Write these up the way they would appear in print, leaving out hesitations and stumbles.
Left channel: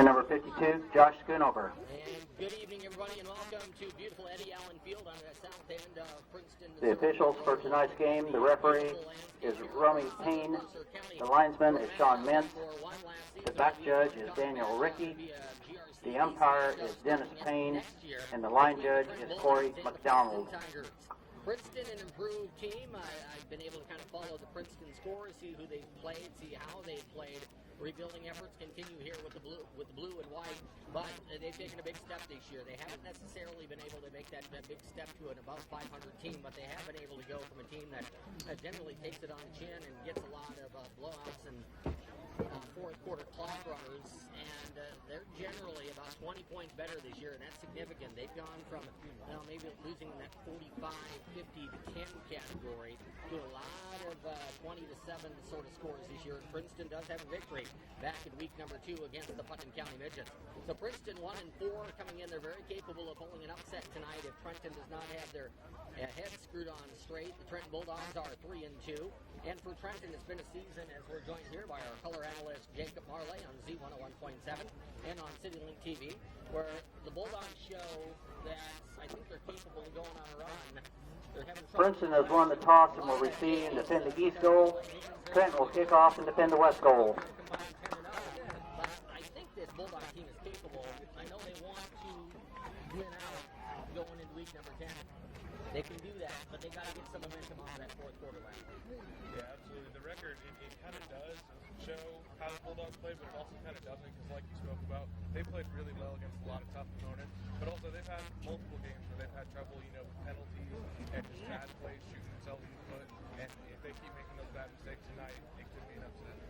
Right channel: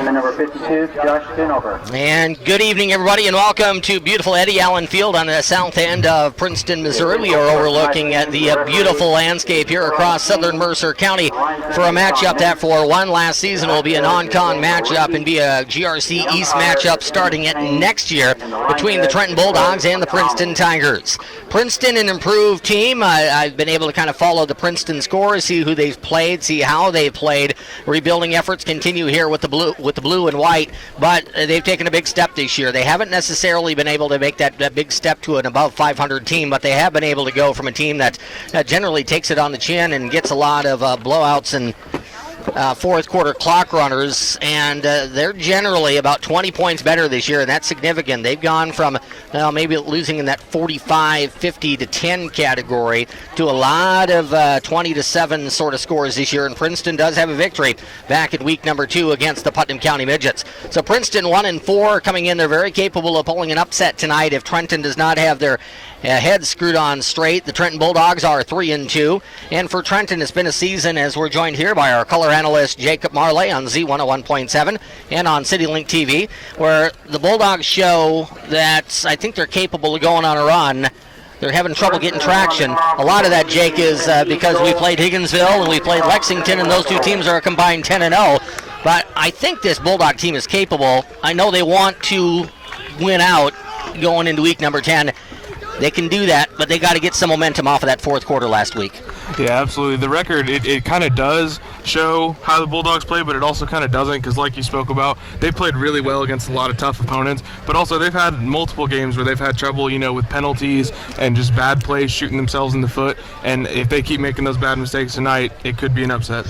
And then number 52, Josh Schoonover. And good evening, everybody, and welcome to beautiful Eddie Allen Field on the south end of Princeton, Missouri. We are overlooking at the beautiful landscape here across southern Mercer County for a matchup that for one last season will be a non-con matchup and be a GRC East matchup starting at next year between the Trenton Bulldogs and the Princeton Tigers. Princeton, an improved team. I've been able to kind of follow the Princeton scores, see who they've played, see how they've played. Rebuilding efforts continue here with the blue and white, but they've taken a big step this year. They haven't necessarily been able to make that big step to an above 500 team, but they have been able to go from a team that generally takes it on the chin and gets a lot of blowouts and fourth quarter clock runners, and they're generally about 20 points better this year, and that's significant. They've gone from maybe losing in that 45, 50 to 10 category to a lot of 20 to 7 sort of scores this year, and Princeton does have a victory back in week number 2 against the Putnam County Midgets. So Princeton 1-4 coming in. They're very capable of pulling an upset tonight if Trenton does not have their heads screwed on straight. The Trenton Bulldogs are 3-2, and for Trenton it's been a season, as we're joined here by our color analyst Jacob Marley on Z101.7 and on CityLink TV, where the Bulldogs show that I think they're capable of going on a run. They're having trouble getting traction. A lot of that, Jake, is because we played Higginsville and we played Lexington, and those two teams are a combined 10-0. But I think this Bulldog team is capable. I know they want to win out going into week number 10. They can do that, but they got to get some momentum off of that fourth quarter last week. Yeah, absolutely. The record, it kind of does show how the Bulldogs play, but it also kind of doesn't, because like you spoke about, they played really well against a lot of tough opponents, but also they've had multiple games where they've had trouble, with penalties and just bad plays shooting themselves in the foot, and if they keep making those bad mistakes tonight, it could be an upset.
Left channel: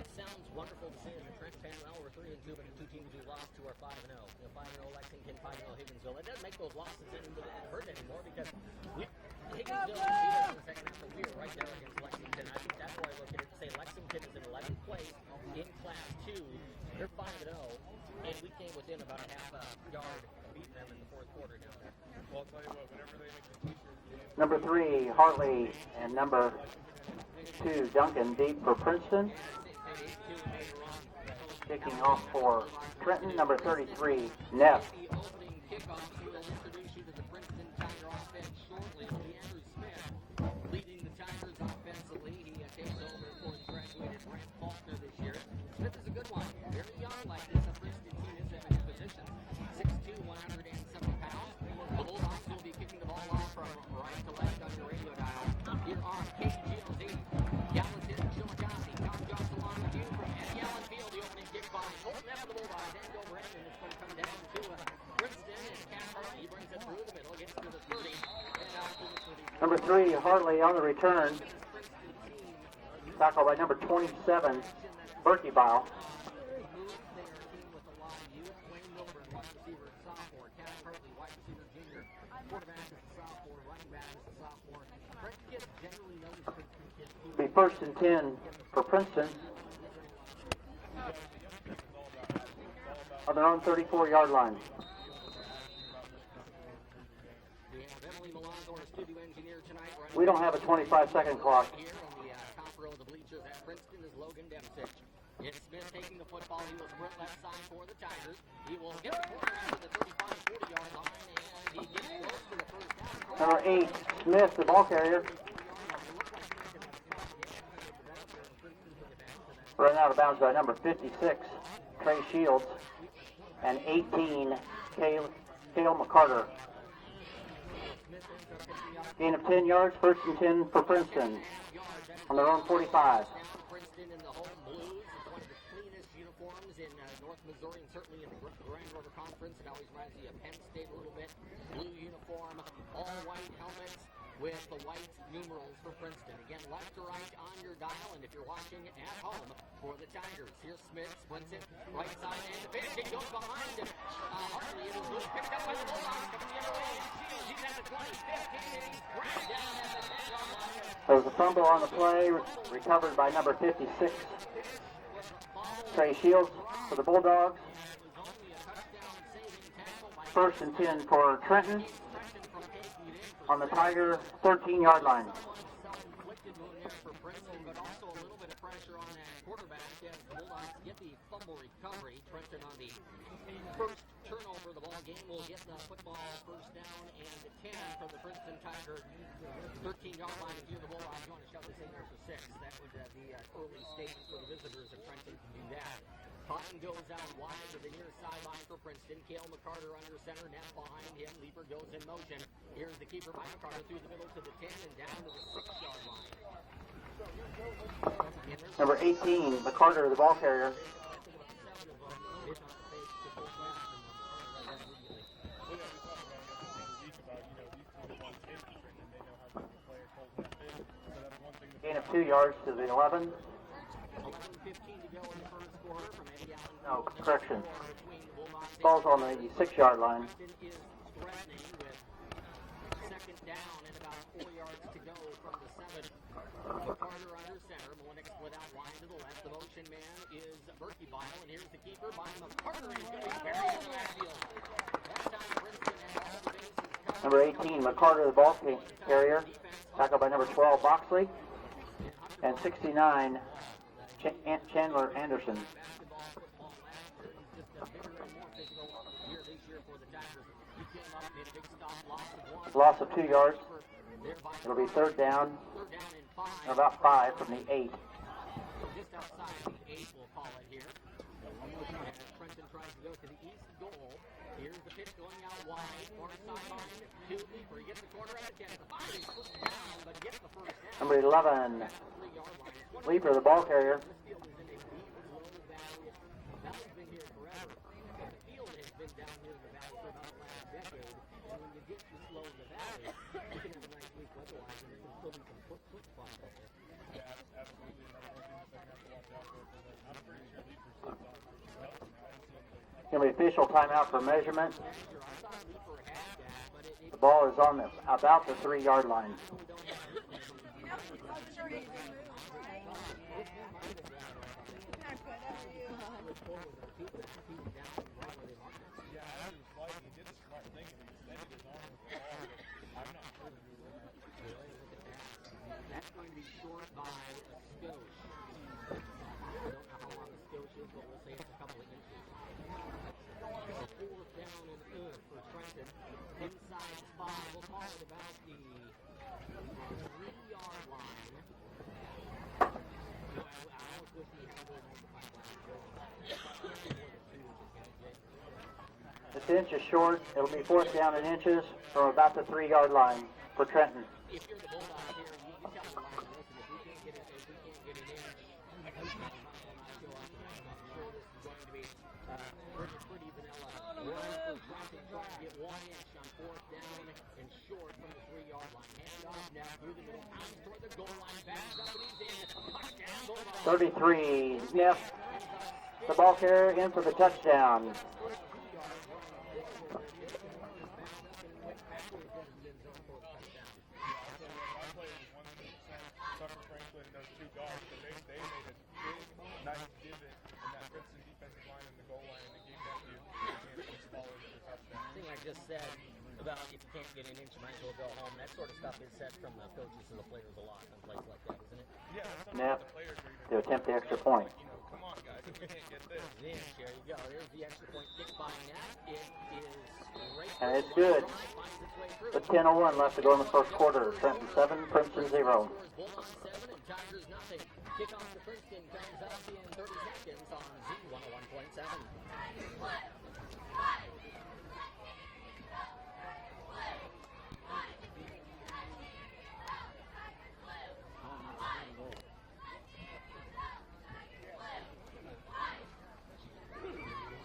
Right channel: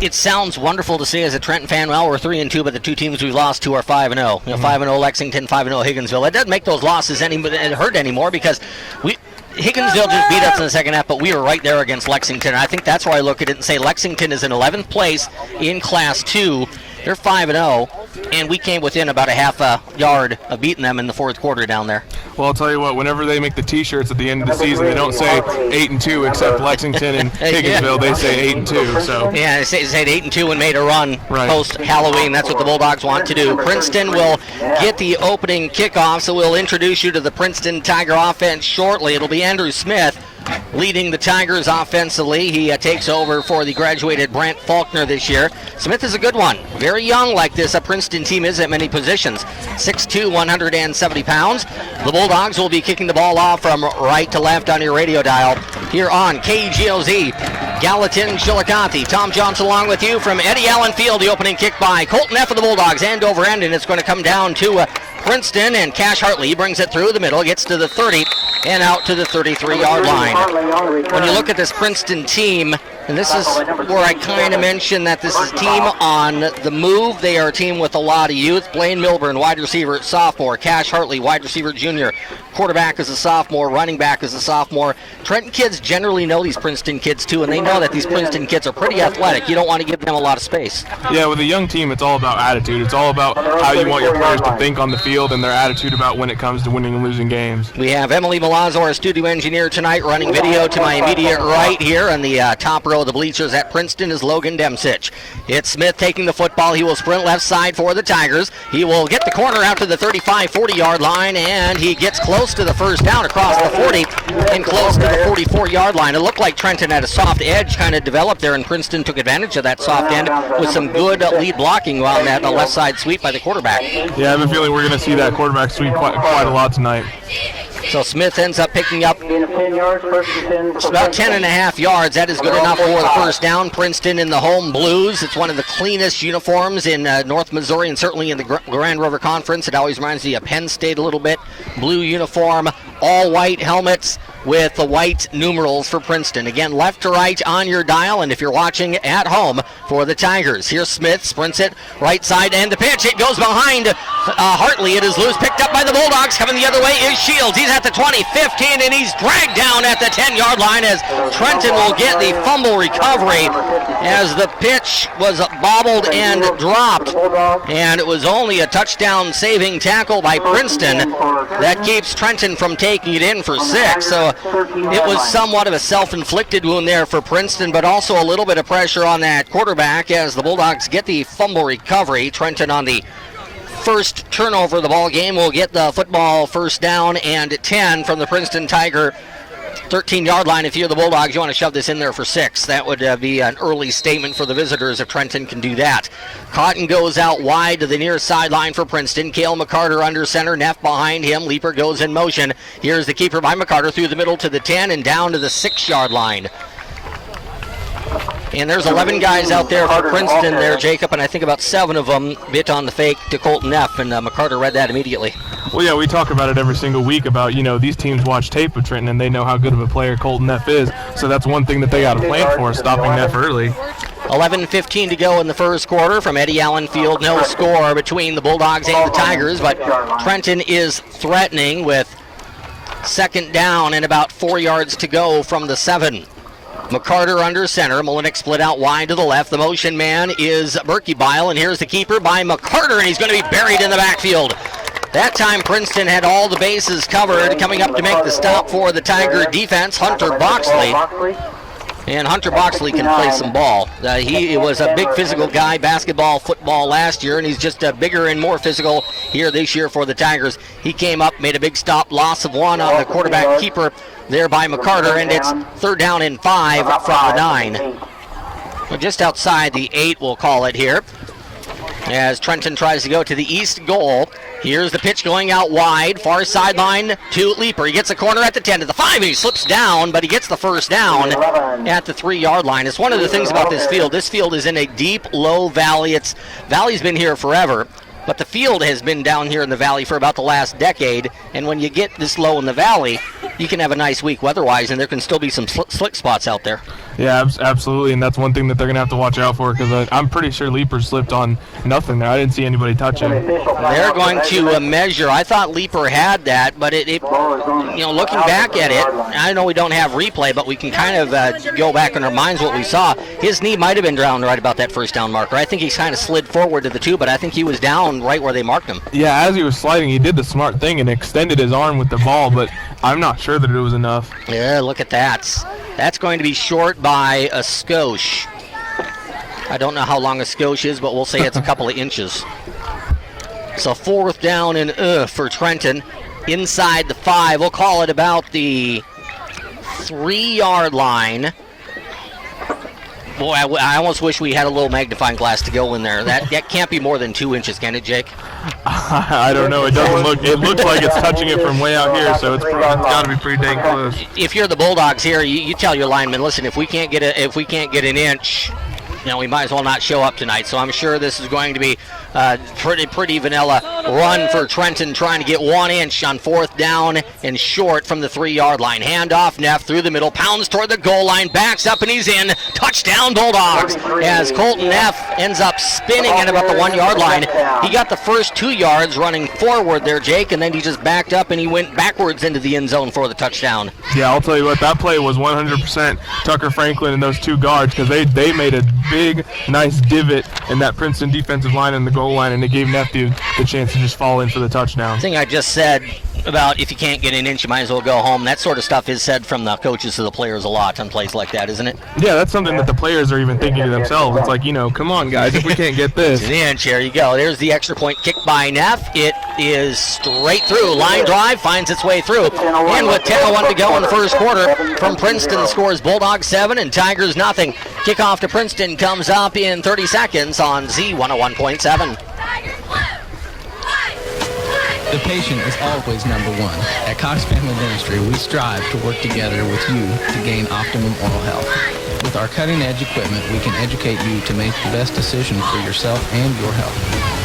It sounds wonderful to say as a Trenton fan, well, we're 3-2, but the two teams we've lost to are 5-0. 5-0 Lexington, 5-0 Higginsville. It doesn't make those losses hurt anymore, because Higginsville just beat us in the second half, but we were right there against Lexington. And I think that's why I look at it and say Lexington is in 11th place in Class 2. They're 5-0, and we came within about a half a yard of beating them in the fourth quarter down there. Well, I'll tell you what, whenever they make the T-shirts at the end of the season, they don't say 8-2 except Lexington and Higginsville. They say 8-2. So yeah, they said 8-2 and made a run post-Halloween. That's what the Bulldogs want to do. Princeton will get the opening kickoff, so we'll introduce you to the Princeton Tiger offense shortly. It'll be Andrew Smith leading the Tigers offensively. He takes over for the graduated Brent Faulkner this year. Smith is a good one. Very young, like this Princeton team is at many positions. 6'2", 170 pounds. The Bulldogs will be kicking the ball off from right to left on your radio dial here on KGOZ. Gallatin, Chillicothe. Tom Johnson along with you from Eddie Allen Field. The opening kick by Colton F. of the Bulldogs, end over end, and it's going to come down to Princeton, and Cash Hartley brings it through the middle, gets to the 30 and out to the 33-yard line. When you look at this Princeton team, and this is where I kind of mentioned that this is a team on the move. They are a team with a lot of youth. Blaine Milburn, wide receiver, sophomore. Cash Hartley, wide receiver, junior. Quarterback is a sophomore. Running back is a sophomore. Trenton kids generally know these Princeton kids, too, and they know that these Princeton kids are pretty athletic. You don't want to give them a lot of space. Yeah, with a young team, it's all about attitude. It's all about how you want your players to think on the field and their attitude about when it comes to winning and losing games. We have Emily Malazzo, our studio engineer tonight, running video to my immediate right here on the top row of the bleachers at Princeton is Logan Demsich. It's Smith taking the football. He will sprint left side for the Tigers. He will get the corner out to the 35-40-yard line, and he gets close to the first down across the 40 and close to the 44-yard line. It looked like Trenton had a soft edge kind of developed there, and Princeton took advantage of that soft end with some good lead blocking on that left side sweep by the quarterback. Yeah, I have a feeling we're going to see that quarterback sweep quite a lot tonight. So Smith ends up picking up about 10.5 yards. That is good enough for the first down. Princeton in the home blues. It's one of the cleanest uniforms in North Missouri and certainly in the Grand River Conference. It always reminds me of Penn State a little bit. Blue uniform, all white helmets with the white numerals for Princeton. Again, left to right on your dial, and if you're watching at home for the Tigers, here's Smith, sprints it right side, and the pitch, it goes behind Hartley. It is loose, picked up by the Bulldogs. Coming the other way is Shields. He's at the 20, 15, and he's dragged down at the 10-yard line as Trenton will get the fumble recovery as the pitch was bobbled and dropped, and it was only a touchdown saving tackle by Princeton that keeps Trenton from taking taking it in for 6. So it was somewhat of a self-inflicted wound there for Princeton, but also a little bit of pressure on that quarterback as the Bulldogs get the fumble recovery. Trenton on the first turnover of the ball game will get the football first down and 10 from the Princeton Tiger 13-yard line. If you're the Bulldogs, you want to shove this in there for 6. That would be an early statement for the visitors if Trenton can do that. Cotton goes out wide to the near sideline for Princeton. Cale McCarter under center, Neff behind him. Leaper goes in motion. Here's the keeper by McCarter through the middle to the 10 and down to the 6-yard line. And there's 11 guys out there for Princeton there, Jacob, and I think about 7 of them bit on the fake to Colton Neff, and McCarter read that immediately. Well, yeah, we talk about it every single week about, these teams watch tape of Trenton and they know how good of a player Colton Neff is. So that's one thing that they got to plan for, stopping Neff early. 11:15 to go in the first quarter from Eddie Allen Field. No score between the Bulldogs and the Tigers, but Trenton is threatening with second down and about 4 yards to go from the 7. McCarter under center. Molinek split out wide to the left. The motion man is Berkebile, and here's the keeper by McCarter, and he's going to be buried in the backfield. That time Princeton had all the bases covered. Coming up to make the stop for the Tiger defense, Hunter Boxley. And Hunter Boxley can play some ball. He was a big physical guy, basketball, football last year, and he's just bigger and more physical here this year for the Tigers. He came up, made a big stop, loss of 1 on the quarterback keeper there by McCarter, and it's third down and 5 from the 9. Well, just outside the 8, we'll call it here, as Trenton tries to go to the east goal. Here's the pitch going out wide, far sideline to Leaper. He gets a corner at the 10 to the 5, and he slips down, but he gets the first down at the 3-yard line. It's one of the things about this field. This field is in a deep, low valley. Valley's been here forever, but the field has been down here in the valley for about the last decade, and when you get this low in the valley, you can have a nice week weather-wise, and there can still be some slick spots out there. Yeah, absolutely, and that's one thing that they're going to have to watch out for, because I'm pretty sure Leaper slipped on nothing there. I didn't see anybody touch him. They're going to measure. I thought Leaper had that, but looking back at it, I know we don't have replay, but we can kind of go back in our minds what we saw. His knee might have been down right about that first down marker. I think he kind of slid forward to the 2, but I think he was down right where they marked him. Yeah, as he was sliding, he did the smart thing and extended his arm with the ball, but I'm not sure that it was enough. Yeah, look at that. That's going to be short by a skosh. I don't know how long a skosh is, but we'll say it's a couple of inches. So fourth down and for Trenton. Inside the 5, we'll call it about the 3-yard line. Boy, I almost wish we had a little magnifying glass to go in there. That can't be more than 2 inches, can it, Jake? I don't know. It doesn't look. It looks like it's touching it from way out here, so it's got to be pretty dang close. If you're the Bulldogs here, you tell your linemen, listen, if we can't get an inch, we might as well not show up tonight. So I'm sure this is going to be pretty vanilla run for Trenton, trying to get 1 inch on fourth down and short from the 3-yard line. Handoff, Neff through the middle, pounds toward the goal line, backs up and he's in. Touchdown Bulldogs, as Colton Neff ends up spinning at about the 1-yard line. He got the first 2 yards running forward there, Jake, and then he just backed up and he went backwards into the end zone for the touchdown. Yeah, I'll tell you what, that play was 100% Tucker Franklin and those 2 guards, because they made a big, nice divot in that Princeton defensive line in the goal line, and it gave Neff the chance to just fall in for the touchdown. The thing I just said about if you can't get an inch, you might as well go home. That sort of stuff is said from the coaches to the players a lot on plays like that, isn't it? Yeah, that's something that the players are even thinking to themselves. It's like, come on, guys, if we can't get this. An inch, there you go. There's the extra point kick by Neff. It is straight through. Line drive finds its way through. And with 10:01 to go in the first quarter, from Princeton scores Bulldogs 7 and Tigers nothing. Kickoff to Princeton comes up in 30 seconds on Z101.7. The patient is always number one. At Cox Family Dentistry, we strive to work together with you to gain optimum oral health. With our cutting-edge equipment, we can educate you to make the best decision for yourself and your health.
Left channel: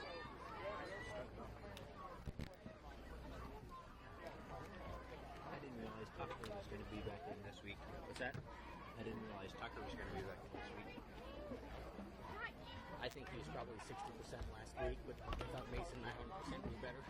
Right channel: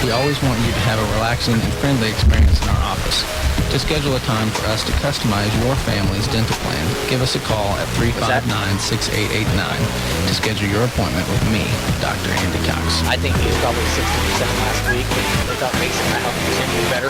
We always want you to have a relaxing and friendly experience in our office. To schedule a time for us to customize your family's dental plan, give us a call at 359-6889 to schedule your appointment with me, Dr. Andy Cox. I think he was probably 60% last week. They thought Mason might help him do better.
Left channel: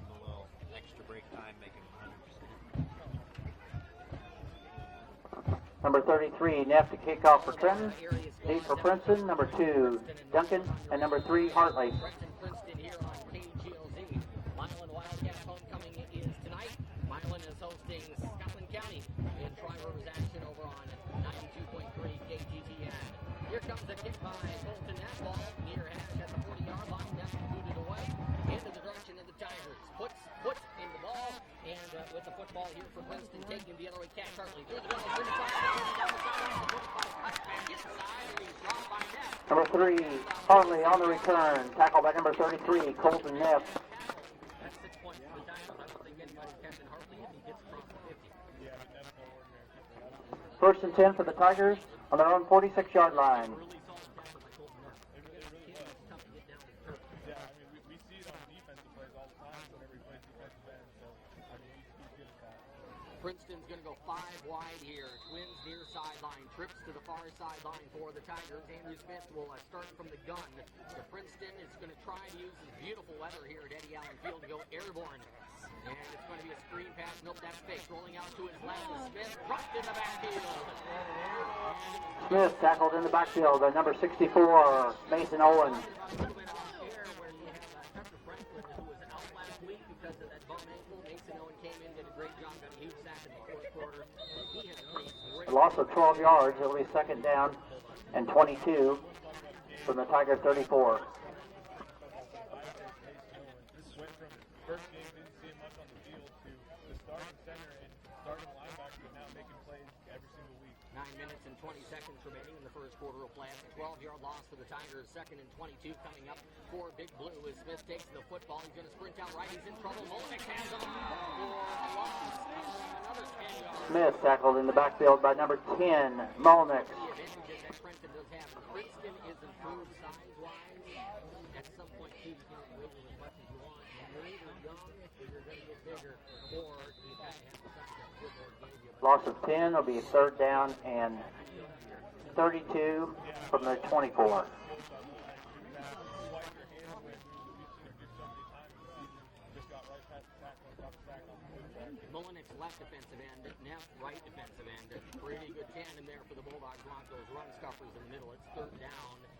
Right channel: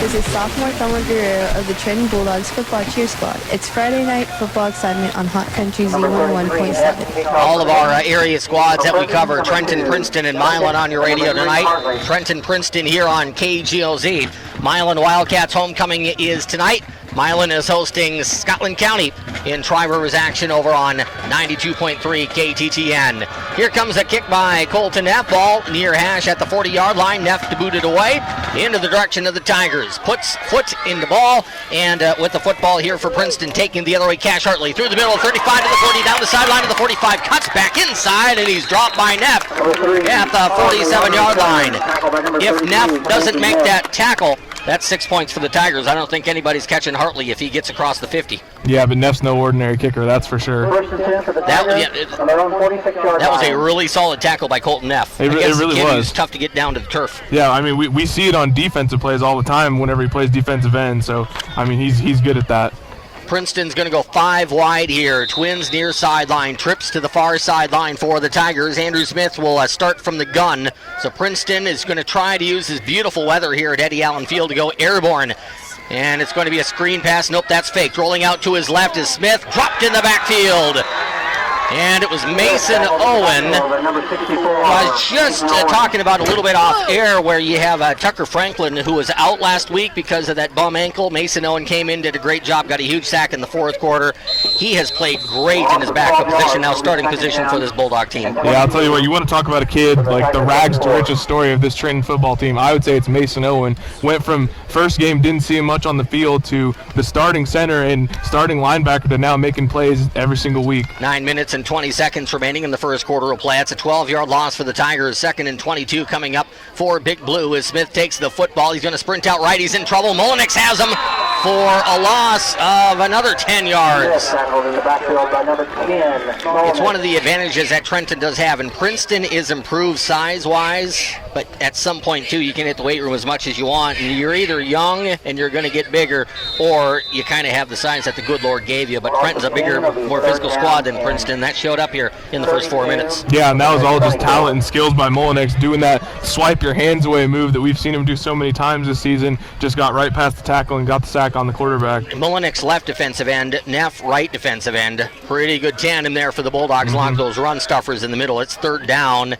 This is sophomore Thelma Guerrero of the Trenton Bulldogs football cheer squad. It's Friday night football assignment on Hot Country Z101.7. All of our area squads that we cover, Trenton, Princeton, and Milan on your radio tonight. Trenton, Princeton here on KGOZ. Milan Wildcats homecoming is tonight. Milan is hosting Scotland County in Tri-Rivers action over on 92.3 KTTN. Here comes a kick by Colton Neff. Ball near hash at the 40-yard line. Neff to boot it away into the direction of the Tigers. Puts foot in the ball, and with the football here for Princeton, taking the other way, Cash Hartley through the middle, 35 to the 40, down the sideline to the 45, cuts back inside, and he's dropped by Neff at the 47-yard line. If Neff doesn't make that tackle, that's 6 points for the Tigers. I don't think anybody's catching Hartley if he gets across the 50. Yeah, but Neff's no ordinary kicker, that's for sure. That was a really solid tackle by Colton Neff. It really was. It's tough to get down to the turf. Yeah, I mean, we see it on defensive plays all the time whenever he plays defensive end, so, I mean, he's good at that. Princeton's going to go 5 wide here. Twins near sideline. Trips to the far sideline for the Tigers. Andrew Smith will start from the gun. So Princeton is going to try to use his beautiful weather here at Eddie Allen Field to go airborne. And it's going to be a screen pass. Nope, that's faked. Rolling out to his left is Smith. Dropped in the backfield. And it was Mason Owen. I was just talking about a little bit off air where you have Tucker Franklin, who was out last week because of that bum ankle. Mason Owen came in, did a great job, got a huge sack in the fourth quarter. He has played great in his backup position, now starting position for this Bulldog team. Yeah, I'll tell you what, you want to talk about a kid, like the rags to riches story of this Trenton football team. I would say it's Mason Owen. Went from first game, didn't see him much on the field, to the starting center and starting linebacker to now making plays every single week. 9 minutes and 20 seconds remaining in the first quarter of play. It's a 12-yard loss for the Tigers. 2nd and 22 coming up for Big Blue as Smith takes the football. He's going to sprint out right. He's in trouble. Mullenix has him for a loss of another 10 yards. It's one of the advantages that Trenton does have, and Princeton is improved size-wise, but at some point, too, you can hit the weight room as much as you want, and you're either young and you're going to get bigger, or you kind of have the size that the good Lord gave you. But Trenton's a bigger, more physical squad than Princeton. That showed up here in the first 4 minutes. Yeah, and that was all just talent and skills by Mullenix, doing that swipe your hands away move that we've seen him do so many times this season. Just got right past the tackle and got the sack on the quarterback. Mullenix left defensive end, Neff right defensive end. Pretty good tandem there for the Bulldogs. Along those run stuffers in the middle. It's 3rd down.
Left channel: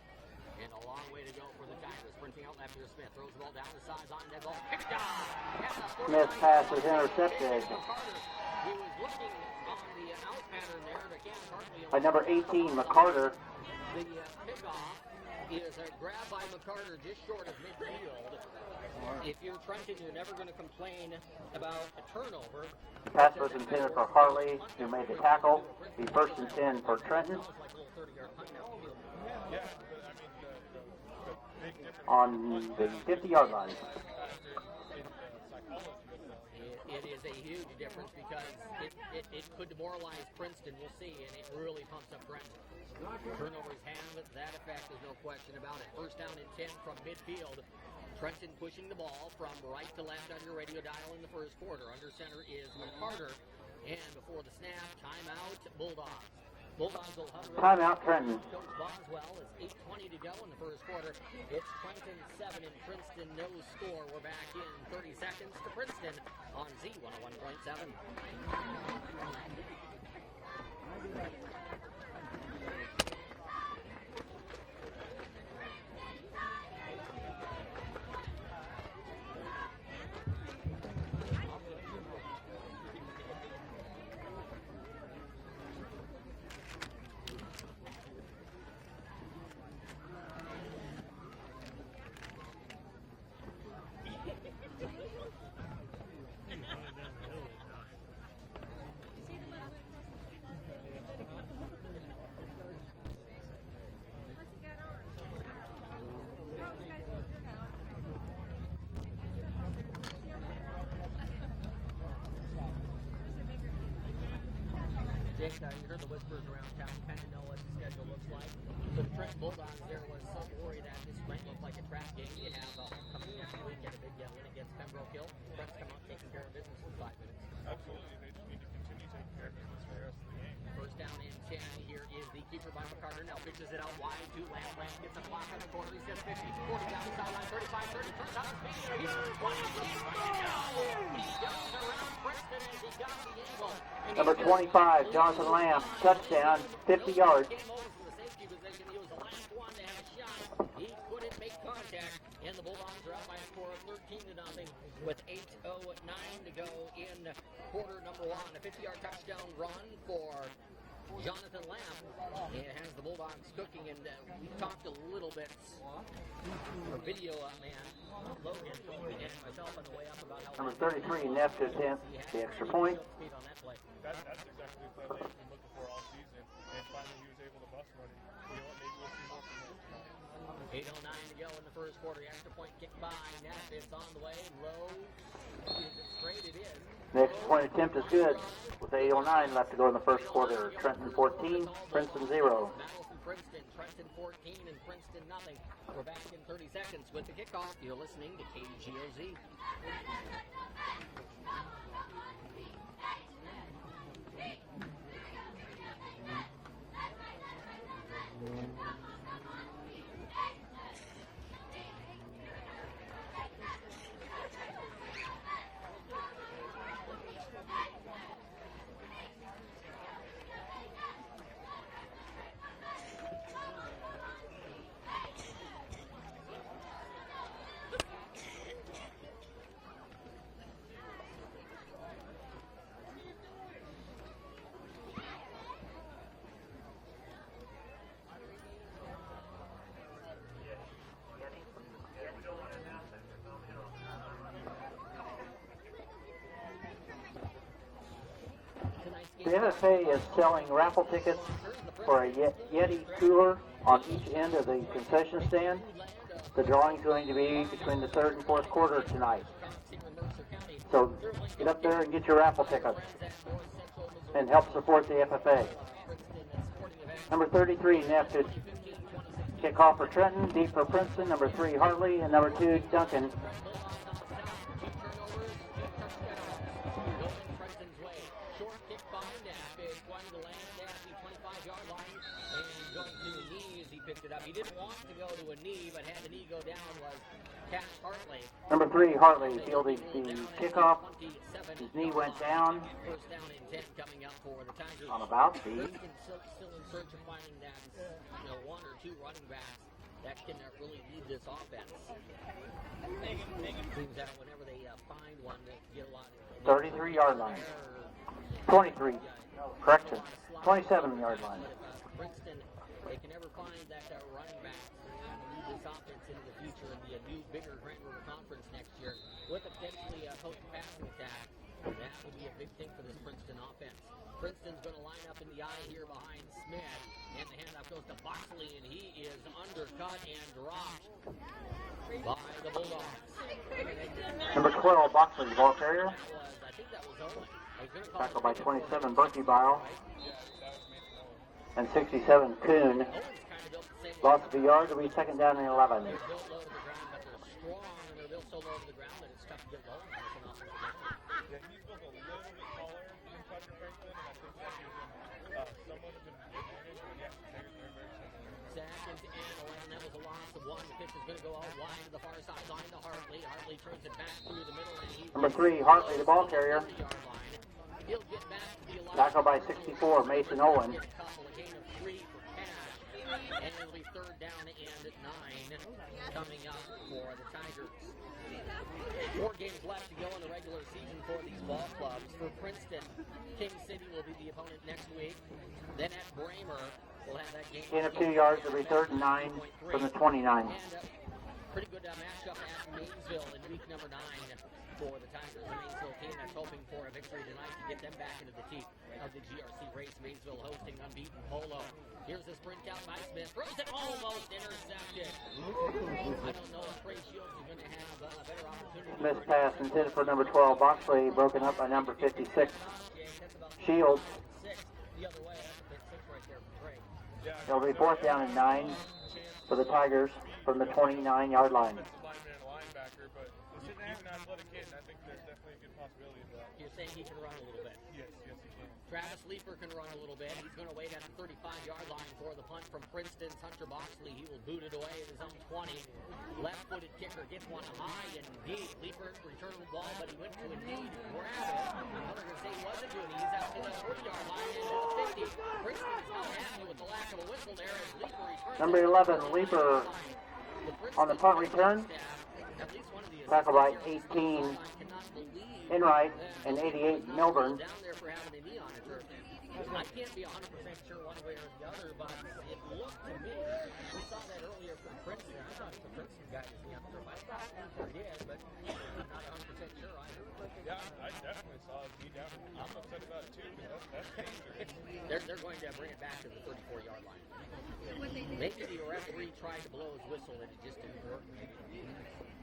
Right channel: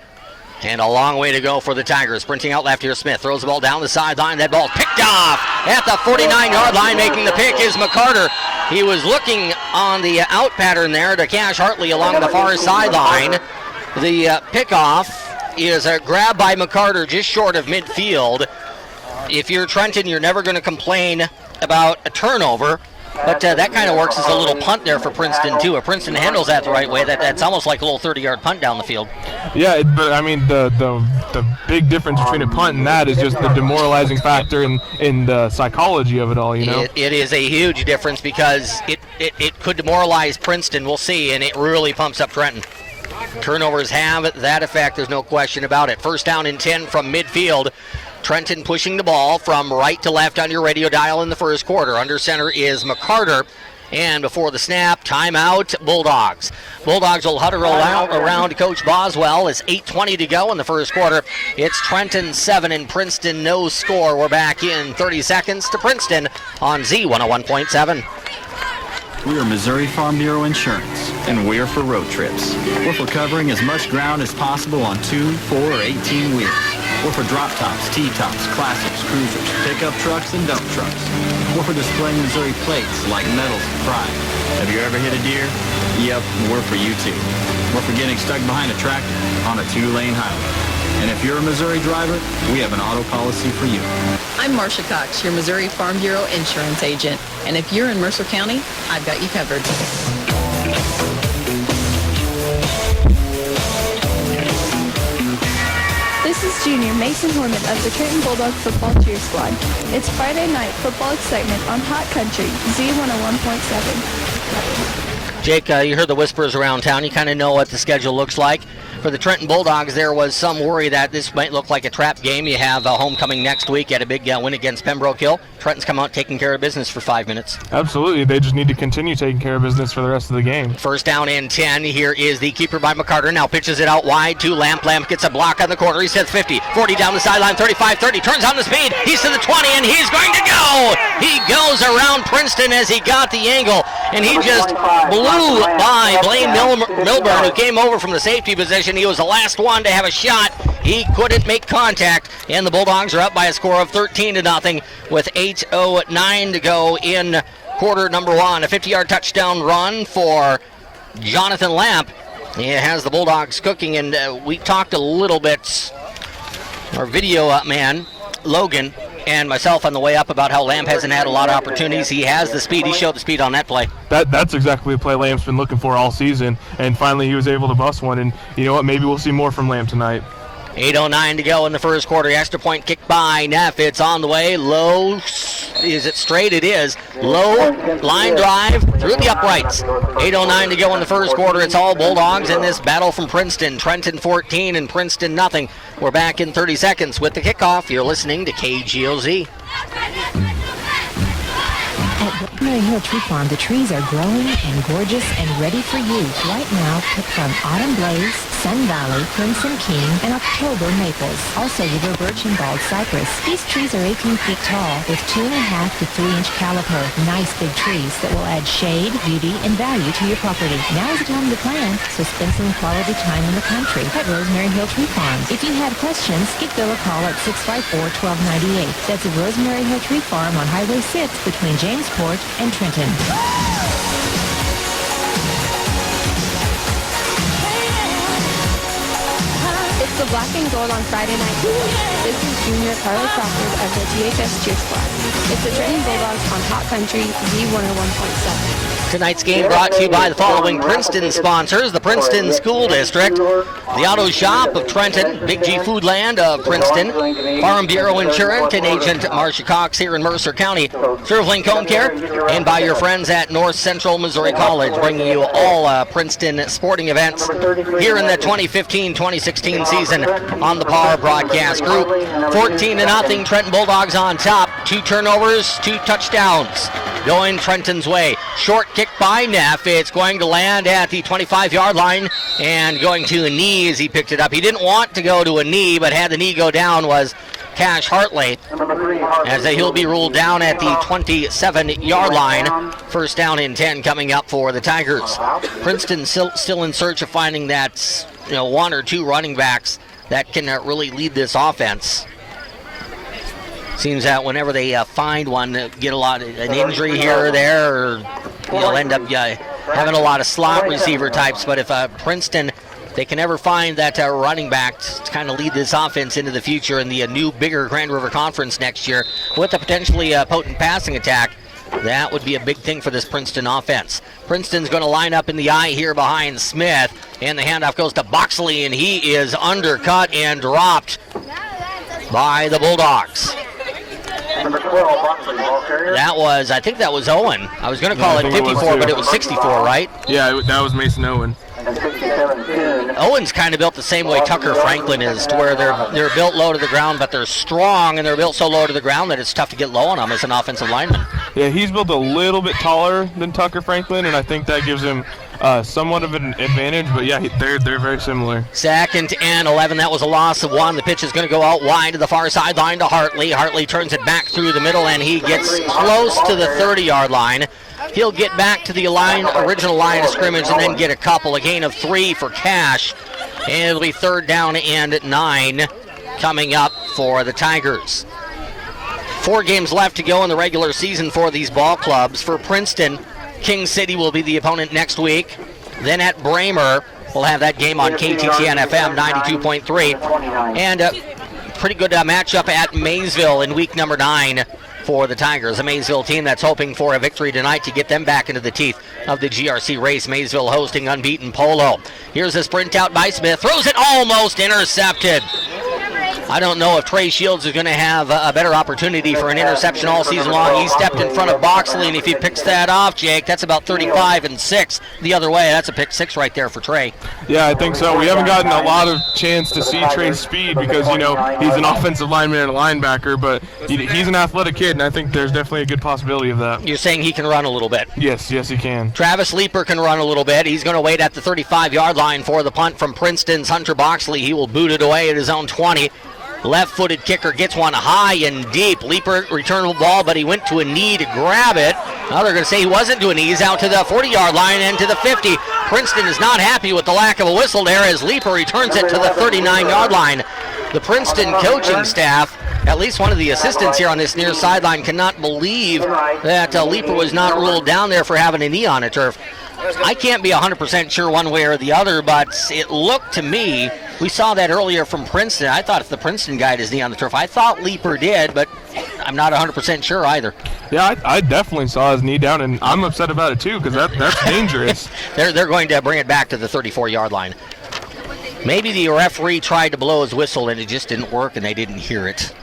And a long way to go for the Tigers. Sprinting out left here, Smith throws the ball down the sideline. That ball picked off at the 49-yard line. Making the pick is McCarter. He was looking on the out pattern there to Cash Hartley along the far sideline. The pickoff is a grab by McCarter just short of midfield. If you're Trenton, you're never going to complain about a turnover. But that kind of works as a little punt there for Princeton, too. If Princeton handles that the right way, that's almost like a little 30-yard punt down the field. Yeah, but I mean, the big difference between a punt and that is just the demoralizing factor in the psychology of it all, you know? It is a huge difference because it could demoralize Princeton, we'll see, and it really pumps up Trenton. Turnovers have that effect, there's no question about it. 1st down and 10 from midfield. Trenton pushing the ball from right to left on your radio dial in the first quarter. Under center is McCarter. And before the snap, timeout, Bulldogs. Bulldogs will huddle around Coach Boswell as 8:20 to go in the first quarter. It's Trenton 7 and Princeton no score. We're back in 30 seconds to Princeton on Z101.7. We are Missouri Farm Bureau Insurance, and we're for road trips. We're for covering as much ground as possible on 2, 4, or 18 wheels. We're for drop tops, T-tops, classics, cruisers, pickup trucks, and dump trucks. We're for displaying Missouri plates like medals and pride. Have you ever hit a deer? Yep, we're for you too. We're for getting stuck behind a tractor on a 2-lane highway. And if you're a Missouri driver, we have an auto policy for you. I'm Marcia Cox, your Missouri Farm Bureau insurance agent. And if you're in Mercer County, I've got you covered. This is junior Mason Horman of the Trenton Bulldog football cheer squad. It's Friday night football excitement on Hot Country Z101.7. Jake, you heard the whispers around town. You kind of know what the schedule looks like. For the Trenton Bulldogs, there was some worry that this might look like a trap game. You have homecoming next week at a big win against Pembroke Hill. Trenton's come out taking care of business for 5 minutes. Absolutely. They just need to continue taking care of business for the rest of the game. First down and 10. Here is the keeper by McCarter. Now pitches it out wide to Lamp. Lamp gets a block on the corner. He says 50, 40 down the sideline, 35, 30. Turns on the speed. He's to the 20, and he's going to go. He goes around Princeton as he got the angle, and he just blew by Blaine Milburn, who came over from the safety position. He was the last one to have a shot. He couldn't make contact, and the Bulldogs are up by a score of 13-0 with 8:09 to go in quarter number 1. A 50-yard touchdown run for Jonathan Lamp. He has the Bulldogs cooking, and we talked a little bit, our video man, Logan, and myself on the way up about how Lamp hasn't had a lot of opportunities. He has the speed. He showed the speed on that play. That's exactly the play Lamp's been looking for all season, and finally he was able to bust one, and you know what, maybe we'll see more from Lamp tonight. 8:09 to go in the first quarter. Extra point kick by Neff. It's on the way. Low. Is it straight? It is. Low line drive through the uprights. 8:09 to go in the first quarter. It's all Bulldogs in this battle from Princeton. Trenton 14 and Princeton nothing. We're back in 30 seconds with the kickoff. You're listening to KGOZ. At Rosemary Hill Tree Farm, the trees are growing and gorgeous and ready for you. Right now, pick from Autumn Blaze, Sun Valley, Crimson King, and October Maples. Also, River Birch and Bald Cypress. These trees are 18 feet tall with 2.5 to 3-inch caliper. Nice big trees that will add shade, beauty, and value to your property. Now is the time to plant, so spend some quality time in the country at Rosemary Hill Tree Farm. If you have questions, give Bill a call at 654-1298. That's at Rosemary Hill Tree Farm on Highway 6 between Jamesport and Trenton. It's the black and gold on Friday night. This is Junior Carly Crawford of the GHS Cheer Squad. It's the Trenton Bulldogs on Hot Country Z101.7. Tonight's game brought to you by the following Princeton sponsors: the Princeton School District, the Auto Shop of Trenton, Big G Foodland of Princeton, Farm Bureau Insurance and Agent Marcia Cox here in Mercer County, ServLink Home Care, and by your friends at North Central Missouri College, bringing you all Princeton sporting events here in the 2015-2016 season on the Power Broadcast Group. 14-0, Trenton Bulldogs on top. 2 turnovers, 2 touchdowns going Trenton's way. Short kick by Neff. It's going to land at the 25-yard line and going to a knee as he picked it up. He didn't want to go to a knee, but had the knee go down was Cash Hartley, as he'll be ruled down at the 27-yard line. First down and 10 coming up for the Tigers. Princeton still in search of finding that 1 or 2 running backs that can really lead this offense. Seems that whenever they find one, get an injury here or there, or end up having a lot of slot receiver types. But if Princeton, they can never find that running back to kind of lead this offense into the future in the new, bigger Grand River Conference next year with a potentially potent passing attack, that would be a big thing for this Princeton offense. Princeton's going to line up in the eye here behind Smith, and the handoff goes to Boxley, and he is undercut and dropped by the Bulldogs. I think that was Owen. I was going to call it 54, but it was 64, right? Yeah, that was Mason Owen. Owen's kind of built the same way Tucker Franklin is, to where they're built low to the ground, but they're strong, and they're built so low to the ground that it's tough to get low on them as an offensive lineman. Yeah, he's built a little bit taller than Tucker Franklin, and I think that gives him somewhat of an advantage, but yeah, they're very similar. 2nd and 11. That was a loss of 1. The pitch is going to go out wide to the far sideline to Hartley. Hartley turns it back through the middle, and he gets close to the 30-yard line. He'll get back to the original line of scrimmage and then get a couple. A gain of 3 for Cash. And it'll be 3rd down and 9 coming up for the Tigers. 4 games left to go in the regular season for these ball clubs. For Princeton, King City will be the opponent next week. Then at Bramer, we'll have that game on KTTN FM 92.3. And a pretty good matchup at Maysville in week number 9 for the Tigers. A Maysville team that's hoping for a victory tonight to get them back into the teeth of the GRC race. Maysville hosting unbeaten Polo. Here's a sprint out by Smith. Throws it, almost intercepted. I don't know if Trey Shields is going to have a better opportunity for an interception all season long. He stepped in front of Boxley, and if he picks that off, Jake, that's about 35-6 the other way. That's a pick 6 right there for Trey. Yeah, I think so. We haven't gotten a lot of chance to see Trey's speed because, you know, he's an offensive lineman and a linebacker, but he's an athletic kid, and I think there's definitely a good possibility of that. You're saying he can run a little bit? Yes, he can. Travis Leeper can run a little bit. He's going to wait at the 35-yard line for the punt from Princeton's Hunter Boxley. He will boot it away at his own 20. Left-footed kicker gets one high and deep. Leeper returned the ball, but he went to a knee to grab it. Now they're going to say he wasn't to a knee. He's out to the 40-yard line and to the 50. Princeton is not happy with the lack of a whistle there as Leeper returns it to the 39-yard line. The Princeton coaching staff, at least one of the assistants here on this near sideline, cannot believe that Leeper was not ruled down there for having a knee on a turf. I can't be 100% sure one way or the other, but it looked to me, we saw that earlier from Princeton. I thought if the Princeton guy had his knee on the turf, I thought Leeper did, but I'm not 100% sure either. Yeah, I definitely saw his knee down, and I'm upset about it too because that's dangerous. They're going to bring it back to the 34-yard line. Maybe the referee tried to blow his whistle and it just didn't work and they didn't hear it.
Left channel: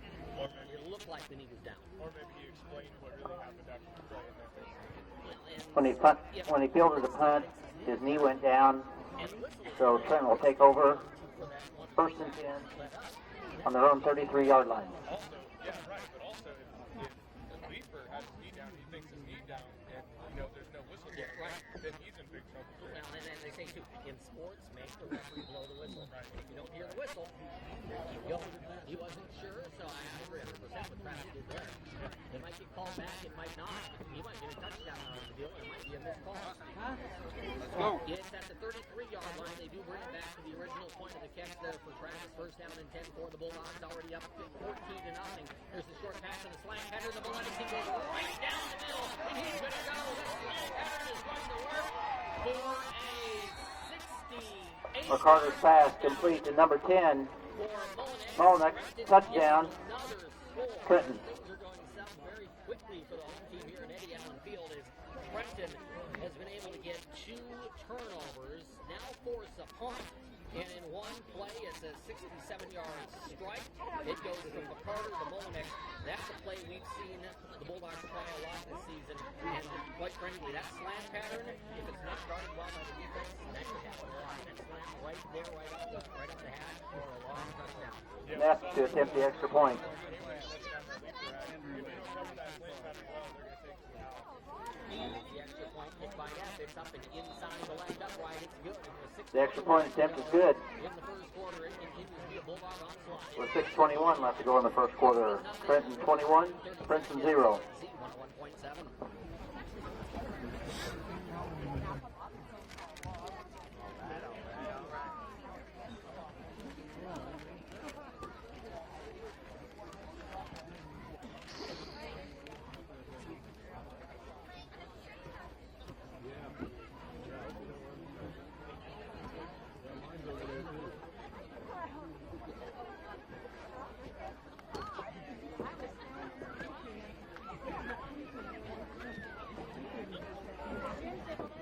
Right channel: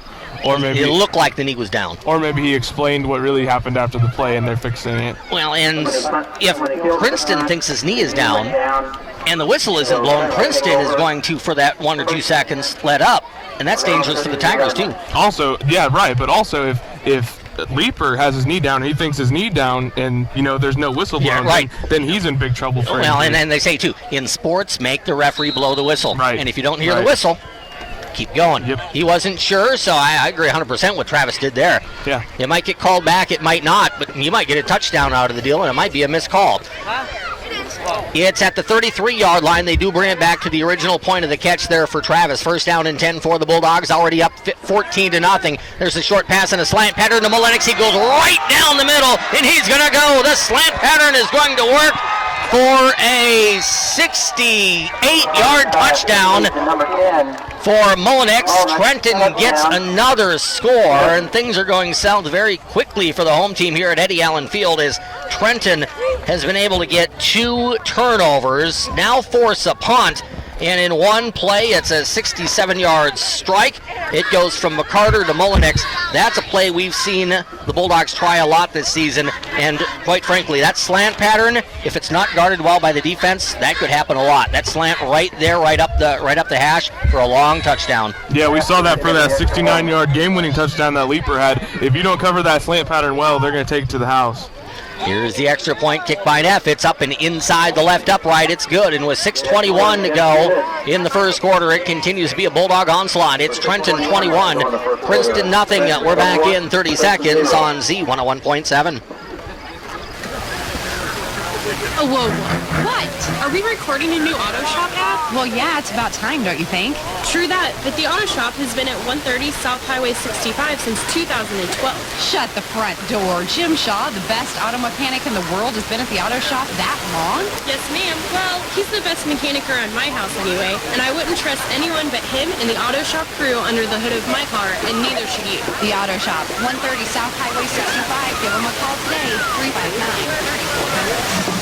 Or maybe it looked like the knee was down. Or maybe he explained what really happened after the play and they're fixing it. Well, and if Princeton thinks his knee is down and the whistle isn't blown, Princeton is going to, for that 1 or 2 seconds, let up. And that's dangerous for the Tigers, too. Also, yeah, right, but also if Leeper has his knee down, he thinks his knee down, and, you know, there's no whistle blown, right. then he's in big trouble for Well, and they say, too, in sports, make the referee blow the whistle. Right. And if you don't hear the whistle, keep going. Yep. He wasn't sure, so I agree 100% what Travis did there. Yeah. It might get called back, it might not, but you might get a touchdown out of the deal, and it might be a missed call. It's at the 33-yard line. They do bring it back to the original point of the catch there for Travis. First down and 10 for the Bulldogs, already up 14-0. There's a short pass and a slant pattern to Molenix. He goes right down the middle, and he's going to go. The slant pattern is going to work for a 68-yard touchdown for Molenix. Trenton gets another score, and things are going south very quickly for the home team here at Eddie Allen Field as Trenton has been able to get 2 turnovers, now force a punt, and in one play it's a 67-yard strike. It goes from McCarter to Molenix. That's a play we've seen the Bulldogs try a lot this season, and quite frankly, that slant pattern, if it's not guarded well by the defense, that could happen a lot. That slant right there, right up the hash for a long touchdown. Yeah, we saw that for that 69-yard game-winning touchdown that Leeper had. If you don't cover that slant pattern well, they're going to take it to the house. Here's the extra point kick by Neff. It's up and inside the left upright. It's good. And with 6:21 to go in the first quarter, it continues to be a Bulldog onslaught. It's Trenton 21, Princeton nothing. We're back in 30 seconds on Z101.7. Oh, whoa. What? Are we recording a new auto shop app? Well, yeah, it's about time, don't you think? True that, but the auto shop has been at 130 South Highway 65 since 2012. Shut the front door. Jim Shaw, the best auto mechanic in the world, has been at the auto shop that long? Yes, ma'am. Well, he's the best mechanic around my house anyway, and I wouldn't trust anyone but him and the auto shop crew under the hood of my car, and neither should you. The auto shop, 130 South Highway 65. Give them a call today, 359-3400.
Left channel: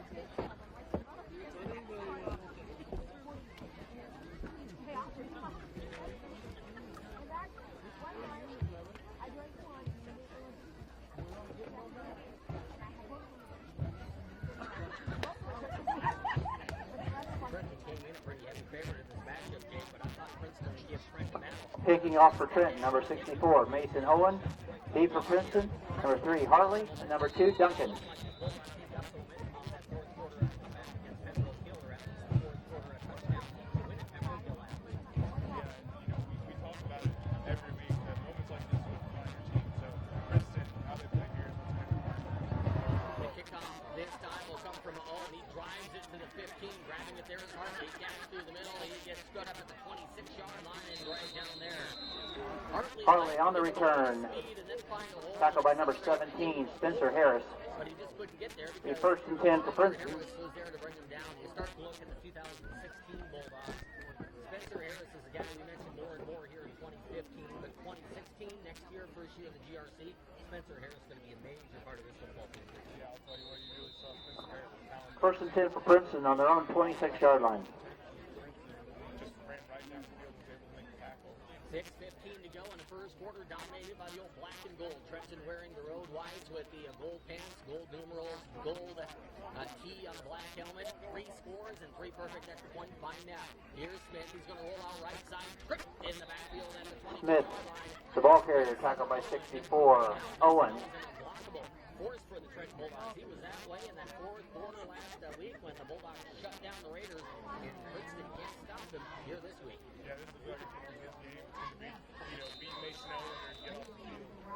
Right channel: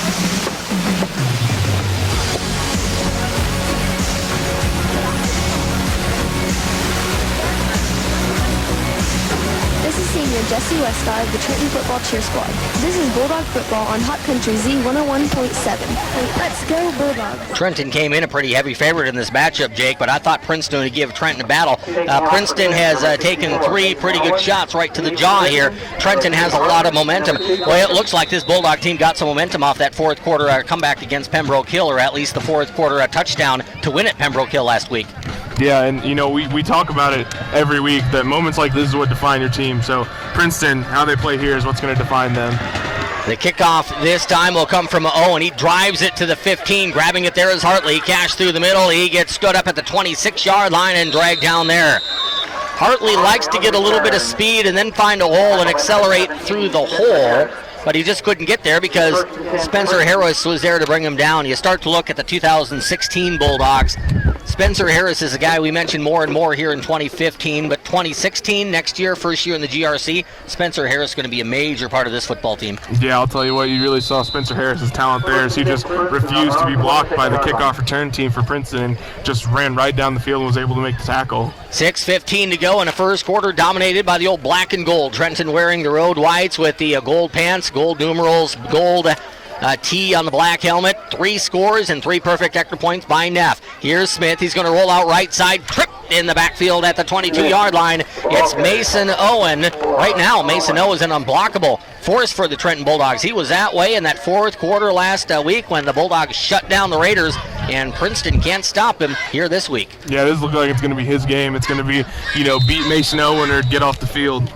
This is senior Jesse Westgar of the Trenton Football Cheer Squad. This is Bulldog Football on Hot Country Z101.7. Let's go Bulldogs. Trenton came in a pretty heavy favorite in this matchup, Jake, but I thought Princeton would give Trenton a battle. Princeton has taken 3 pretty good shots right to the jaw here. Trenton has a lot of momentum. Well, it looks like this Bulldog team got some momentum off that fourth quarter comeback against Pembroke Hill, or at least the fourth quarter touchdown to win at Pembroke Hill last week. Yeah, and, you know, we talk about it every week, that moments like this is what define your team. So Princeton, how they play here is what's going to define them. The kickoff this time will come from Owen. He drives it to the 15. Grabbing it there is Hartley. Cash through the middle. He gets stood up at the 26-yard line and dragged down there. Hartley likes to get a little bit of speed and then find a hole and accelerate through the hole, but he just couldn't get there because Spencer Harris was there to bring him down. You start to look at the 2016 Bulldogs. Spencer Harris is a guy we mentioned more and more here in 2015, but 2016, next year, first year in the GRC. Spencer Harris is going to be a major part of this football team. Yeah, I'll tell you what, you really saw Spencer Harris's talent there as he just refused to be blocked by the kickoff return team for Princeton and just ran right down the field and was able to make the tackle. 6:15 to go in the first quarter, dominated by the old black and gold. Trenton wearing the road whites with the gold pants, gold numerals, gold T on the black helmet. 3 scores and 3 perfect extra points by Neff. Here's Smith. He's going to roll out right side. Trip in the backfield at the 22-yard line. It's Mason Owen. Right now, Mason Owen is an unblockable force for the Trenton Bulldogs. He was that way in that fourth quarter last week when the Bulldogs shut down the Raiders, and Princeton can't stop him here this week. Yeah, this looks like it's going to be his game. It's going to be, beat Mason Owen or get off the field.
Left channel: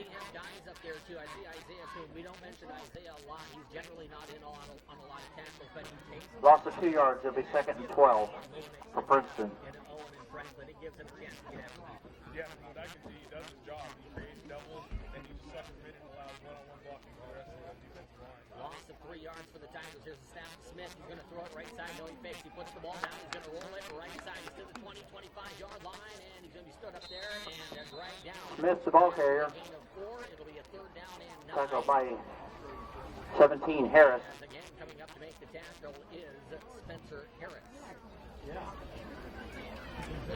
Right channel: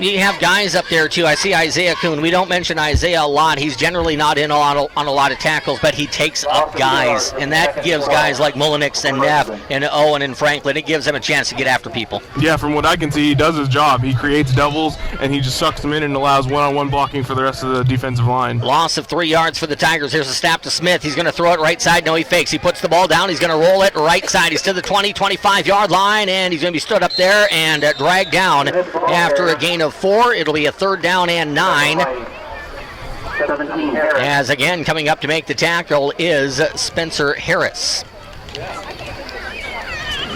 You have guys up there, too. I see Isaiah Kuhn. We don't mention Isaiah a lot. He's generally not in on a lot of tackles, but he takes up guys, and that gives guys like Mullenix and Neff and Owen and Franklin, it gives them a chance to get after people. Yeah, from what I can see, he does his job. He creates doubles, and he just sucks them in and allows one-on-one blocking for the rest of the defensive line. Loss of 3 yards for the Tigers. Here's a snap to Smith. He's going to throw it right side. No, he fakes. He puts the ball down. He's going to roll it right side. He's to the 20, 25-yard line, and he's going to be stood up there and dragged down after a gain of 4. It'll be a 3rd down and 9. As again, coming up to make the tackle is Spencer Harris.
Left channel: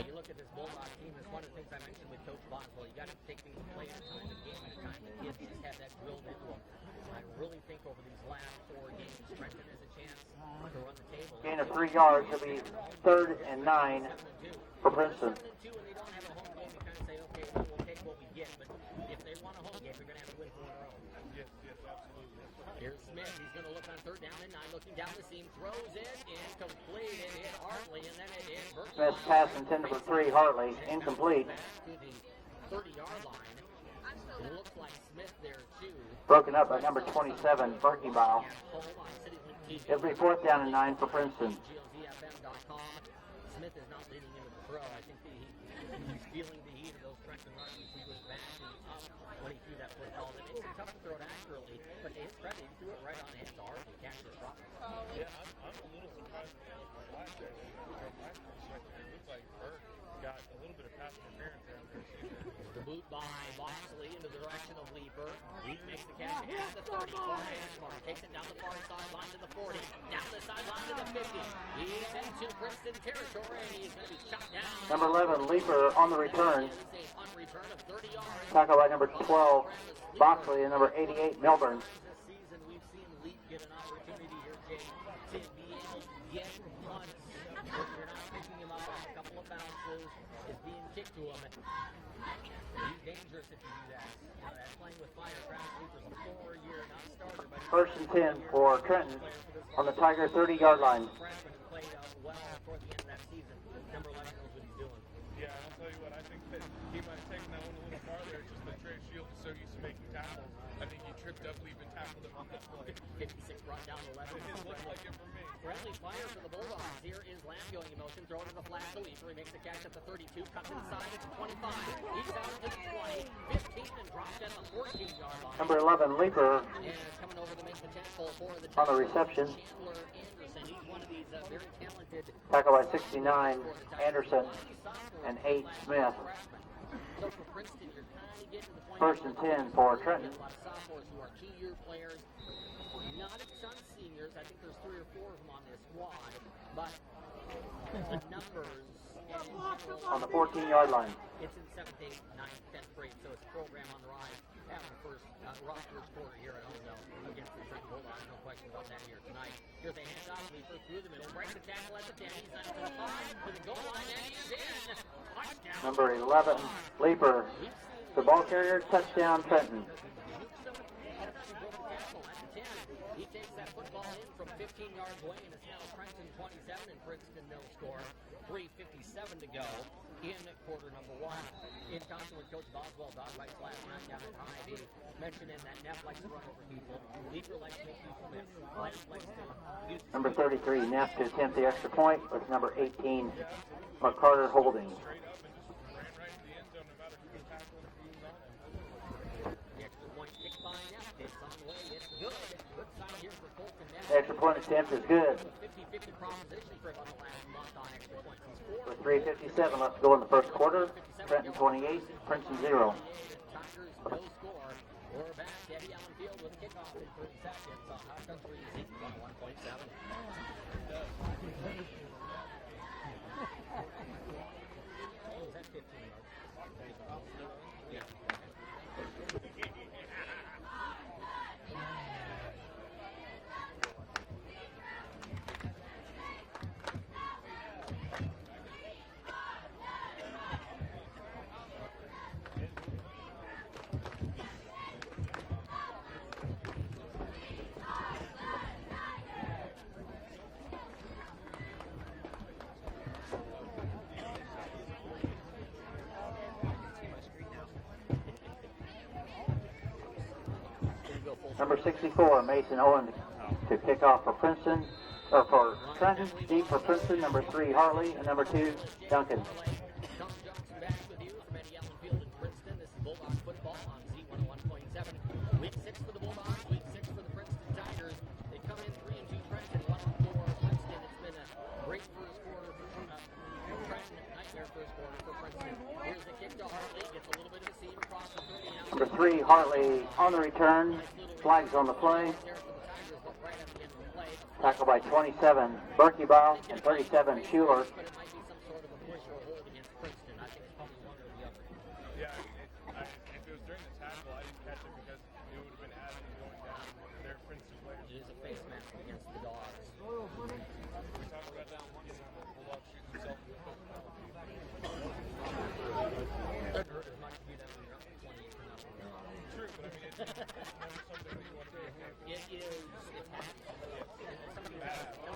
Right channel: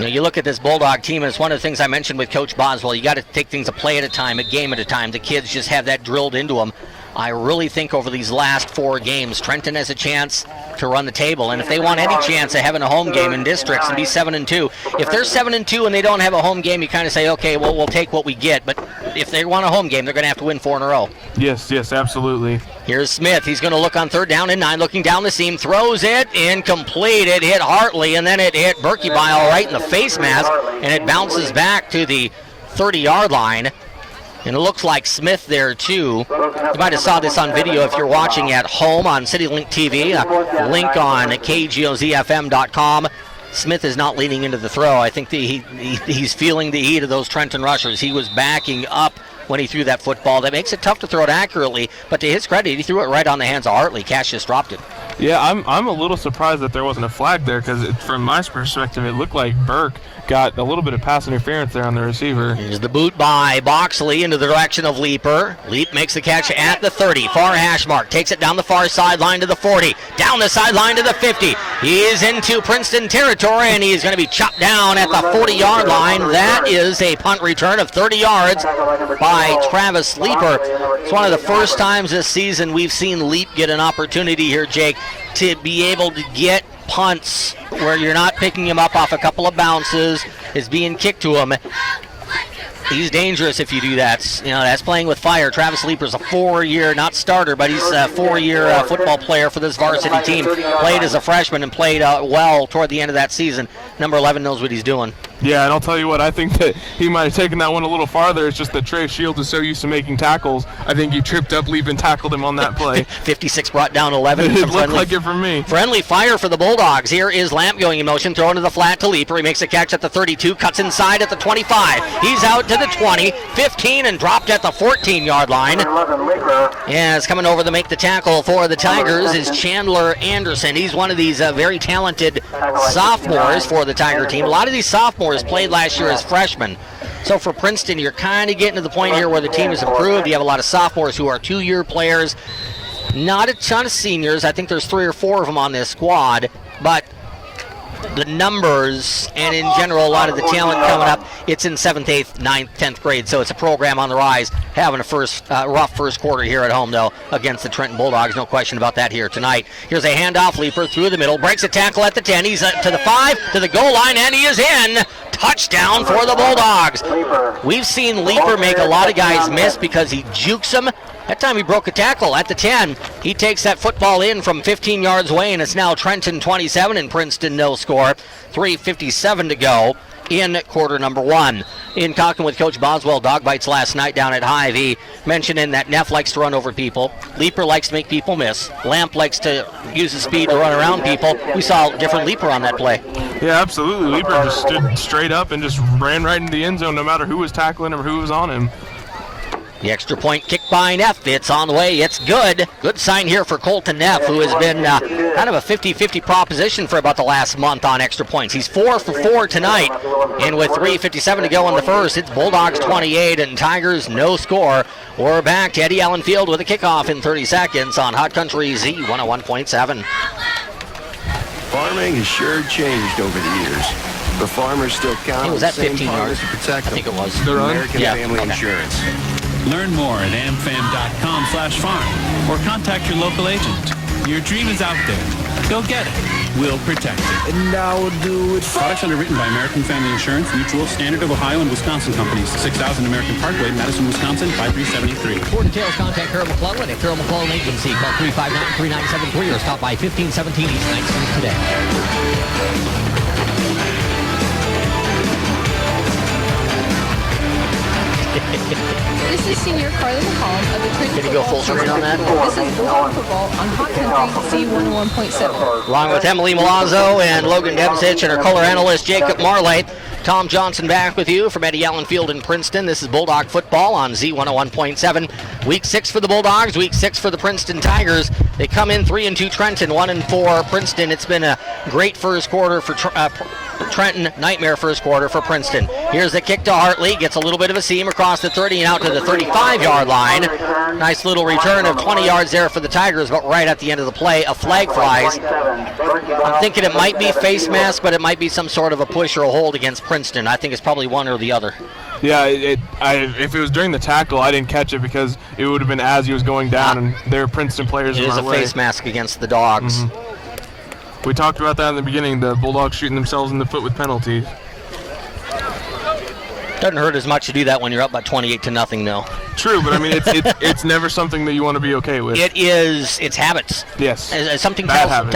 You look at this Bulldog team, and it's one of the things I mentioned with Coach Boswell. You got to take things a play at a time, a game at a time. The kids just have that drilled into them. I really think over these last 4 games, Trenton has a chance to run the table, and if they want any chance of having a home game in districts and be 7-2, if they're 7-2 and they don't have a home game, you kind of say, okay, well, we'll take what we get. But if they want a home game, they're going to have to win 4 in a row. Yes, absolutely. Here's Smith. He's going to look on 3rd down and 9, looking down the seam, throws it, incomplete. It hit Hartley, and then it hit Berkebile right in the face mask, and it bounces back to the 30-yard line. And it looks like Smith there, too. You might have saw this on video if you're watching at home on CityLink TV. A link on KGOZFM.com. Smith is not leaning into the throw. I think he's feeling the heat of those Trenton rushers. He was backing up when he threw that football. That makes it tough to throw it accurately. But to his credit, he threw it right on the hands of Hartley. Cash just dropped it. Yeah, I'm a little surprised that there wasn't a flag there because from my perspective, it looked like Burke got a little bit of pass interference there on the receiver. Here's the boot by Boxley into the direction of Leeper. Leap makes the catch at the 30, far hash mark, takes it down the far sideline to the 40, down the sideline to the 50. He is into Princeton territory, and he's going to be chopped down at the 40-yard line. That is a punt return of 30 yards by Travis Leeper. It's one of the first times this season we've seen Leap get an opportunity here, Jake, to be able to get punts where you're not picking him up off a couple of bounces, is being kicked to him. He's dangerous if you do that. That's playing with fire. Travis Leeper's a 4-year, not starter, but he's a 4-year football player for this varsity team. Played as a freshman and played well toward the end of that season. Number 11 knows what he's doing. Yeah, and I'll tell you what, I think that he might have taken that one a little farther. It's just that Trey Shields is so used to making tackles. I think he tripped up, Leap, and tackled him on that play. 56 brought down 11. It looked like it for me. Friendly fire for the Bulldogs. Here is Lamp going in motion, throwing to the flat to Leaper. He makes a catch at the 32, cuts inside at the 25. He's out to the 20, 15, and dropped at the 14-yard line. Yes, coming over to make the tackle for the Tigers is Chandler Anderson. He's one of these very talented sophomores for the Tiger team. A lot of these sophomores played last year as freshmen. So for Princeton, you're kind of getting to the point here where the team has improved. You have a lot of sophomores who are 2-year players. Not a ton of seniors. I think there's 3 or 4 of them on this squad. But the numbers and in general a lot of the talent coming up, it's in 7th, 8th, 9th, 10th grade, so it's a program on the rise. Having a rough first quarter here at home, though, against the Trenton Bulldogs. No question about that here tonight. Here's a handoff. Leaper through the middle, breaks a tackle at the 10. He's to the 5, to the goal line, and he is in. Touchdown for the Bulldogs. We've seen Leaper make a lot of guys miss because he jukes them. That time he broke a tackle at the 10. He takes that football in from 15 yards away, and it's now Trenton 27 and Princeton no score. 3:57 to go in quarter number 1. In talking with Coach Boswell, dog bites last night down at Hy-Vee, mentioning that Neff likes to run over people. Leaper likes to make people miss. Lamp likes to use the speed to run around people. We saw a different Leaper on that play. Yeah, absolutely. Leaper just stood straight up and just ran right into the end zone no matter who was tackling him or who was on him. The extra point kick by Neff. It's on the way. It's good. Good sign here for Colton Neff, who has been kind of a 50-50 proposition for about the last month on extra points. He's 4 for 4 tonight. And with 3:57 to go in the first, it's Bulldogs 28 and Tigers no score. We're back to Eddie Allen Field with a kickoff in 30 seconds on Hot Country Z 101.7. Farming has sure changed over the years. But farmers still count on the same farmers to protect them. I think it was. American Family Insurance. Learn more at amfam.com/farm or contact your local agent. Your dream is out there. Go get it. We'll protect it. And now we'll do it. Products underwritten by American Family Insurance, Mutual, Standard of Ohio, and Wisconsin Companies. 6000 American Parkway, Madison, Wisconsin, 5373. For details, contact Carol McClellan at Carol McClellan Agency. Call 359-3973 or stop by 1517 East 9th Street today. This is senior Carly McCollum of the Trenton. Can you go full screen on that? This is Bulldog Football on Hot Country C101.7. Along with Emily Milazzo and Logan Debsich and our color analyst Jacob Marley. Tom Johnson back with you from Eddie Allen Field in Princeton. This is Bulldog Football on Z101.7. Week 6 for the Bulldogs, Week 6 for the Princeton Tigers. They come in 3-2 Trenton, 1-4 Princeton. It's been a great first quarter for Trenton, nightmare first quarter for Princeton. Here's the kick to Hartley, gets a little bit of a seam across the 30 and out to the 35-yard line. Nice little return of 20 yards there for the Tigers, but right at the end of the play, a flag flies. I'm thinking it might be face mask, but it might be some sort of a push or a hold against Princeton. I think it's probably one or the other. Yeah, if it was during the tackle, I didn't catch it because it would have been as he was going down, and there were Princeton players It in is my a way. face mask against the Dogs. Mm-hmm. We talked about that in the beginning, the Bulldogs shooting themselves in the foot with penalties. Doesn't hurt as much to do that when you're up by 28-0, though. True, but I mean, it's never something that you want to be okay with. It's habits. Yes. Something Bad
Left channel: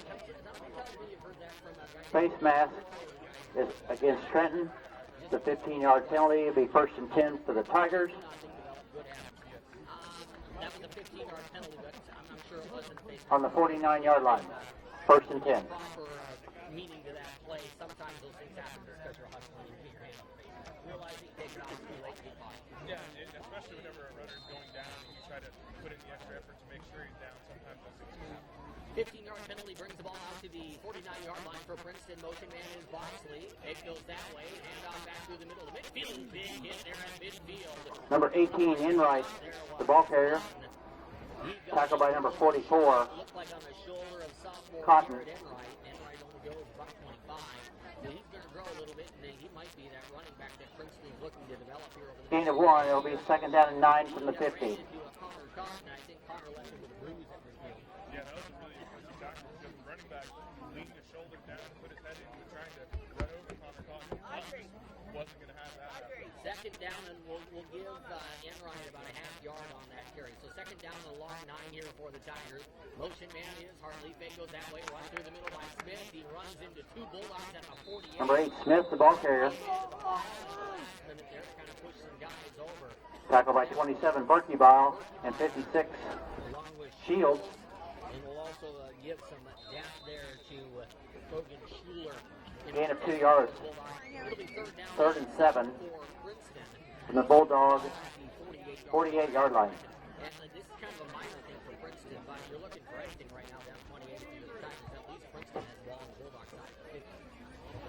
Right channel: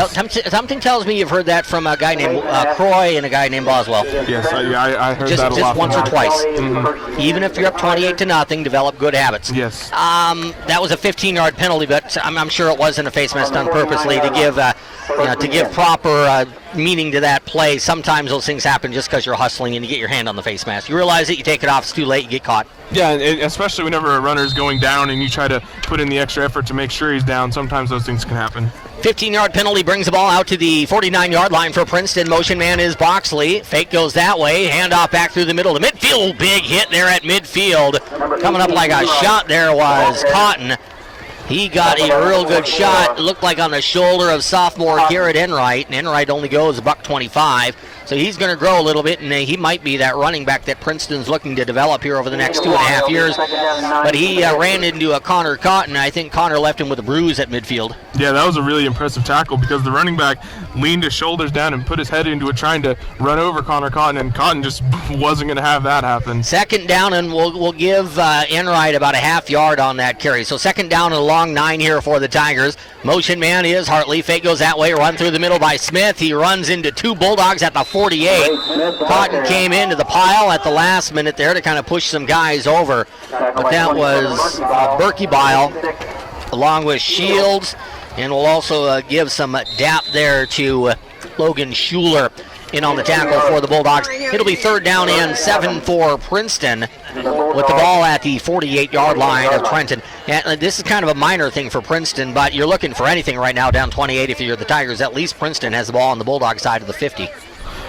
something tells me you've heard that from a guy named Croy and a guy named Boswell. Yes, I heard that a lot. Just once or twice. Mm-hmm. Even if you're up 28-0, develop good habits. Yes. That was a 15-yard penalty, but I'm sure it wasn't a face mask done purposely to give proper meaning to that play. Sometimes those things happen just because you're hustling and you get your hand on the face mask. You realize it, you take it off, it's too late, you get caught. Yeah, and especially whenever a runner's going down and you try to put in the extra effort to make sure he's down, sometimes those things can happen. 15-yard penalty brings the ball out to the 49-yard line for Princeton. Motion man is Boxley. Fake goes that way. Handoff back through the middle to midfield. Big hit there at midfield. Coming up like a shot there was Cotton. He got a real good shot. It looked like on the shoulder of sophomore Garrett Enright. And Enright only goes $125. So he's going to grow a little bit, and he might be that running back that Princeton's looking to develop here over the next 2.5 years. But he ran into a Connor Cotton. I think Connor left him with a bruise at midfield. Yeah, that was a really impressive tackle because the running back leaned his shoulders down and put his head into it trying to run over Connor Cotton, and Cotton just wasn't going to have that happen. Second down, and we'll give Enright about a half yard on that carry. So second down and a long 9 here for the Tigers. Motion man is Hartley. Fake goes that way, run through the middle by Smith. He runs into two Bulldogs at the 48. Cotton came into the pile at the last minute there to kind of push some guys over. But that was Berkey Bile along with Shields. And we'll also give some dap there to Logan Schuler in on the tackle for the Bulldogs. It'll be third down and 7 for Princeton with the ball at the 48-yard line of Trenton. And this is kind of a minor thing for Princeton, but you're looking for anything right now down 28 if you're the Tigers. At least Princeton has the ball on the Bulldog side of the 50.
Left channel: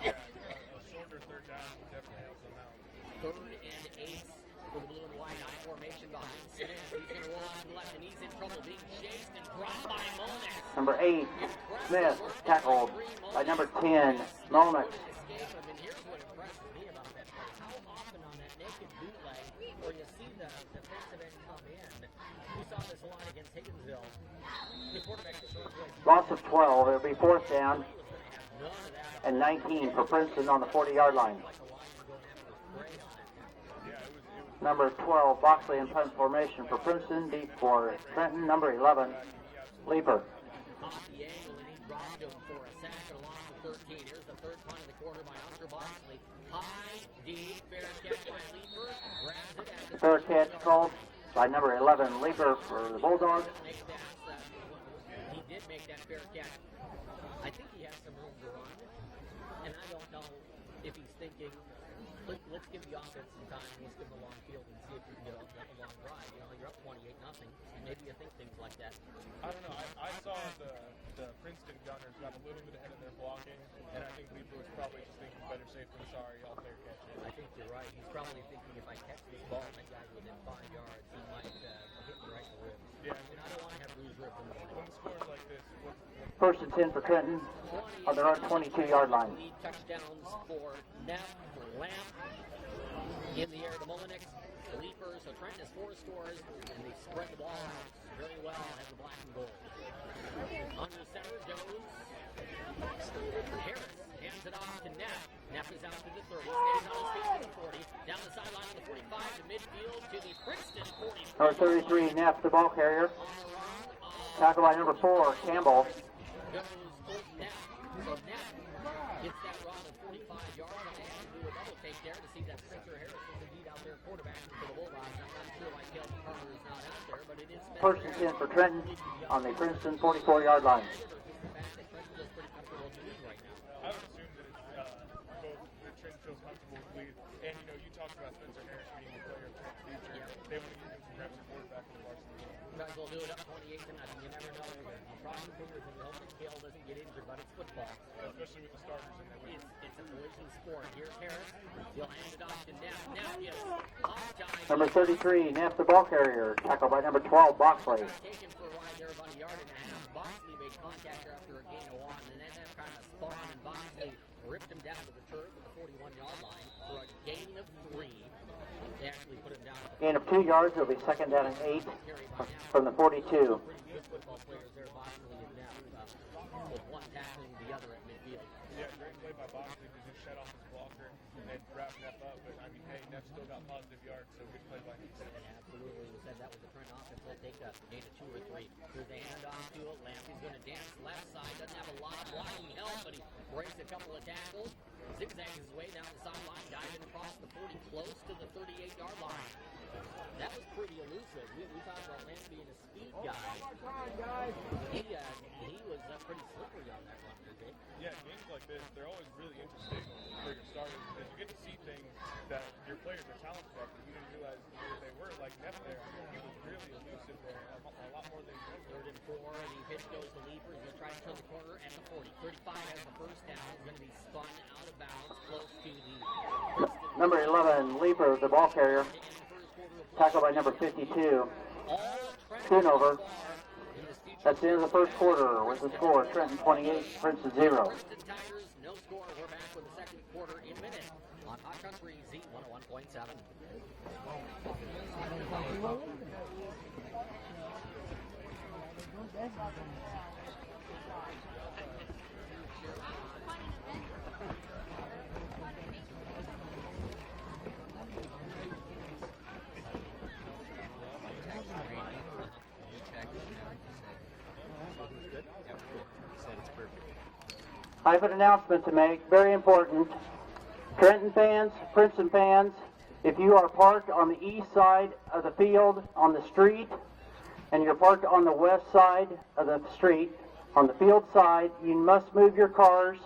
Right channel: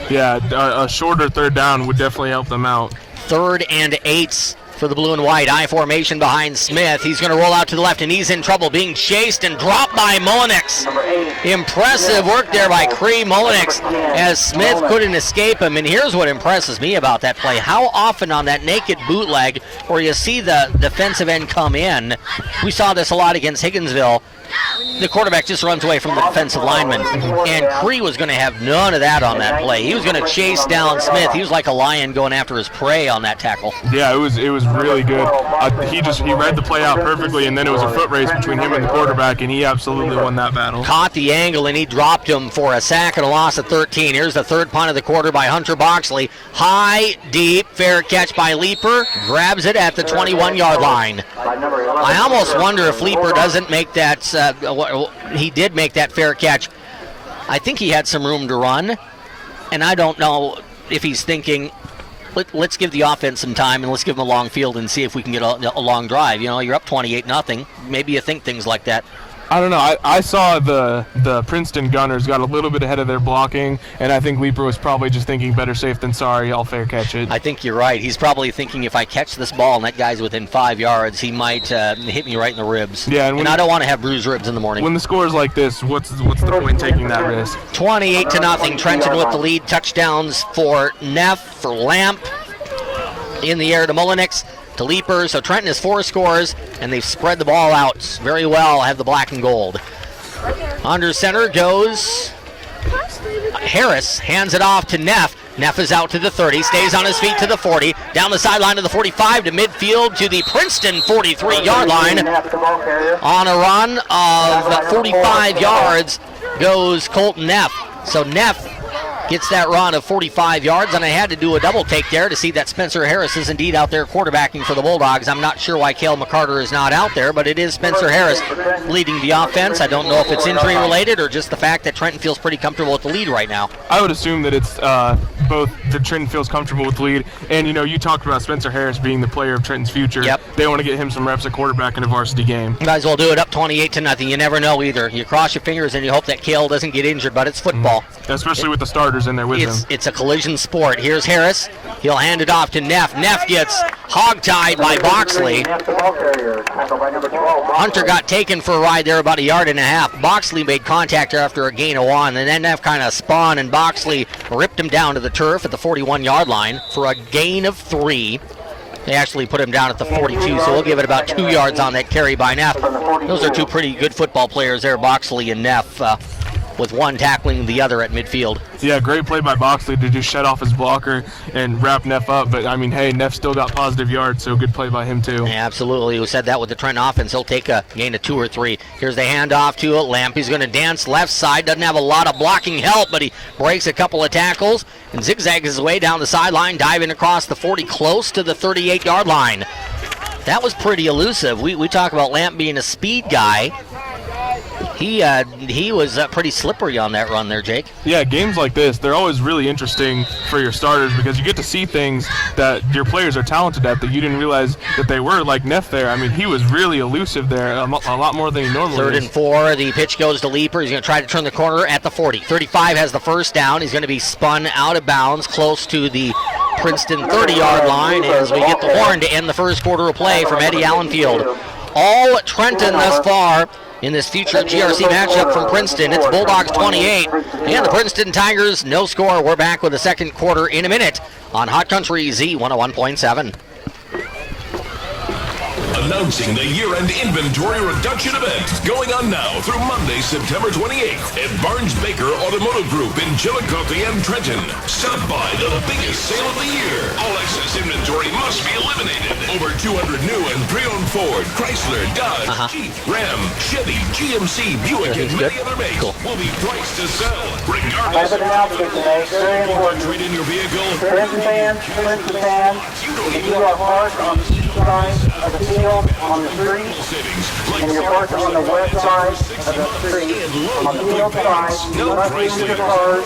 Yeah, a shorter third down would definitely help them out. 3rd and 8 for the blue and white. I formation behind Smith. He's going to roll out to the left, and he's in trouble, being chased and dropped by Mullenix. Impressive work there by Cree Mullenix as Smith couldn't escape him. And here's what impresses me about that play. How often on that naked bootleg where you see the defensive end come in, we saw this a lot against Higginsville, the quarterback just runs away from the defensive lineman. And Cree was going to have none of that on that play. He was going to chase down Smith. He was like a lion going after his prey on that tackle. Yeah, it was really good. He read the play out perfectly, and then it was a foot race between him and the quarterback, and he absolutely won that battle. Caught the angle, and he dropped him for a sack and a loss of 13. Here's the third punt of the quarter by Hunter Boxley. High, deep, fair catch by Leeper. Grabs it at the 21-yard line. I almost wonder if Leeper doesn't make that. He did make that fair catch. I think he had some room to run, and I don't know if he's thinking, let's give the offense some time and let's give them a long field and see if we can get a long drive. You know, you're up 28-0. Maybe you think things like that. I don't know. I saw the Princeton Gunners got a little bit ahead of their blocking, and I think Leeper was probably just thinking better safe than sorry, I'll fair catch it. I think you're right. He's probably thinking if I catch this ball and that guy's within 5 yards, he might hit me right in the ribs. Yeah, and I don't want to have bruised ribs in the morning. When the score is like this, what's the point in taking that risk? 28-0. Trenton with the lead. Touchdowns for Neff, for Lamp. In the air to Mullenix, to Leeper. So Trenton has 4 scores, and they've spread the ball out very well, have the black and gold. Under center goes Harris, hands it off to Neff. Neff is out to the 30, stays on his feet to the 40, down the sideline to the 45, to midfield to the Princeton 43-yard line. On a run of 45 yards goes Colton Neff. So Neff gets that run of 45 yards, and I had to do a double take there to see that Spencer Harris is indeed out there quarterbacking for the Bulldogs. I'm not sure why Cale McCarter is not out there, but it is Spencer Harris leading the offense. I don't know if it's injury related or just the fact that Trenton feels pretty comfortable with the lead right now. I would assume that it's both that Trenton feels comfortable with the lead, and you talked about Spencer Harris being the player of Trenton's future. Yep. They want to get him some reps at quarterback in a varsity game. You might as well do it up 28-0. You never know either. You cross your fingers and you hope that Cale doesn't get injured, but it's football. Especially with the starters in there with him. It's a collision sport. Here's Harris. He'll hand it off to Neff. Neff gets hog-tied by Boxley. Hunter got taken for a ride there about 1.5 yards. Boxley made contact after a gain of 1, and then Neff kind of spun, and Boxley ripped him down to the turf at the 41-yard line for a gain of 3. They actually put him down at the 42, so we'll give it about 2 yards on that carry by Neff. Those are two pretty good football players there, Boxley and Neff, with one tackling the other at midfield. Yeah, great play by Boxley to just shut off his blocker and wrap Neff up. But, I mean, hey, Neff still got positive yards, so good play by him, too. Yeah, absolutely. We said that with the Trenton offense. He'll take a gain of 2 or 3. Here's the handoff to Lamp. He's going to dance left side. Doesn't have a lot of blocking help, but he breaks a couple of tackles and zigzags his way down the sideline, diving across the 40, close to the 38-yard line. That was pretty elusive. We talk about Lamp being a speed guy. He was pretty slippery on that run there, Jake. Yeah, games like this, they're always really interesting for your starters because you get to see things that your players are talented at that you didn't realize that they were, like Neff there. I mean, he was really elusive there, a lot more than he normally is. 3rd and 4, the pitch goes to Leeper. He's going to try to turn the corner at the 40. 35 has the first down. He's going to be spun out of bounds close to the Princeton 30-yard line as we get the horn to end the first quarter of play from Eddie Allen Field. All Trenton thus far in this future GRC matchup from Princeton. It's Bulldogs 28 and the Princeton Tigers no score. We're back with the second quarter in a minute on Hot Country Z101.7. Announcing the year-end inventory reduction event going on now through Monday, September 28th at Barnes-Baker Automotive Group in Chillicothe and Trenton. Stop by the biggest sale of the year. All excess inventory must be eliminated. Over 200 new and pre-owned Ford, Chrysler, Dodge, Jeep, Ram, Chevy, GMC, Buick, and many other makes will be priced to sell. Regardless of trade in your vehicle. Princeton fans, if you are parked on each side of the field, on the street, and you're parked on the west side of the street, on the field side, you must leave your car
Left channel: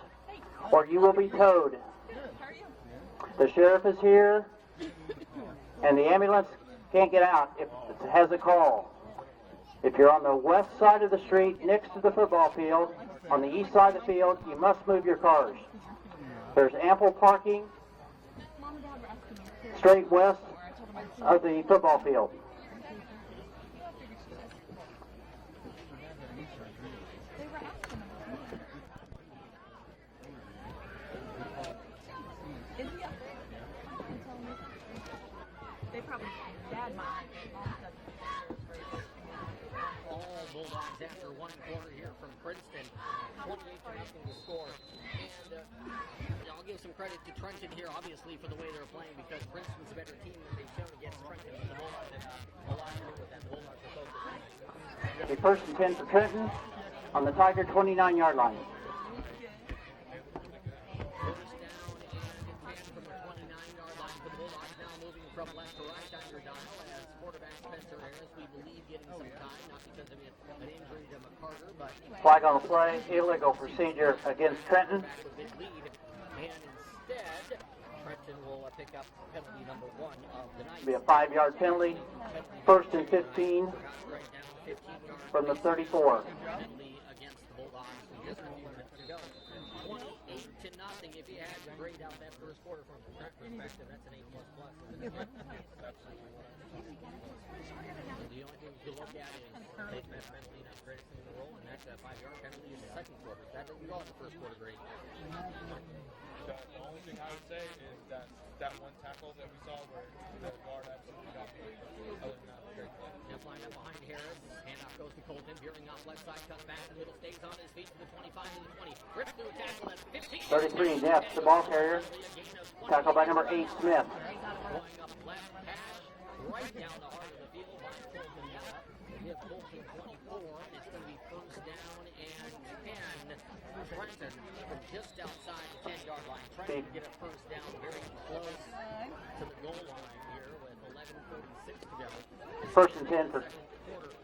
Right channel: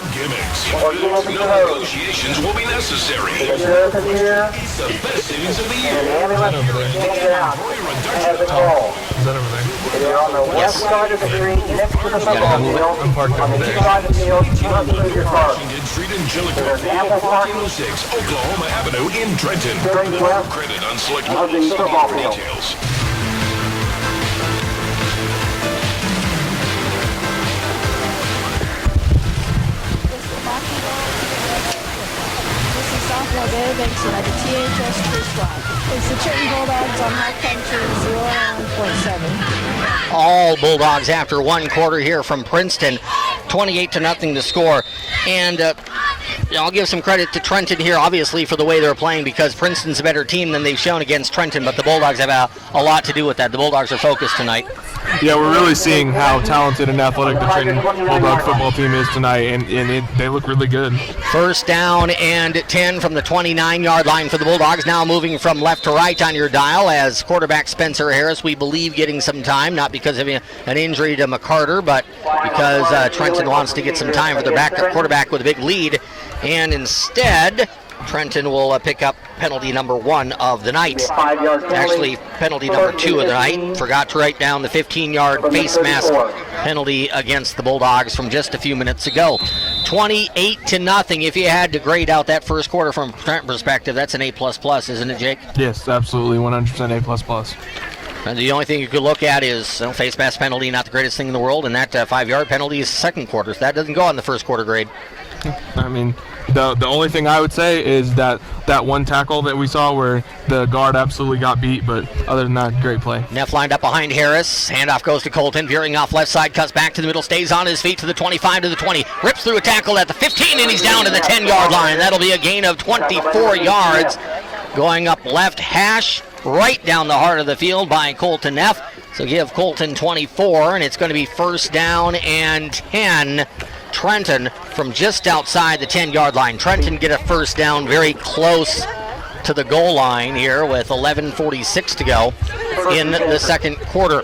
or you will be closed. Negotiations will be necessary. The sheriff is here, The best savings of the year. and the ambulance can get out, has it all. If you're on the west side of the street, next to the football field, on the east side of the field, you must leave your car. Street in There's ample parking 6 Oklahoma Avenue in Trenton. during the west Credit on select of the football field. details. This is sophomore Bailey Benson at the THS Tree Squad. It's the Trenton Bulldogs on Hot Country 01.7. All Bulldogs after one quarter here from Princeton. 28-0 to score. And I'll give some credit to Trenton here, obviously, for the way they're playing because Princeton's a better team than they've shown against Trenton, but the Bulldogs have a lot to do with that. The Bulldogs are focused tonight. Yeah, we're really seeing how talented and athletic the Trenton Bulldog football team is tonight, and they look really good. First down and 10 from the 29-yard line for the Bulldogs. Now moving from left to right on your dial as quarterback Spencer Harris, we believe, getting some time, not because of an injury to McCarter, but because Trenton wants to get some time for their backup quarterback with a big lead. And instead, Trenton will pick up penalty number 1 of the night. Actually, penalty number 2 of the night. Forgot to write down the 15-yard face mask penalty against the Bulldogs from just a few minutes ago. 28-0. If you had to grade out that first quarter from a Trenton perspective, that's an A++, isn't it, Jake? Yes, absolutely, 100% A++. And the only thing you could look at is face mask penalty, not the greatest thing in the world, and that 5-yard penalty is second quarter. So that doesn't go on the first quarter grade. I mean, the only thing I would say is that one tackle that we saw where the guard absolutely got beat, but other than that, great play. Neff lined up behind Harris. Handoff goes to Colton, veering off left side, cuts back to the middle, stays on his feet to the 25, to the 20, rips through a tackle at the 15, and he's down to the 10-yard line. That'll be a gain of 24 yards. Going up left hash, right down the heart of the field by Colton Neff. So give Colton 24, and it's going to be first down and 10. Trenton from just outside the 10-yard line. Trenton get a first down very close to the goal line here with 11:46 to go in the second quarter.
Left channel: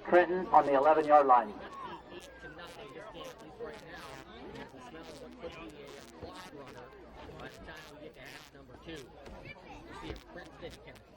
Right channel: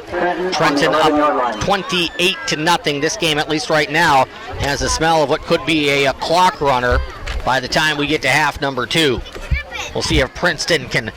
Trenton up 28-0. This game, at least right now, has a smell of what could be a clock runner by the time we get to half number 2. We'll see if Princeton can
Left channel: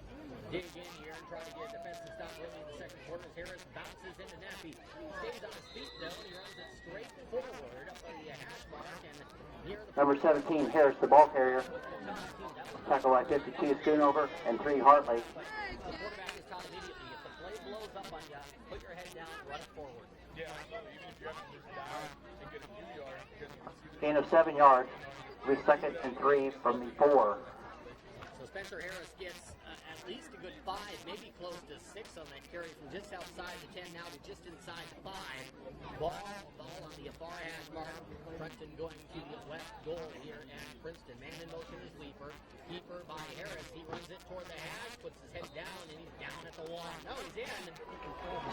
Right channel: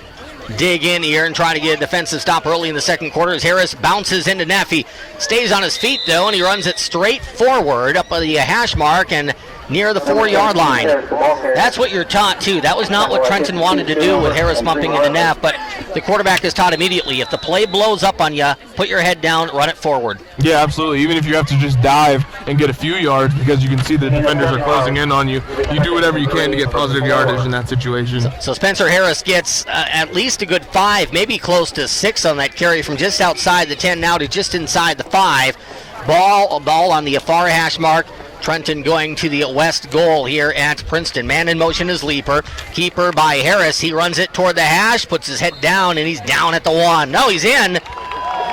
dig in here and try to get a defensive stop early in the second quarter as Harris bounces into Neff. He stays on his feet, though, and he runs it straight forward up the hash mark and near the 4-yard line. That's what you're taught, too. That was not what Trenton wanted to do with Harris bumping into Neff, but the quarterback is taught immediately. If the play blows up on you, put your head down, run it forward. Yeah, absolutely. Even if you have to just dive and get a few yards because you can see the defenders are closing in on you, you do whatever you can to get positive yardage in that situation. So Spencer Harris gets at least a good 5, maybe close to 6 on that carry from just outside the 10 now to just inside the 5. Ball on the far hash mark. Trenton going to the west goal here at Princeton. Man in motion is Leaper. Keeper by Harris. He runs it toward the hash, puts his head down, and he's down at the 1. No, he's in.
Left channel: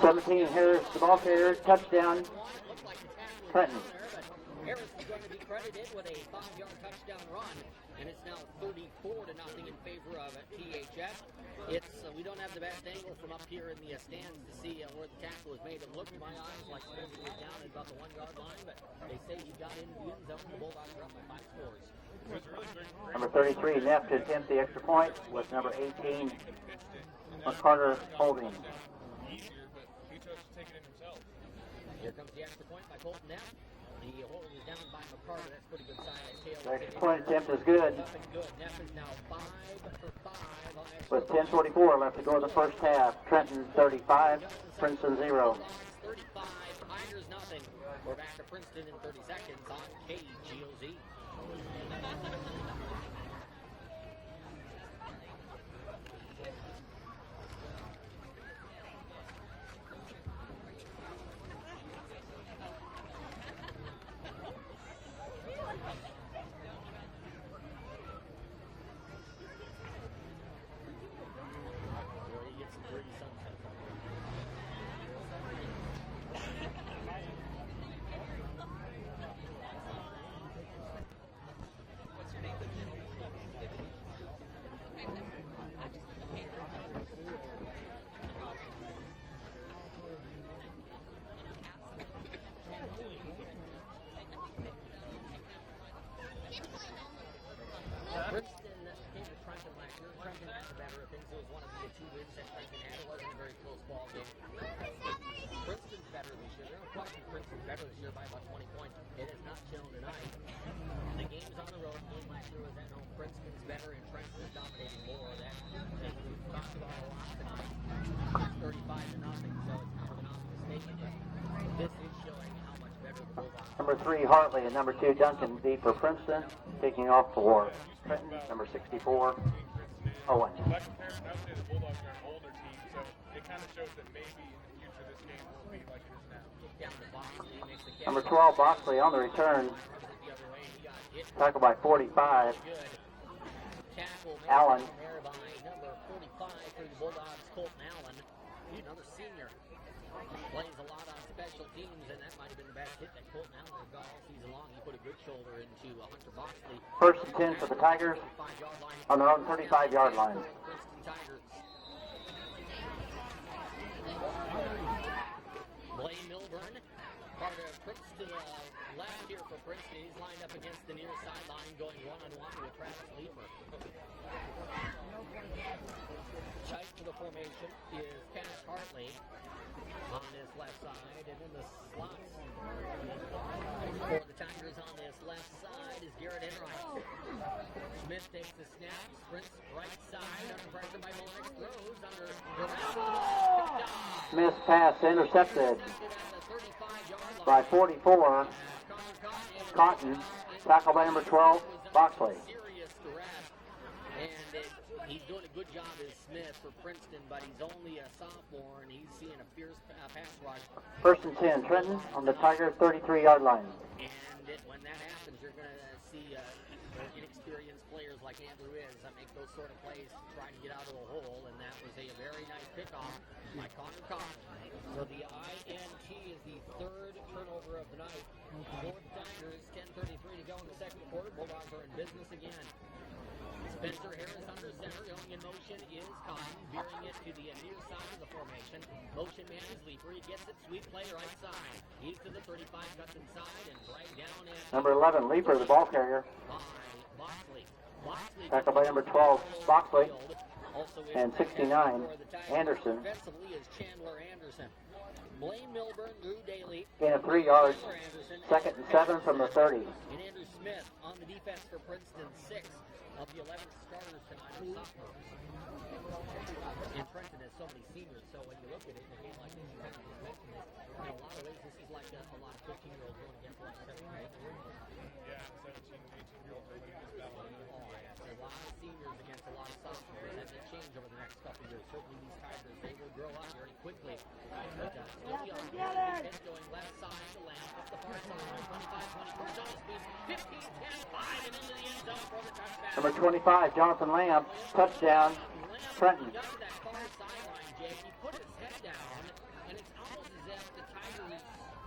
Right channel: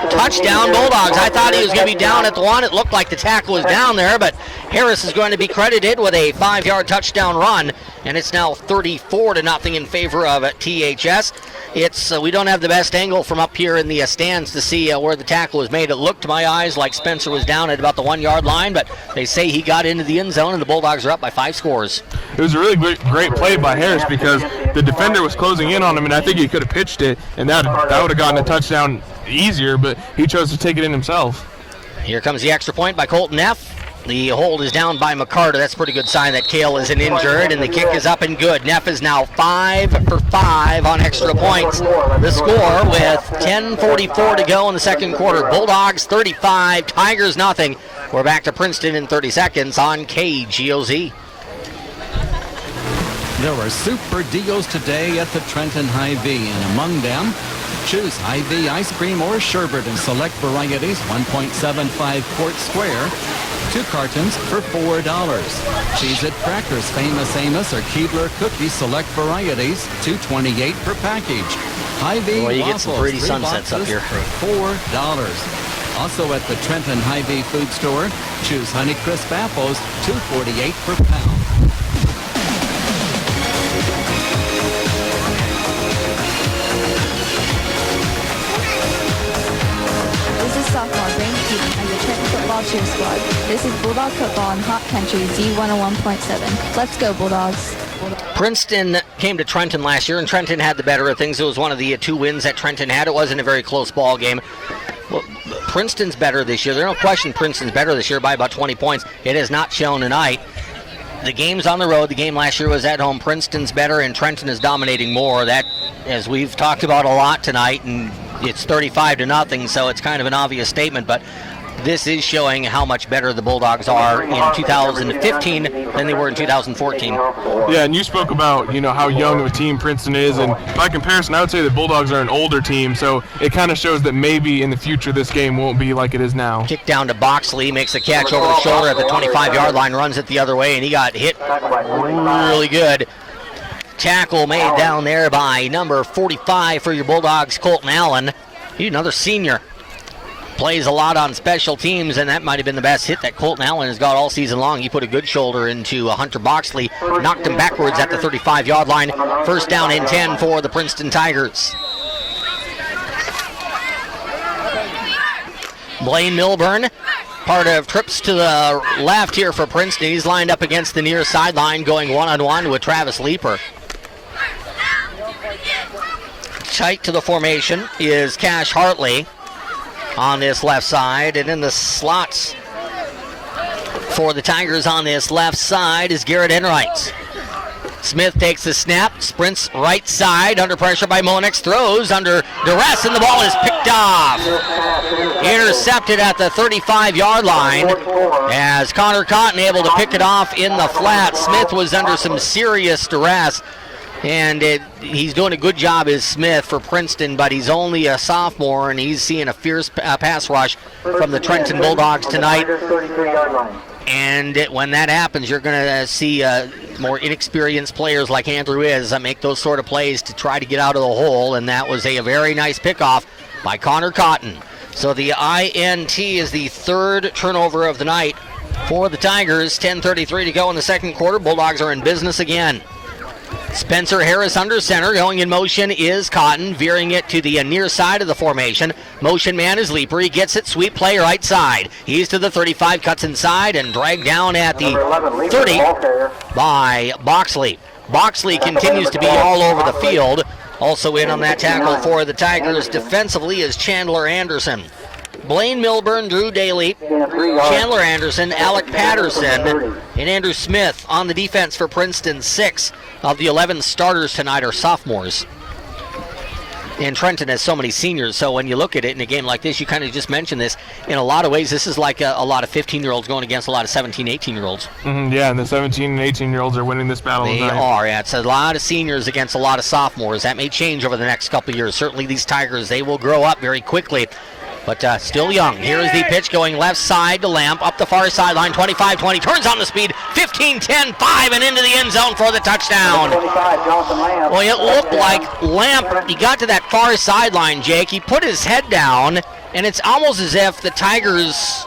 Touchdown Bulldogs. I thought he was going to be down at the 1. It looked like the tackle was down there, but Harris is going to be credited with a 5-yard touchdown run, and it's now 34-0 in favor of THS. It's we don't have the best angle from up here in the stands to see where the tackle was made. It looked to my eyes like Spencer was down at about the 1-yard line, but they say he got into the end zone, and the Bulldogs are up by 5 scores. It was a really great play by Harris because the defender was closing in on him, and I think he could have pitched it, and that would have gotten a touchdown easier, but he chose to take it in himself. Here comes the extra point by Colton Neff. The hold is down by McCarter. That's a pretty good sign that Cale isn't injured, and the kick is up and good. Neff is now 5 for 5 on extra points. The score with 10:44 to go in the second quarter. Bulldogs 35, Tigers nothing. We're back to Princeton in 30 seconds on KGOZ. There were super deals today at the Trenton Hy-Vee, and among them, choose Hy-Vee ice cream or sherbet in select varieties, 1.75 quart square, 2 cartons for $4. Cheez-It crackers, Famous Amos or Keebler cookies, select varieties, $2.28 per package. Hy-Vee Boy, you waffles, get some pretty 3 sunsets up here. for $4. Also at the Trenton Hy-Vee food store, choose Honeycrisp apples, $2.48 per pound. Sophomore Brayden Keaton and the Trenton football cheer squad. This is Bulldog football in Hot Country Z101.7. Let's go Bulldogs. Princeton came to Trenton last year, and Trenton had the better of things. It was one of the 2 wins that Trenton had. It wasn't a very close ball game. Well, Princeton's better this year. There's no question Princeton's better this year by about 20 points. It has not shown tonight. The game's on the road. The game last year was at home. Princeton's better, and Trenton is dominating more. That, as we've talked about a lot tonight, and it's 35-0, so it's kind of an obvious statement, but this is showing how much better the Bulldogs are in 2015 than they were in 2014. Yeah, and you spoke about, how young of a team Princeton is, and by comparison, I would say the Bulldogs are an older team, so it kind of shows that maybe in the future this game won't be like it is now. Kick down to Boxley, makes a catch over the shoulder at the 25-yard line, runs it the other way, and he got hit really good. Tackle made down there by number 45 for your Bulldogs, Colton Allen. He's another senior. Plays a lot on special teams, and that might have been the best hit that Colton Allen has got all season long. He put a good shoulder into Hunter Boxley, knocked him backwards at the 35-yard line. First down and 10 for the Princeton Tigers. Blaine Milburn, part of trips to the left here for Princeton. He's lined up against the near sideline, going one-on-one with Travis Leaper. tight to the formation is Cash Hartley on this left side, and in the slots for the Tigers on this left side is Garrett Enright. Smith takes the snap, sprints right side, under pressure by Monix, throws under duress, and the ball is picked off. Intercepted at the 35-yard line as Connor Cotton able to pick it off in the flat. Smith was under some serious duress, and he's doing a good job as Smith for Princeton, but he's only a sophomore, and he's seeing a fierce pass rush from the Trenton Bulldogs tonight. And when that happens, you're going to see more inexperienced players like Andrew is make those sort of plays to try to get out of the hole, and that was a very nice pickoff by Connor Cotton. So the INT is the third turnover of the night for the Tigers. 10:33 to go in the second quarter. Bulldogs are in business again. Spencer Harris under center. Going in motion is Cotton, veering it to the near side of the formation. Motion man is Leaper. He gets it, sweep play right side. He's to the 35, cuts inside, and dragged down at the 30 by Boxley. Boxley continues to be all over the field. Also in on that tackle for the Tigers defensively is Chandler Anderson. Blaine Milburn, Drew Daly, Chandler Anderson, Alec Patterson, and Andrew Smith on the defense for Princeton. 6 of the 11 starters tonight are sophomores. And Trenton has so many seniors, so when you look at it in a game like this, you kind of just mentioned this, in a lot of ways, this is like a lot of 15-year-olds going against a lot of 17, 18-year-olds. Yeah, and the 17 and 18-year-olds are winning this battle They tonight. are, yeah. It's a lot of seniors against a lot of sophomores. That may change over the next couple of years. Certainly these Tigers, they will grow up very quickly, but still young. Here is the pitch going left side to Lamp, up the far sideline, 25-20, turns on the speed, 15-10-5, and into the end zone for the touchdown. Well, it looked like Lamp, he got to that far sideline, Jake, he put his head down, and it's almost as if the Tigers,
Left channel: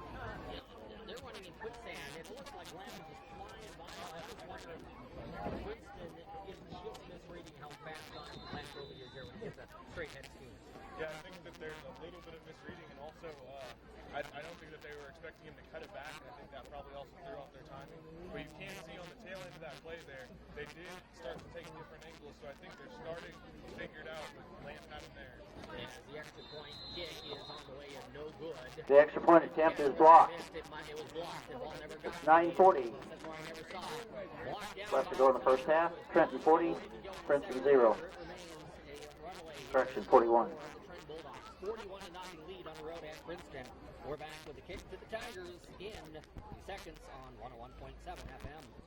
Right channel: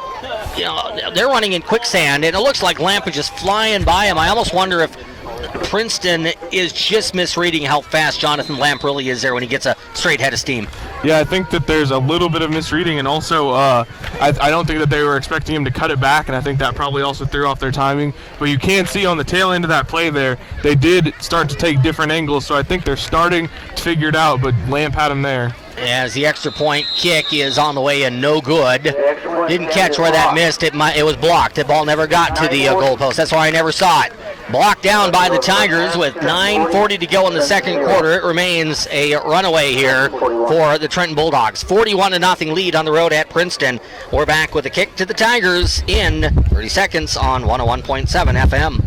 they're running in quicksand, and it looks like Lamp is just flying by him. I almost wonder if Princeton is just misreading how fast Jonathan Lamp really is there when he gets a straight head of steam. Yeah, I think that there's a little bit of misreading, and also I don't think that they were expecting him to cut it back, and I think that probably also threw off their timing. But you can see on the tail end of that play there, they did start to take different angles, so I think they're starting to figure it out, but Lamp had him there. As the extra point kick is on the way and no good. Didn't catch where that missed. It was blocked. The ball never got to the goalpost. That's why I never saw it. Blocked down by the Tigers with 9:40 to go in the second quarter. It remains a runaway here for the Trenton Bulldogs. 41-0 lead on the road at Princeton. We're back with a kick to the Tigers in 30 seconds on 101.7 FM.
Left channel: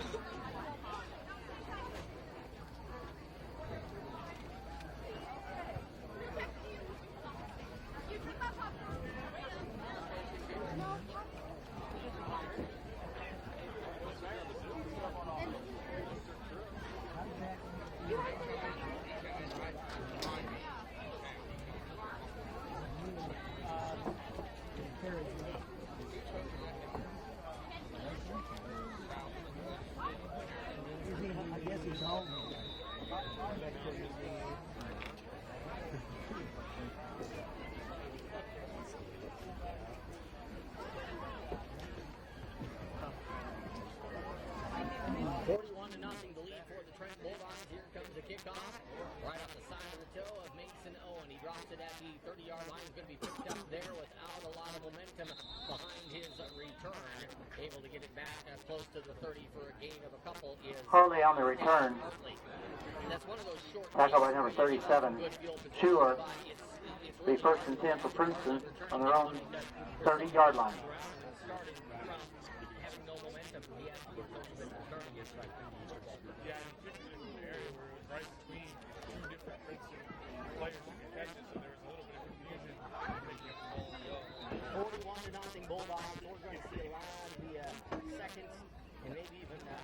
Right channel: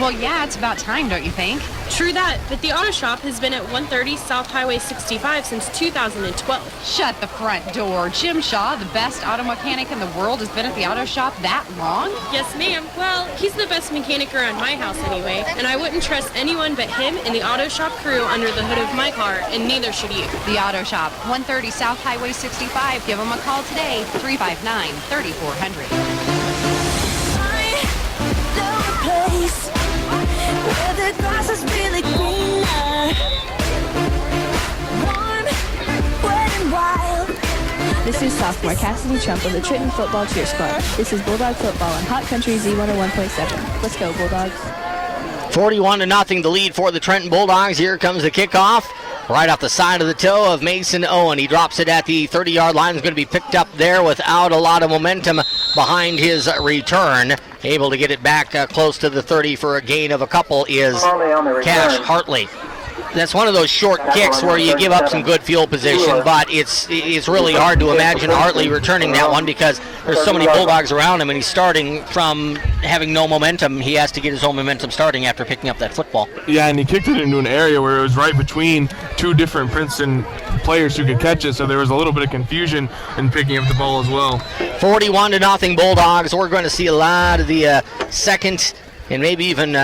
Well, yeah, it's about time, don't you think? True that, but the auto shop has been at 130 South Highway 65 since 2012. Shut the front door. Jim Shaw, the best auto mechanic in the world, has been at the auto shop that long? Yes, ma'am. Well, he's the best mechanic around my house anyway, and I wouldn't trust anyone but him and the auto shop crew under the hood of my car, and neither should you. The auto shop, 130 South Highway 65. Give them a call today, 359-3400. Where the grass is really greener, warm, wet and wild. This is sophomore Cassidy Trump of the Trenton Football Cheer Squad. This is Bulldog Football on Hot Country Z101.7. Let's go, Bulldogs. 41-0 the lead for the Trenton Bulldogs. Here comes the kickoff. Right off the side of the toe of Mason Owen. He drops it at the 30-yard line. Is going to be picked up there without a lot of momentum behind his return. Able to get it back close to the 30 for a gain of a couple is Cash Hartley. That's one of those short kicks where you give up some good field position, but it's really hard to imagine Hartley returning that one because there's so many Bulldogs around him, and he's starting from having no momentum. He has to get his own momentum starting after picking up that football. Yeah, and he kicked it into an area where it was right between two different Princeton players who could catch it, so there was a little bit of confusion in picking up the ball as well. 41-0 Bulldogs. We're going to see a lot of the second and maybe even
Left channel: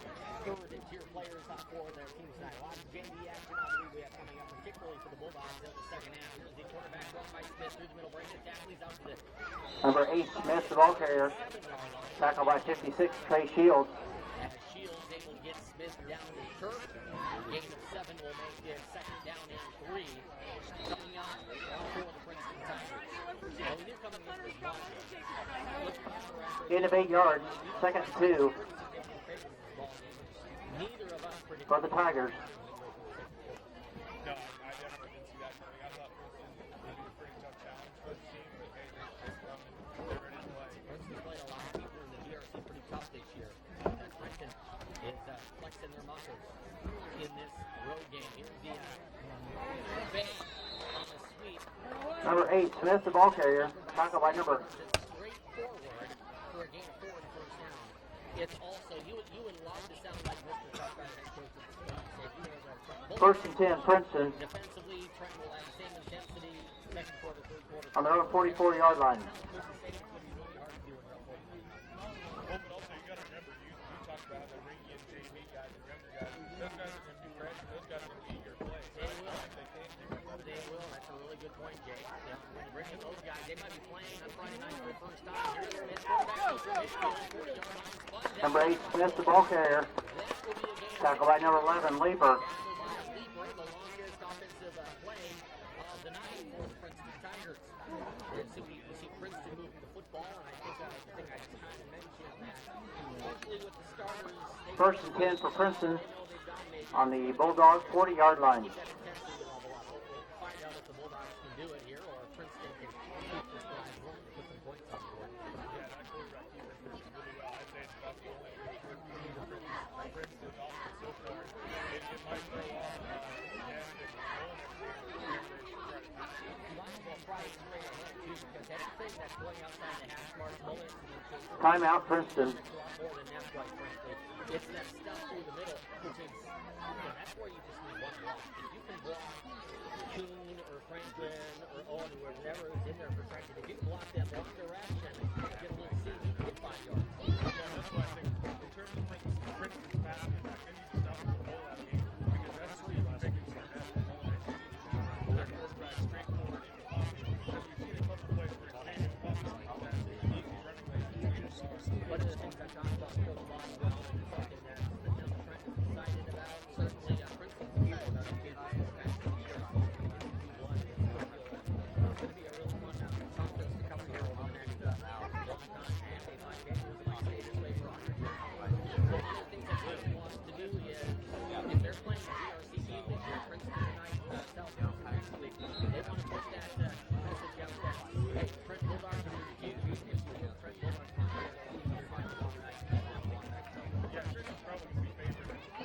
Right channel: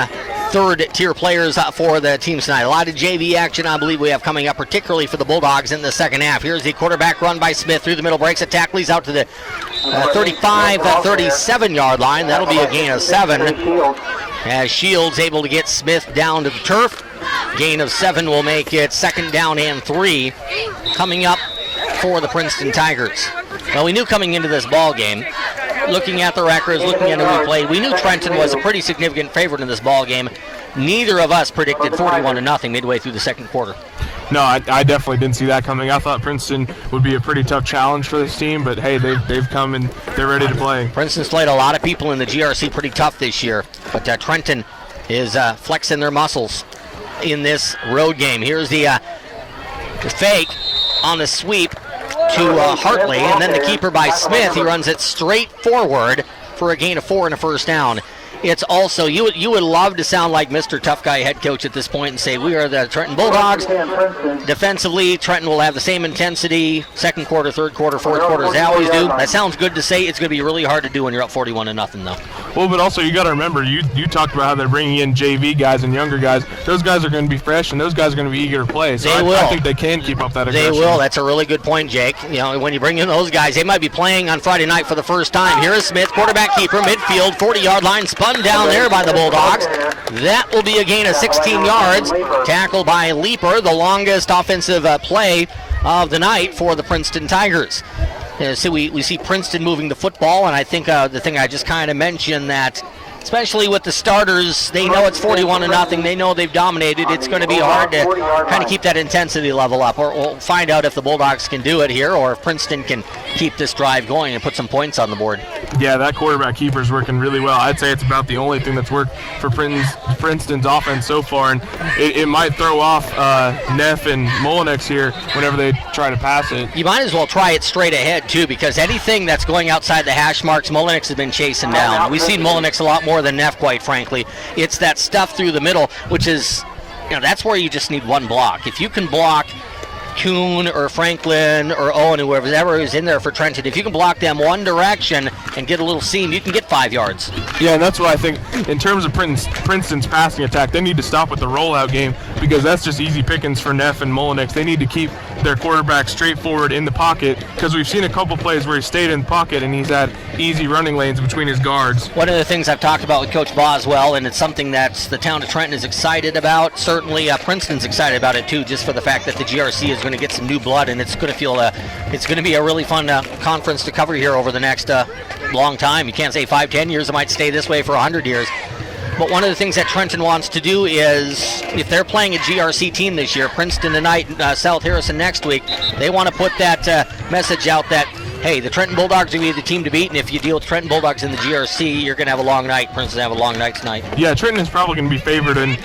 third-tier players for the teams tonight. A lot of JV action I believe we have coming up, particularly for the Bulldogs in the second half. Here's the quarterback run by Smith through the middle, breaks a tackle. He's out to the 35-37-yard line. That'll be a gain of 7. As Shields able to get Smith down to the turf. Gain of 7 will make it 2nd down and 3 coming up for the Princeton Tigers. Well, we knew coming into this ball game looking at the records, looking at who we played, we knew Trenton was a pretty significant favorite in this ball game. Neither of us predicted 41-0 midway through the second quarter. No, I definitely didn't see that coming. I thought Princeton would be a pretty tough challenge for this team, but hey, they've come and they're ready to play. Princeton's played a lot of people in the GRC pretty tough this year, but Trenton is flexing their muscles in this road game. Here's the fake on the sweep to Hartley, and then the keeper by Smith. He runs it straight forward for a gain of 4 and a first down. It's also, you would love to sound like Mr. Tough Guy head coach at this point and say, we are the Trenton Bulldogs. Defensively, Trenton will have the same intensity, second quarter, third quarter, fourth quarter, as they always do. That sounds good to say. It's going to be really hard to do when you're up 41-0, though. Well, but also you got to remember, you talked about how they're bringing in JV guys and younger guys. Those guys are going to be fresh, and those guys are going to be eager to play. So I think they can keep up that aggression. They will. That's a really good point, Jake. You know, when you bring in those guys, they might be playing on Friday night for the first time. Here is Smith, quarterback keeper, midfield, 40-yard line, spun down there by the Bulldogs. That will be a gain of 16 yards. Tackled by Leaper, the longest offensive play of the night for the Princeton Tigers. So we see Princeton moving the football, and I think the thing I just kind of mentioned, that especially with the starters, they know it's 41-0. They know they've dominated. It's going to be hard to kind of keep that intensity level up. Or we'll find out if the Bulldogs can do it here, or if Princeton can keep this drive going and put some points on the board. Yeah, that quarterback keeper's working really well. I'd say it's about the only thing that's worked for Princeton's offense so far, and it might throw off Neff and Molinex here whenever they try to pass it. You might as well try it straight ahead, too, because anything that's going outside the hash marks, Molinex has been chasing down. We've seen Molinex a lot more than Neff, quite frankly. It's that stuff through the middle, which is, that's where you just need one block. If you can block Kuhn or Franklin or Owen, whoever is in there for Trenton, if you can block them one direction and get a little seam, you can get 5 yards. Yeah, and that's what I think in terms of Princeton's passing attack, they need to stop with the rollout game, because that's just easy pickings for Neff and Molinex. They need to keep their quarterback straightforward in the pocket, because we've seen a couple plays where he stayed in the pocket and he's had easy running lanes between his guards. One of the things I've talked about with Coach Boswell, and it's something that the town of Trenton is excited about, certainly Princeton's excited about it too, just for the fact that the GRC is going to get some new blood, and it's going to be a really fun conference to cover here over the next long time. You can't say 5-10 years, it might stay this way for 100 years. But one of the things that Trenton wants to do is, if they're playing a GRC team this year, Princeton tonight, South Harrison next week, they want to put that message out that, hey, the Trenton Bulldogs are going to be the team to beat, and if you deal with Trenton Bulldogs in the GRC, you're going to have a long night. Princeton have a long night tonight. Yeah, Trenton is probably going to be favored in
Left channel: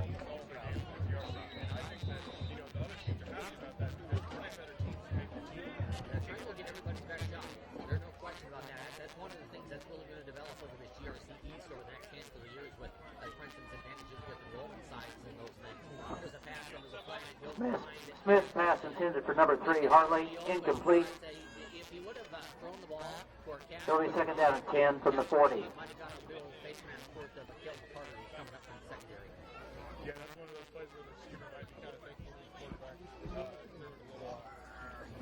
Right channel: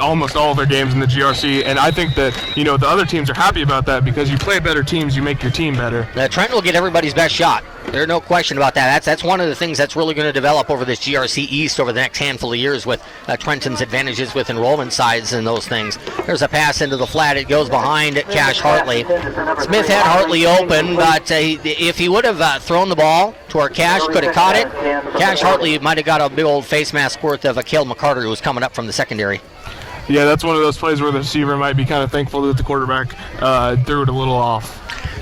almost all of their games in the GRC, and I think that, the other teams are happy about that, because you play better teams, you make your team better. Trenton will get everybody's best shot. There's no question about that. That's one of the things that's really going to develop over this GRC East over the next handful of years, with Trenton's advantages with enrollment size and those things. There's a pass into the flat. It goes behind Cash Hartley. Smith had Hartley open, but if he would have thrown the ball to our Cash, could have caught it. Cash Hartley might have got a big old face mask worth of Akil McCarter, who was coming up from the secondary. Yeah, that's one of those plays where the receiver might be kind of thankful that the quarterback threw it a little off.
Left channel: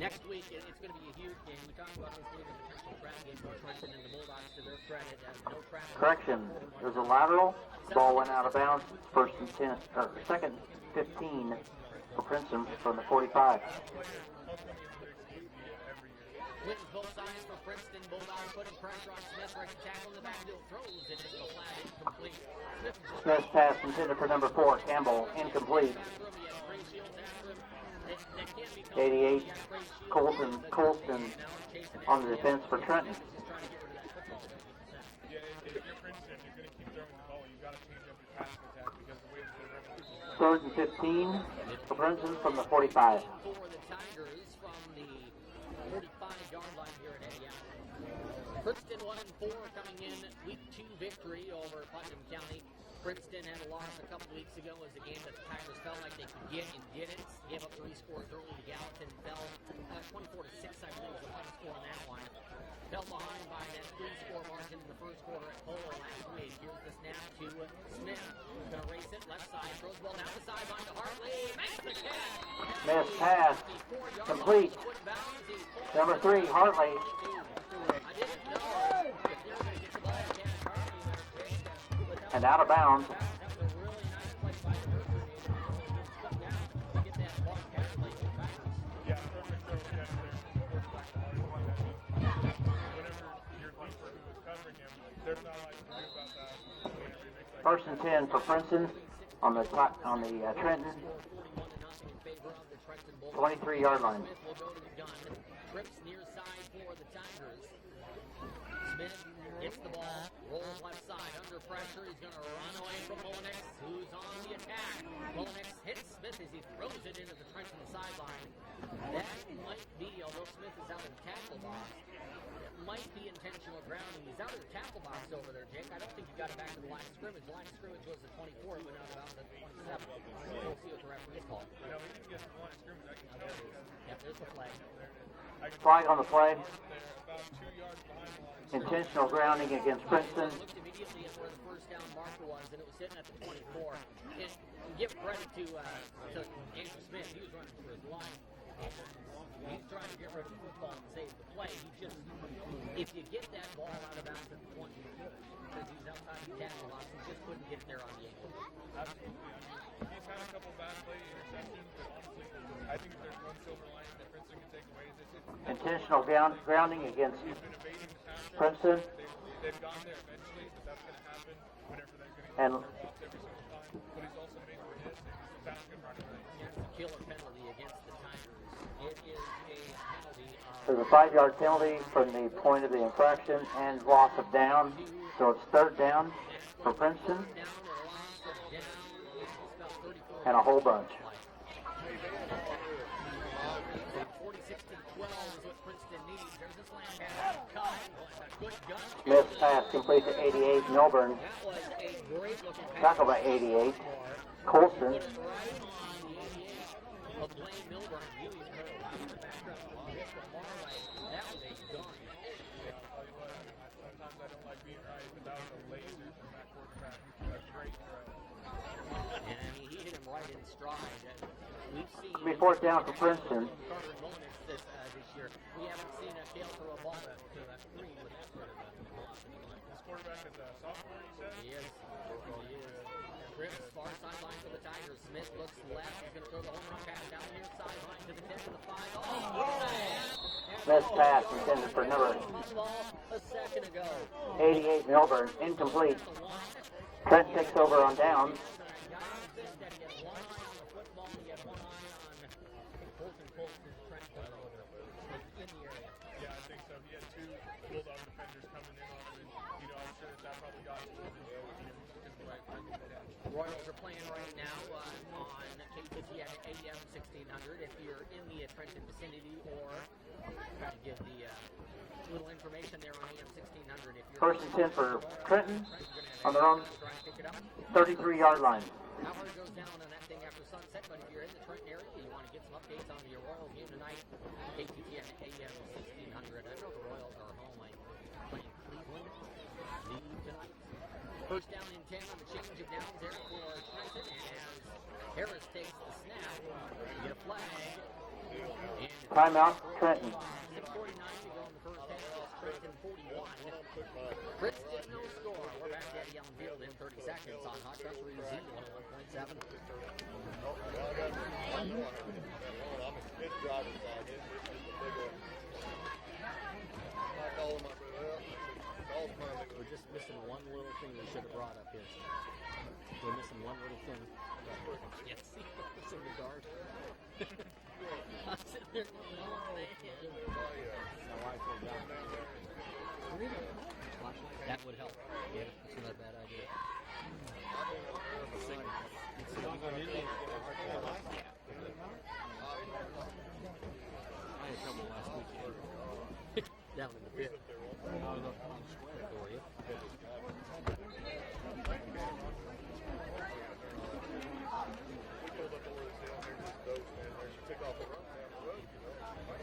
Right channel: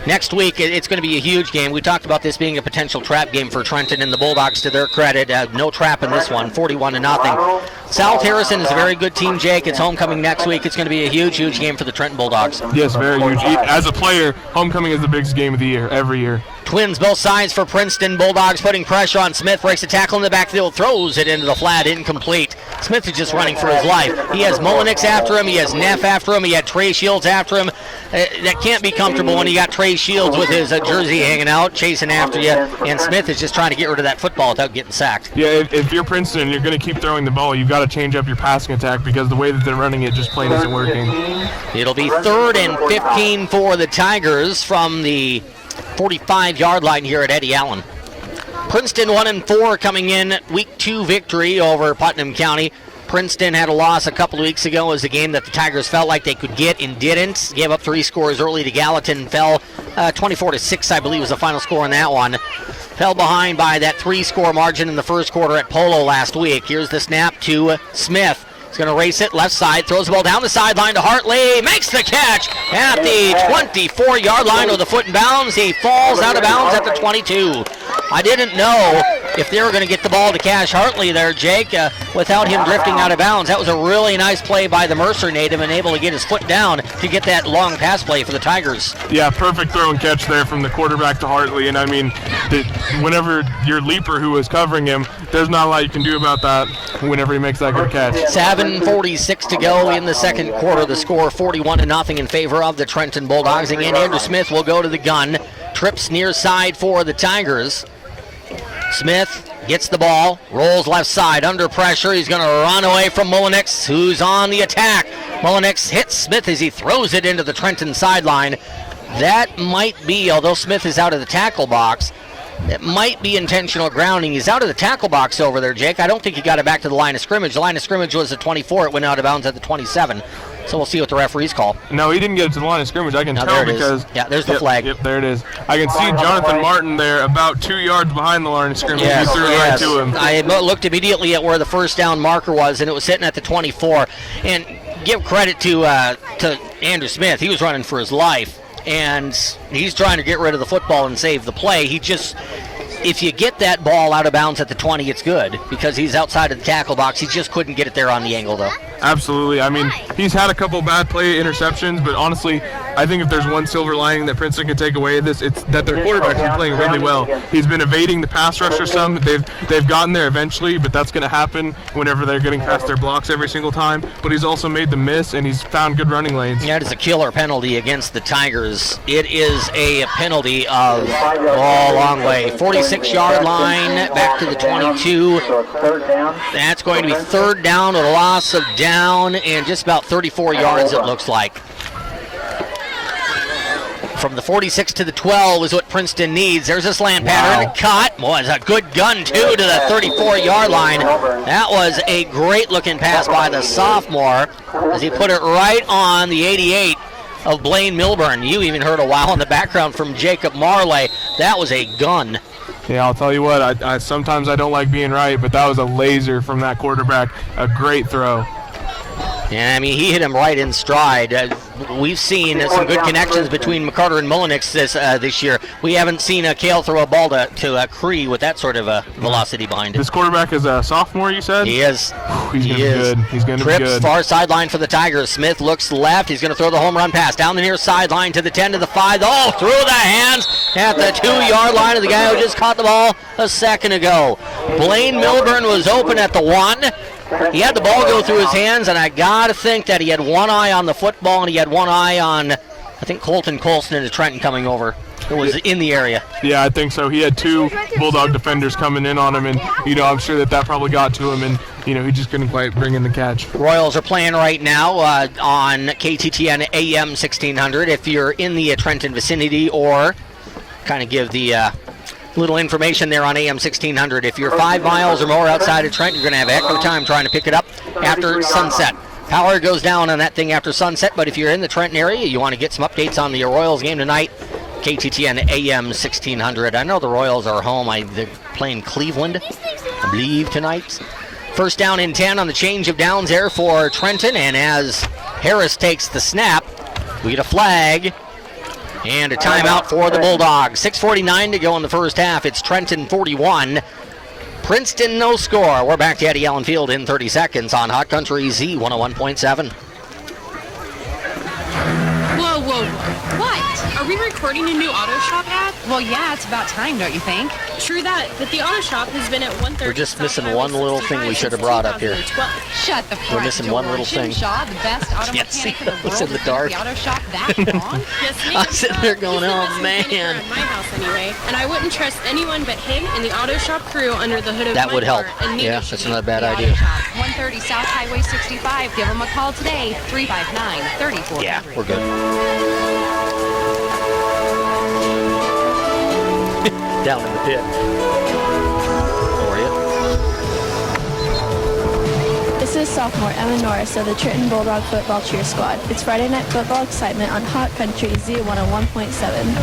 Next week, it's going to be a huge game. We talked about this being a potential trap game for Trenton, and the Bulldogs, to their credit, no trap in this one, 41-0. South Harrison is a very good team, Jake. It's homecoming next week. It's going to be a huge, huge game for the Trenton Bulldogs. Yes, very huge. As a player, homecoming is the biggest game of the year, every year. Twins both sides for Princeton. Bulldogs putting pressure on Smith. Breaks the tackle in the backfield. Throws it into the flat. Incomplete. Smith is just running for his life. He has Molinex after him. He has Neff after him. He had Trey Shields after him. That can't be comfortable when you got Trey Shields with his jersey hanging out, chasing after you. And Smith is just trying to get rid of that football without getting sacked. Yeah, if you're Princeton and you're going to keep throwing the ball, you've got to change up your passing attack, because the way that they're running it just plain isn't working. It'll be 3rd and 15 for the Tigers from the 45-yard line here at Eddie Allen. Princeton 1-4 coming in week 2 victory over Putnam County. Princeton had a loss a couple of weeks ago. It was a game that the Tigers felt like they could get and didn't. Gave up 3 scores early to Gallatin. Fell 24-6, I believe, was the final score in that one. Fell behind by that 3-score margin in the first quarter at Polo last week. Here's the snap to Smith. He's going to race it left side, throws the ball down the sideline to Hartley, makes the catch at the 24-yard line with a foot in bounds. He falls out of bounds at the 22. I didn't know if they were going to get the ball to Cash Hartley there, Jake, without him drifting out of bounds. That was a really nice play by the Mercer native and able to get his foot down to get that long pass play for the Tigers. Yeah, perfect throw and catch there from the quarterback to Hartley. And I mean, whenever your leaper who was covering him, there's not a lot you can do about that whenever he makes that good catch. 7:46 to go in the second quarter. The score 41-0 in favor of the Trenton Bulldogs. Again, Andrew Smith will go to the gun. Trips near side for the Tigers. Smith gets the ball, rolls left side, under pressure. He's going to run away from Mullenix, who's on the attack. Mullenix hits Smith as he throws it into the Trenton sideline. That might be, although Smith is out of the tackle box, it might be intentional grounding. He's out of the tackle box over there, Jake. I don't think he got it back to the line of scrimmage. The line of scrimmage was at 24. It went out of bounds at the 27. So we'll see what the referees call. No, he didn't get it to the line of scrimmage. I can tell because... Yeah, there's the flag. Yep, there it is. I can see Jonathan Martin there about 2 yards behind the line of scrimmage. Yes, he threw it right to him. I looked immediately at where the first down marker was, and it was sitting at the 24. And give credit to Andrew Smith. He was running for his life, and he's trying to get rid of the football and save the play. He just... If you get that ball out of bounds at the 20, it's good because he's outside of the tackle box. He just couldn't get it there on the angle, though. Absolutely. I mean, he's had a couple bad play interceptions, but honestly, I think if there's one silver lining that Princeton can take away this, it's that their quarterback's been playing really well. He's been evading the pass rusher some. They've gotten there eventually, but that's going to happen whenever they're getting past their blocks every single time. But he's also made them miss, and he's found good running lanes. That is a killer penalty against the Tigers. It is a penalty of a long way. 46-yard line, back to the 22. That's going to be third down with a loss of down and just about 34 yards, it looks like. From the 46 to the 12 is what Princeton needs. There's a slant pattern. Caught. Was a good gun, too, to the 34-yard line. That was a great-looking pass by the sophomore as he put it right on the 88 of Blaine Milburn. You even heard a wow in the background from Jacob Marley. That was a gun. Yeah, I'll tell you what, I sometimes I don't like being right, but that was a laser from that quarterback. A great throw. Yeah, I mean, he hit him right in stride. We've seen some good connections between McCarter and Mullenix this year. We haven't seen Cale throw a ball to Cree with that sort of velocity behind it. This quarterback is a sophomore, you said? He is. He's going to be good. He's going to be good. Trips, far sideline for the Tigers. Smith looks left. He's going to throw the home run pass down the near sideline to the 10 to the 5. Oh, through the hands at the 2-yard line of the guy who just caught the ball a second ago. Blaine Milburn was open at the 1. He had the ball go through his hands, and I got to think that he had one eye on the football and he had one eye on, I think, Colton Colson into Trenton coming over. It was in the area. Yeah, I think so. He had 2 Bulldog defenders coming in on him, and, I'm sure that probably got to him, and, he just couldn't quite bring in the catch. Royals are playing right now on KTTN AM 1600. If you're in the Trenton vicinity, or kind of give the little information there on AM 1600. If you're 5 miles or more outside of Trenton, you're going to have a heck of a time trying to pick it up after sunset. Power goes down on that thing after sunset, but if you're in the Trenton area, you want to get some updates on the Royals game tonight, KTTN AM 1600. I know the Royals are home. They're playing Cleveland, I believe, tonight. First down and 10 on the change of downs there for Trenton, and as Harris takes the snap, we get a flag. And a timeout for the Bulldogs. 6:49 to go in the first half. It's Trenton 41. Princeton no score. We're back to Eddie Allen Field in 30 seconds on Hot Country Z 101.7. Whoa, whoa, whoa. What? Are we recording a new auto shop ad? Well, yeah, it's about time, don't you think? True that, but the auto shop has been at 130. We're just missing one little thing we should have brought up here. Shut the front We're missing door. one little Jim thing. Shaw, the best auto mechanic in the world, in the dark. The auto shop that long? Yes, I'm sitting there going, oh man. At my house anyway, and I wouldn't trust anyone but him and the auto shop crew under the hood of that my would help. car. And Yeah, that's not a bad The idea. Auto Shop, 130 South Highway 65. Give them a call today, 359-3400. Yeah, we're good. Down in the pit. How are you? This is sophomore Emma Norris of the Trenton Bulldog Football Cheer Squad. It's Friday night football excitement on Hot Country Z 101.7.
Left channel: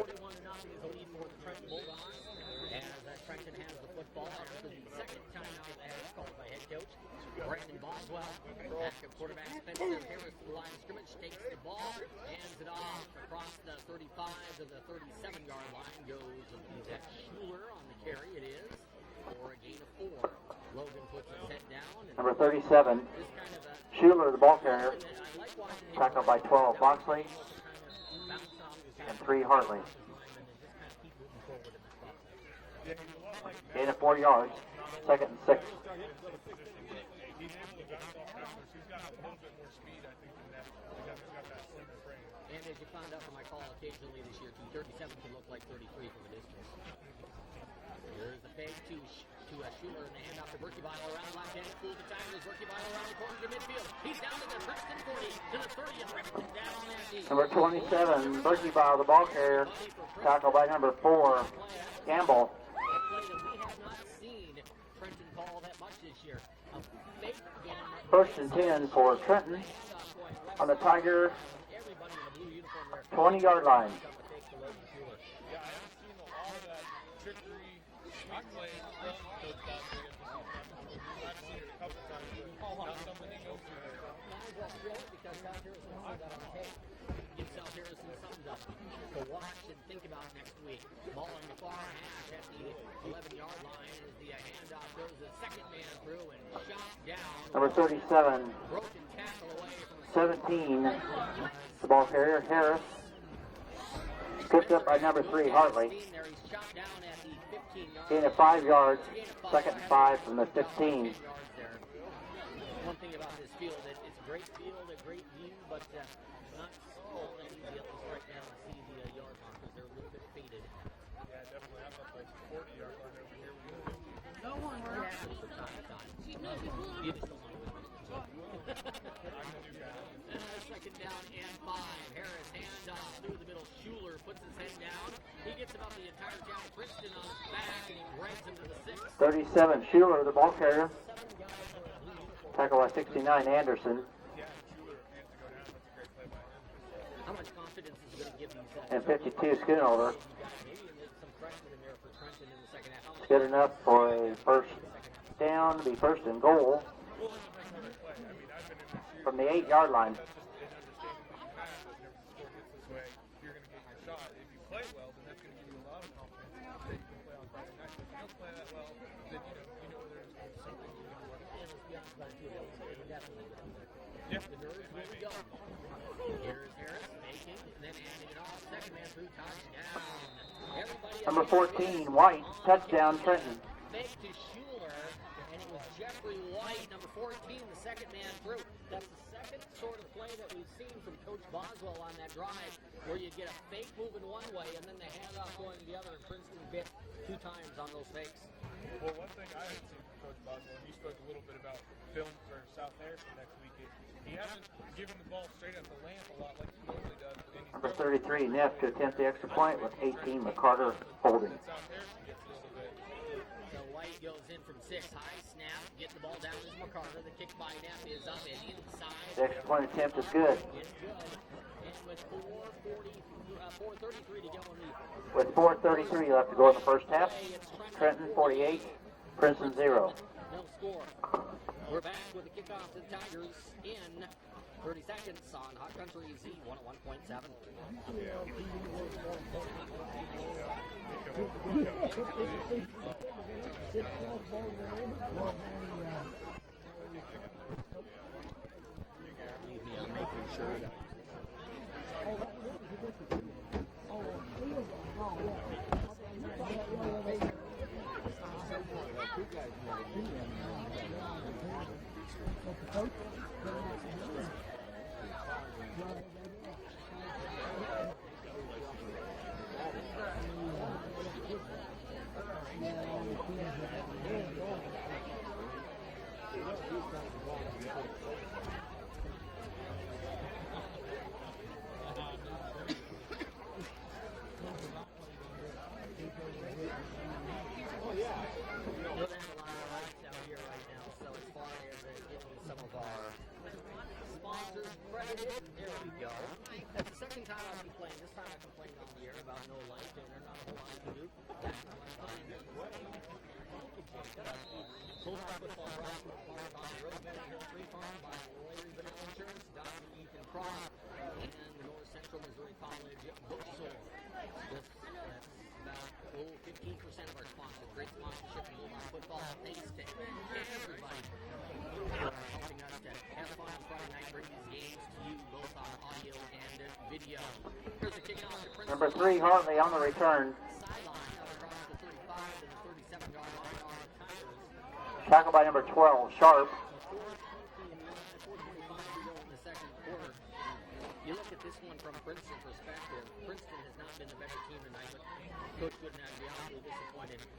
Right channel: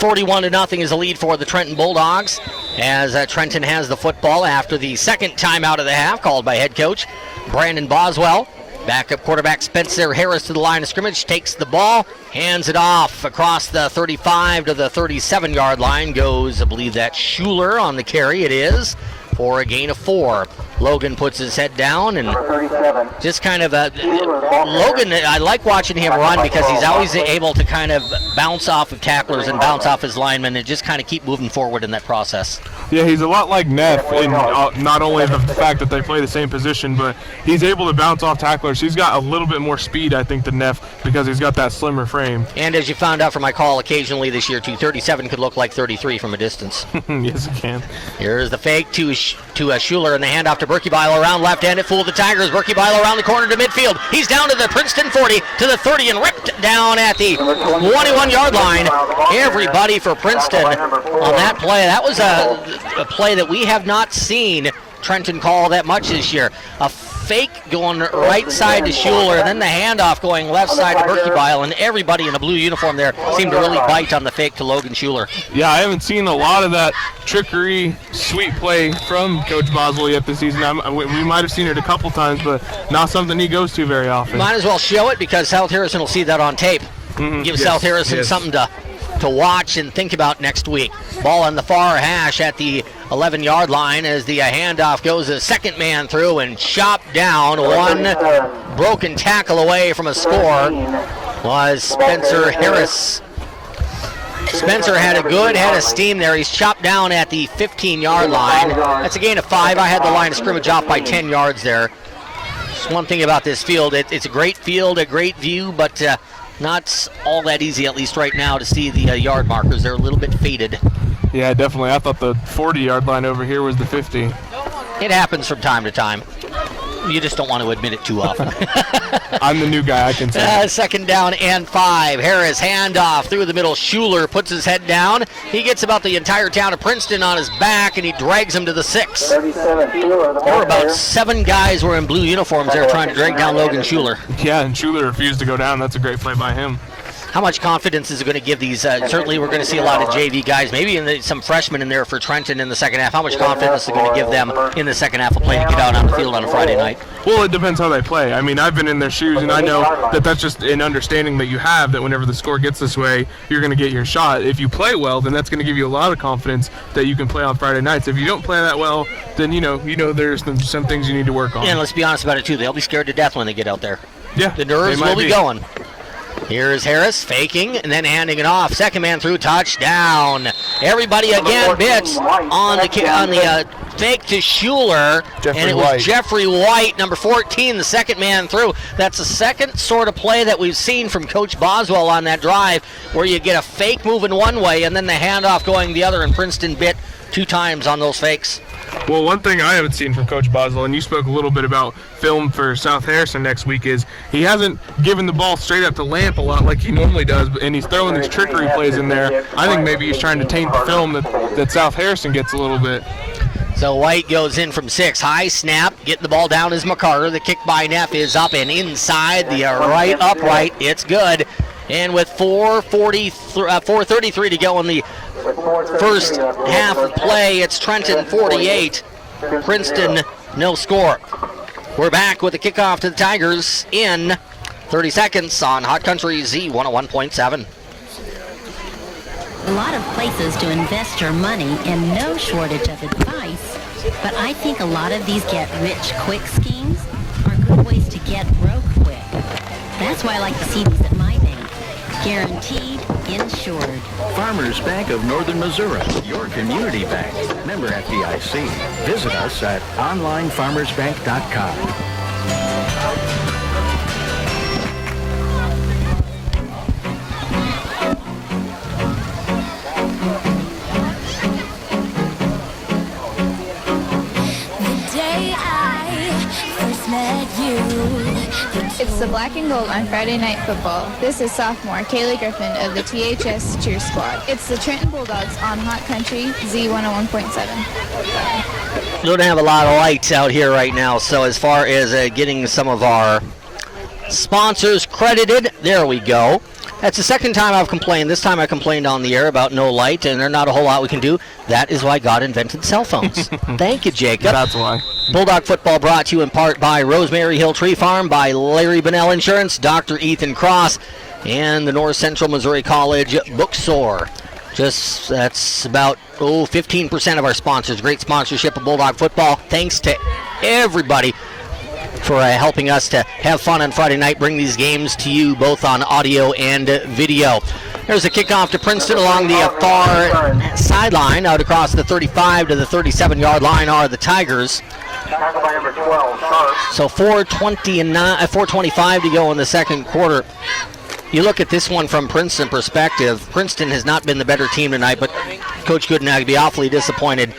41-0 is the lead for the Trenton Bulldogs as Trenton has the football after the second timeout of the half called by head coach Brandon Boswell. Backup quarterback Spencer Harris to the line of scrimmage, takes the ball, hands it off across the 35 to the 37-yard line. Goes, I believe that's Schuler on the carry. It is for a gain of 4. Logan puts his head down and just kind of Logan, I like watching him run because he's always able to kind of bounce off of tacklers and bounce off his linemen and just kind of keep moving forward in that process. Yeah, he's a lot like Neff in not only the fact that they play the same position, but he's able to bounce off tacklers. He's got a little bit more speed, I think, than Neff because he's got that slimmer frame. And as you found out from my call occasionally this year, too, 37 could look like 33 from a distance. Yes, it can. Here's the fake to Schuler and the handoff to Berkebile around left-handed, fooled the Tigers. Berkebile around the corner to midfield. He's down to the Princeton 40 to the 30 and ripped down at the 21-yard line. Everybody for Princeton on that play. That was a play that we have not seen Trenton call that much this year. A fake going right side to Schuler, and then the handoff going left side to Berkebile, and everybody in a blue uniform there seemed to really bite on the fake to Logan Schuler. Yeah, I haven't seen a lot of that trickery, sweet play from Coach Boswell yet this season. We might have seen it a couple times, but not something he goes to very often. Might as well show it because South Harrison will see that on tape. Give South Harrison something to watch and think about next week. Ball on the far hash at the 11-yard line as the handoff goes a second man through and chopped down. One broken tackle away from a score was Spencer Harris. Spencer had a good head of steam there. He's chopped down at the 15-yard line. That's a gain of 5. I had the line of scrimmage off by 10 yards there. Just one thing about this field, it's a great field, a great view, but not all that easy, at least right now, to see the yard markers. They're a little bit faded. Yeah, definitely. I thought the 40-yard line over here was the 50. It happens from time to time. You just don't want to admit it too often. I'm the new guy, I can say. Second down and 5. Harris handoff through the middle. Schuler puts his head down. He gets about the entire town of Princeton on his back, and he drags him to the 6. There were about 7 guys were in blue uniforms there trying to drag down Logan Schuler. Yeah, and Schuler refused to go down. That's a great play by him. How much confidence is it going to give these? Certainly we're going to see a lot of JV guys, maybe some freshmen in there for Trenton in the second half. How much confidence is it going to give them in the second half of play to get out on the field on a Friday night? Well, it depends how they play. I mean, I've been in their shoes, and I know that that's just an understanding that you have, that whenever the score gets this way, you're going to get your shot. If you play well, then that's going to give you a lot of confidence that you can play on Friday nights. If you don't play that well, then you know there's some things you need to work on. And let's be honest about it, too. They'll be scared to death when they get out there. Yeah, the nerves will be going. Here's Harris faking and then handing it off. Second man through, touchdown. Everybody again bits on the fake to Schuler, and it was Jeffrey White, number 14, the second man through. That's the second sort of play that we've seen from Coach Boswell on that drive, where you get a fake moving one way and then the handoff going the other, and Princeton bit 2 times on those fakes. Well, one thing I haven't seen from Coach Boswell, and you spoke a little bit about film for South Harrison next week, is he hasn't given the ball straight up to Lamp a lot like he normally does, and he's throwing these trickery plays in there. I think maybe he's trying to taint the film that South Harrison gets a little bit. So White goes in from 6. High snap, getting the ball down is McCarter. The kick by Neff is up and inside the right upright. It's good. And with 4:33 to go in the first half of play, it's Trenton 48, Princeton no score. We're back with the kickoff to the Tigers in 30 seconds on Hot Country Z 101.7. A lot of places to invest your money and no shortage of advice, but I think a lot of these get-rich-quick schemes are good ways to get broke quick. That's why I like to see these at my bank. Guaranteed, insured. Farmers Bank of Northern Missouri, your community bank. Member FDIC. Visit us at onlinefarmersbank.com. It's the black and gold on Friday Night Football. This is sophomore Kaylee Griffin of the THS Cheer Squad. It's the Trenton Bulldogs on Hot Country Z 101.7. Don't have a lot of lights out here right now, so as far as getting some of our sponsors credited, there we go. That's the second time I've complained. This time I complained on the air about no light, and there's not a whole lot we can do. That is why God invented cell phones. Thank you, Jacob. That's why. Bulldog football brought to you in part by Rosemary Hill Tree Farm, by Larry Bunnell Insurance, Dr. Ethan Cross, and the North Central Missouri College Bookstore. That's about 15% of our sponsors. Great sponsorship of Bulldog football. Thanks to everybody for helping us to have fun on Friday night, bring these games to you both on audio and video. There's a kickoff to Princeton along the far sideline. Out across the 35 to the 37-yard line are the Tigers. So 4:25 to go in the second quarter. You look at this one from Princeton perspective. Princeton has not been the better team tonight, but Coach Goodenag will be awfully disappointed.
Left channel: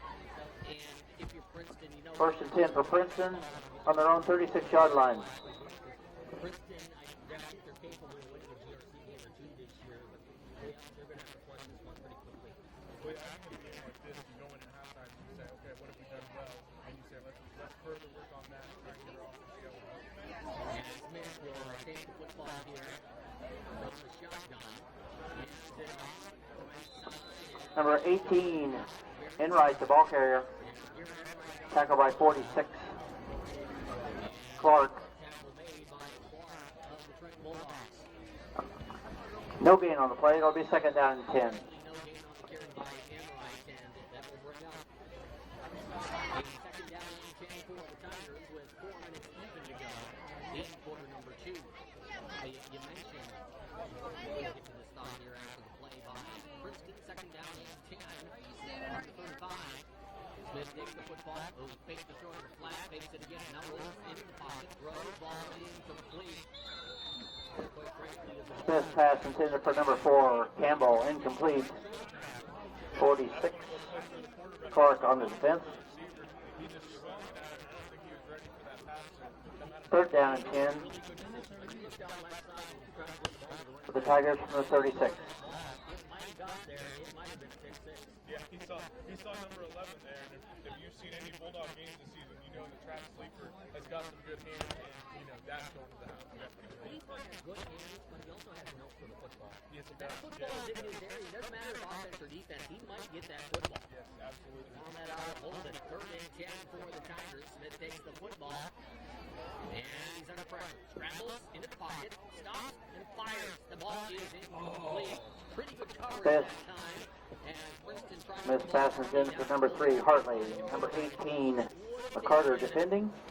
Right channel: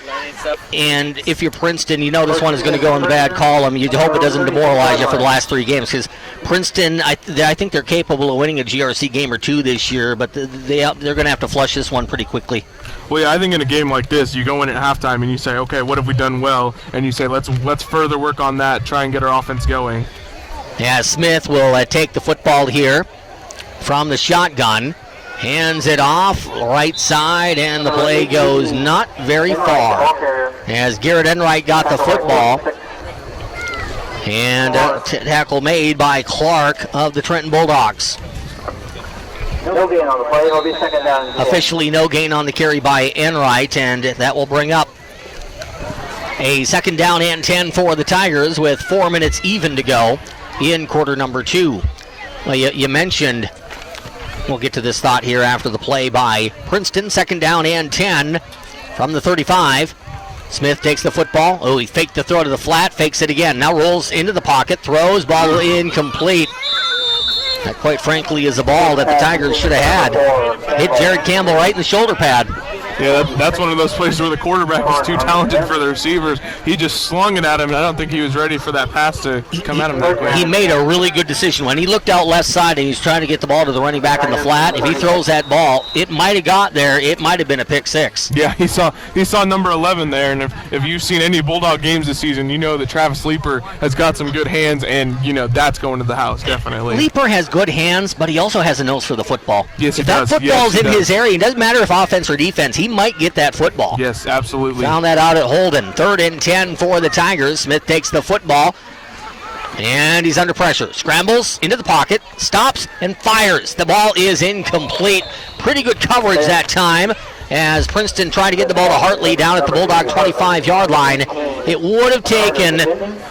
And if you're Princeton, you know this one is going to go in the bad column. You hope it doesn't demoralize you for the last three games, because Princeton, I think they're capable of winning a GRC game or two this year, but they're going to have to flush this one pretty quickly. Well, yeah, I think in a game like this, you go in at halftime and you say, okay, what have we done well? And you say, let's further work on that, try and get our offense going. Yeah, Smith will take the football here from the shotgun, hands it off right side, and the play goes not very far as Garrett Enright got the football. And tackle made by Clark of the Trenton Bulldogs. No gain on the play. It'll be second down. Officially no gain on the carry by Enright, and that will bring up a second down and 10 for the Tigers with 4 minutes even to go in quarter number 2. Well, you mentioned, we'll get to this thought here after the play by Princeton. Second down and 10 from the 35. Smith takes the football. Oh, he faked the throw to the flat, fakes it again. Now rolls into the pocket, throws, ball incomplete. That, quite frankly, is a ball that the Tigers should have had. Hit Jared Campbell right in the shoulder pad. Yeah, that's one of those places where the quarterback is too talented for the receivers. He just slung it at him, and I don't think he was ready for that pass to come at him that way. He made a really good decision. When he looked out left side and he's trying to get the ball to the running back in the flat, if he throws that ball, it might have got there. It might have been a pick six. Yeah, he saw number 11 there, and if you've seen any Bulldog games this season, you know that Travis Leeper has got some good hands, and, you know, that's going to the house, definitely. Leeper has good hands, but he also has a nose for the football. Yes, he does. If that football's in his area, it doesn't matter if offense or defense, he might get that football. Yes, absolutely. Found that out at Holden. 3rd and 10 for the Tigers. Smith takes the football, and he's under pressure. Scrambles into the pocket, stops, and fires. The ball is incomplete. Pretty good coverage that time as Princeton tried to get the ball to Hartley down at the Bulldog 25-yard line. It would have taken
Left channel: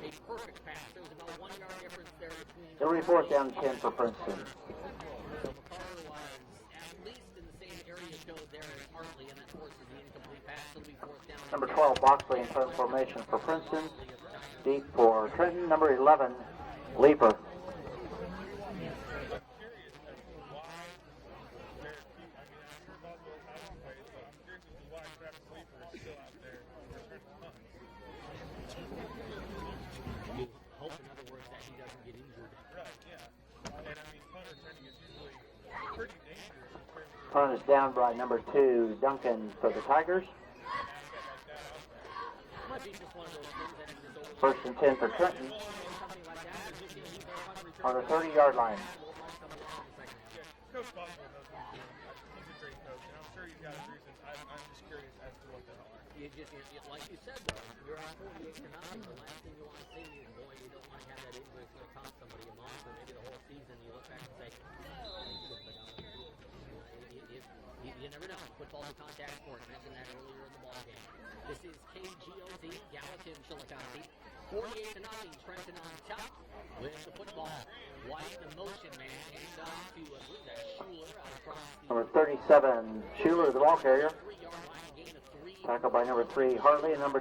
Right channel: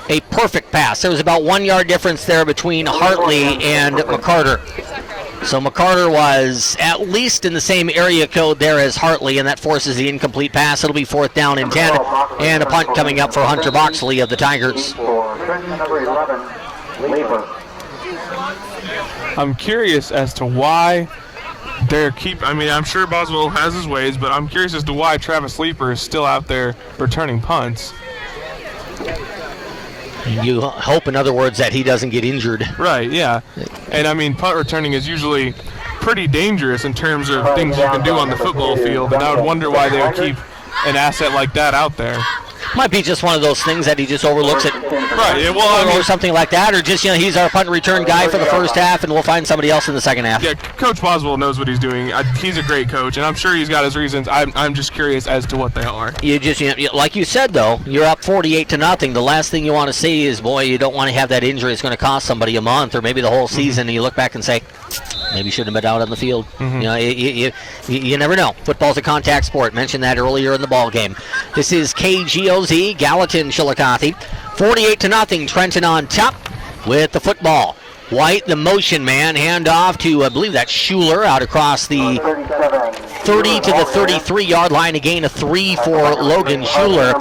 a perfect pass. There was about 1 yard difference there between Hartley and McCarter. So McCarter was at least in the same area code there as Hartley, and that forces the incomplete pass. It'll be 4th down and 10, and a punt coming up for Hunter Boxley of the Tigers. I'm curious as to why I'm sure Boswell has his ways, but I'm curious as to why Travis Leeper is still out there returning punts. You hope, in other words, that he doesn't get injured. Right, yeah. And, I mean, punt returning is usually pretty dangerous in terms of things you can do on the football field, and I would wonder why they would keep an asset like that out there. Might be just one of those things that he just overlooks it. Right, yeah, well, or something like that, or just, he's our punt return guy for the first half, and we'll find somebody else in the second half. Yeah, Coach Boswell knows what he's doing. He's a great coach, and I'm sure he's got his reasons. I'm just curious as to what they are. You just, like you said, though, you're up 48-0. The last thing you want to see is, boy, you don't want to have that injury. It's going to cost somebody a month or maybe the whole season, and you look back and say, maybe you shouldn't have been out on the field. You never know. Football's a contact sport. Mentioned that earlier in the ball game. This is KGOZ, Gallatin, Chillicothe. 48-0. Trenton on top with the football. White, the motion man, hand off to, I believe that's Schuler, out across the 30 to the 33-yard line. A gain of 3 for Logan Schuler.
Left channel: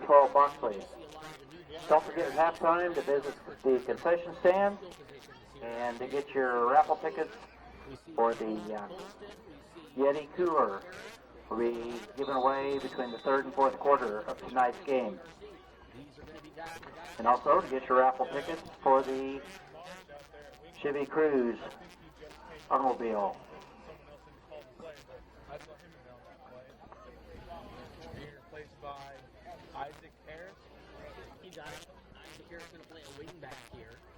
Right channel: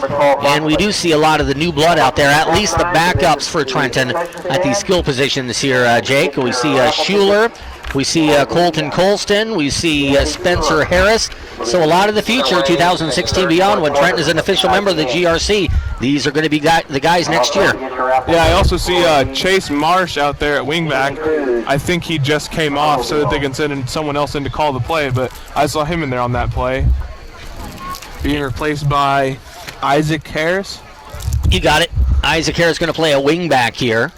And we do see a lot of the new blood out there, at least the backups for Trenton at these skill positions here, Jake. We see Schuler. We see Colton Colston. We see Spencer Harris. So a lot of the future, 2016 beyond, when Trenton is an official member of the GRC, these are going to be the guys next year. Yeah, I also see Chase Marsh out there at wingback. I think he just came off so that they can send someone else in to call the play, but I saw him in there on that play. Being replaced by Isaac Harris. You got it. Isaac Harris going to play a wingback here.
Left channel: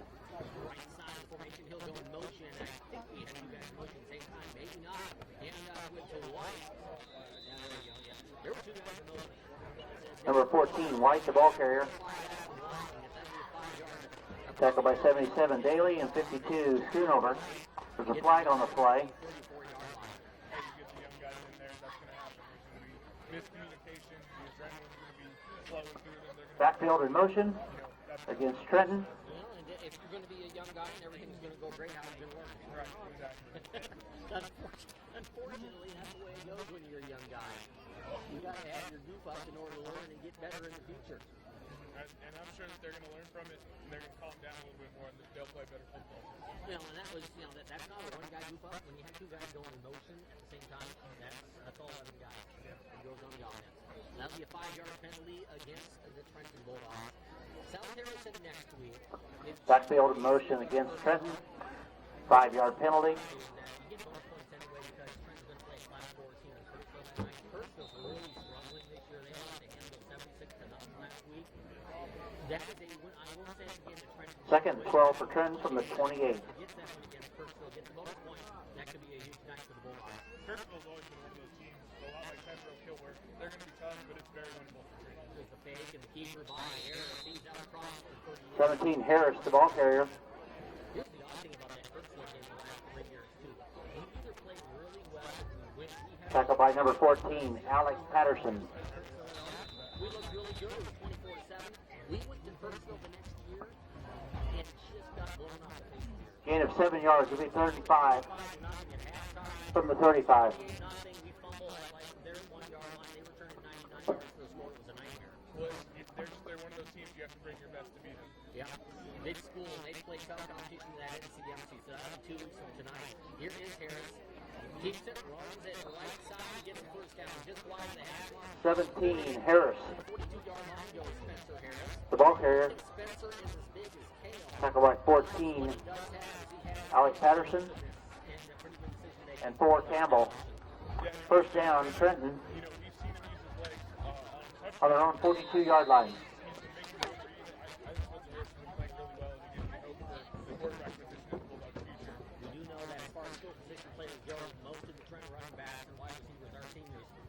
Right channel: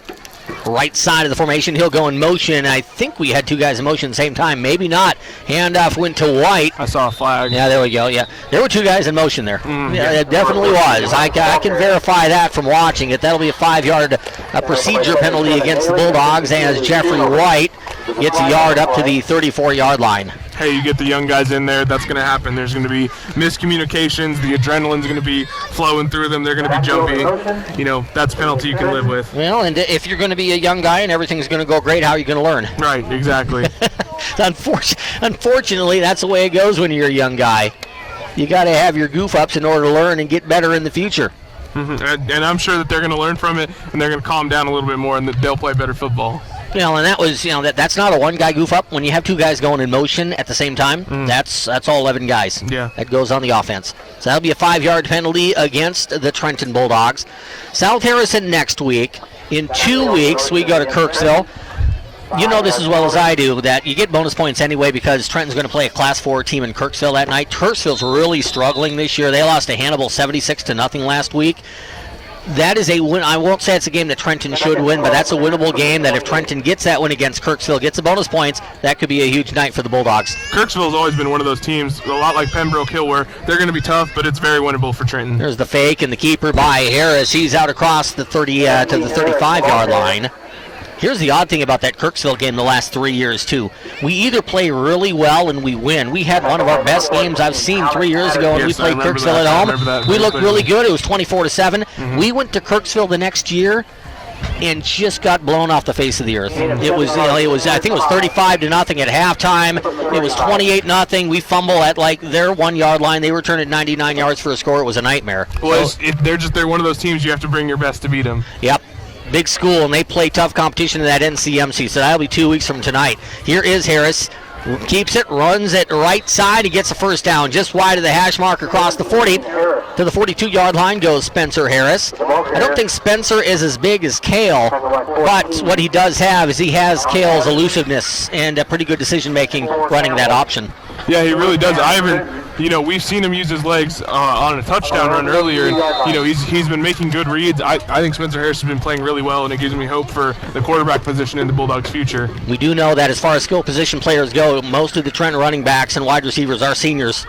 right side of the formation. He'll go in motion. I think we had two guys in motion at the same time. Maybe not. Handoff went to White. I saw a flag. Yeah, there we go. Yeah, there were two guys in motion there. Yeah, it definitely was. I can verify that from watching it. That'll be a 5-yard procedure penalty against the Bulldogs as Jeffrey White gets a yard up to the 34-yard line. Hey, you get the young guys in there, that's going to happen. There's going to be miscommunications. The adrenaline's going to be flowing through them. They're going to be jumpy. You know, that's a penalty you can live with. Well, and if you're going to be a young guy and everything's going to go great, how are you going to learn? Right, exactly. Unfortunately, that's the way it goes when you're a young guy. You got to have your goof-ups in order to learn and get better in the future. And I'm sure that they're going to learn from it, and they're going to calm down a little bit more, and that they'll play better football. You know, and that was, that's not a one-guy goof-up. When you have two guys going in motion at the same time, that's all 11 guys. Yeah. That goes on the offense. So that'll be a 5-yard penalty against the Trenton Bulldogs. South Harrison next week. In 2 weeks, we go to Kirksville. You know this as well as I do, that you get bonus points anyway because Trenton's going to play a Class 4 team in Kirksville that night. Kirksville's really struggling this year. They lost to Hannibal 76-0 last week. That is a win. I won't say it's a game that Trenton should win, but that's a winnable game that if Trenton gets that win against Kirksville, gets the bonus points, that could be a huge night for the Bulldogs. Kirksville's always been one of those teams, a lot like Pembroke Hill, where they're going to be tough, but it's very winnable for Trenton. There's the fake and the keeper by Harris. He's out across the 30 to the 35-yard line. Here's the odd thing about that Kirksville game the last 3 years, too. We either play really well and we win. We had one of our best games I've seen 3 years ago when we played Kirksville at home. We looked really good. It was 24-7. We went to Kirksville the next year and just got blown off the face of the earth. It was, I think it was 35-0 at halftime. It was 28-0. We fumble at like their 1-yard line. They returned at 99 yards for a score. It was a nightmare. Well, they're one of those teams you have to bring your best to beat them. Yep. Big school, and they play tough competition in that NCMC, so that'll be 2 weeks from tonight. Here is Harris. Keeps it, runs it right side. He gets a first down just wide of the hash mark across the 40. To the 42-yard line goes Spencer Harris. I don't think Spencer is as big as Cale, but what he does have is he has Cale's elusiveness and a pretty good decision-making running that option. Yeah, he really does. We've seen him use his legs on a touchdown run earlier, and he's been making good reads. I think Spencer Harris has been playing really well, and it gives me hope for the quarterback position in the Bulldogs' future. We do know that as far as skill position players go, most of the Trenton running backs and wide receivers are seniors.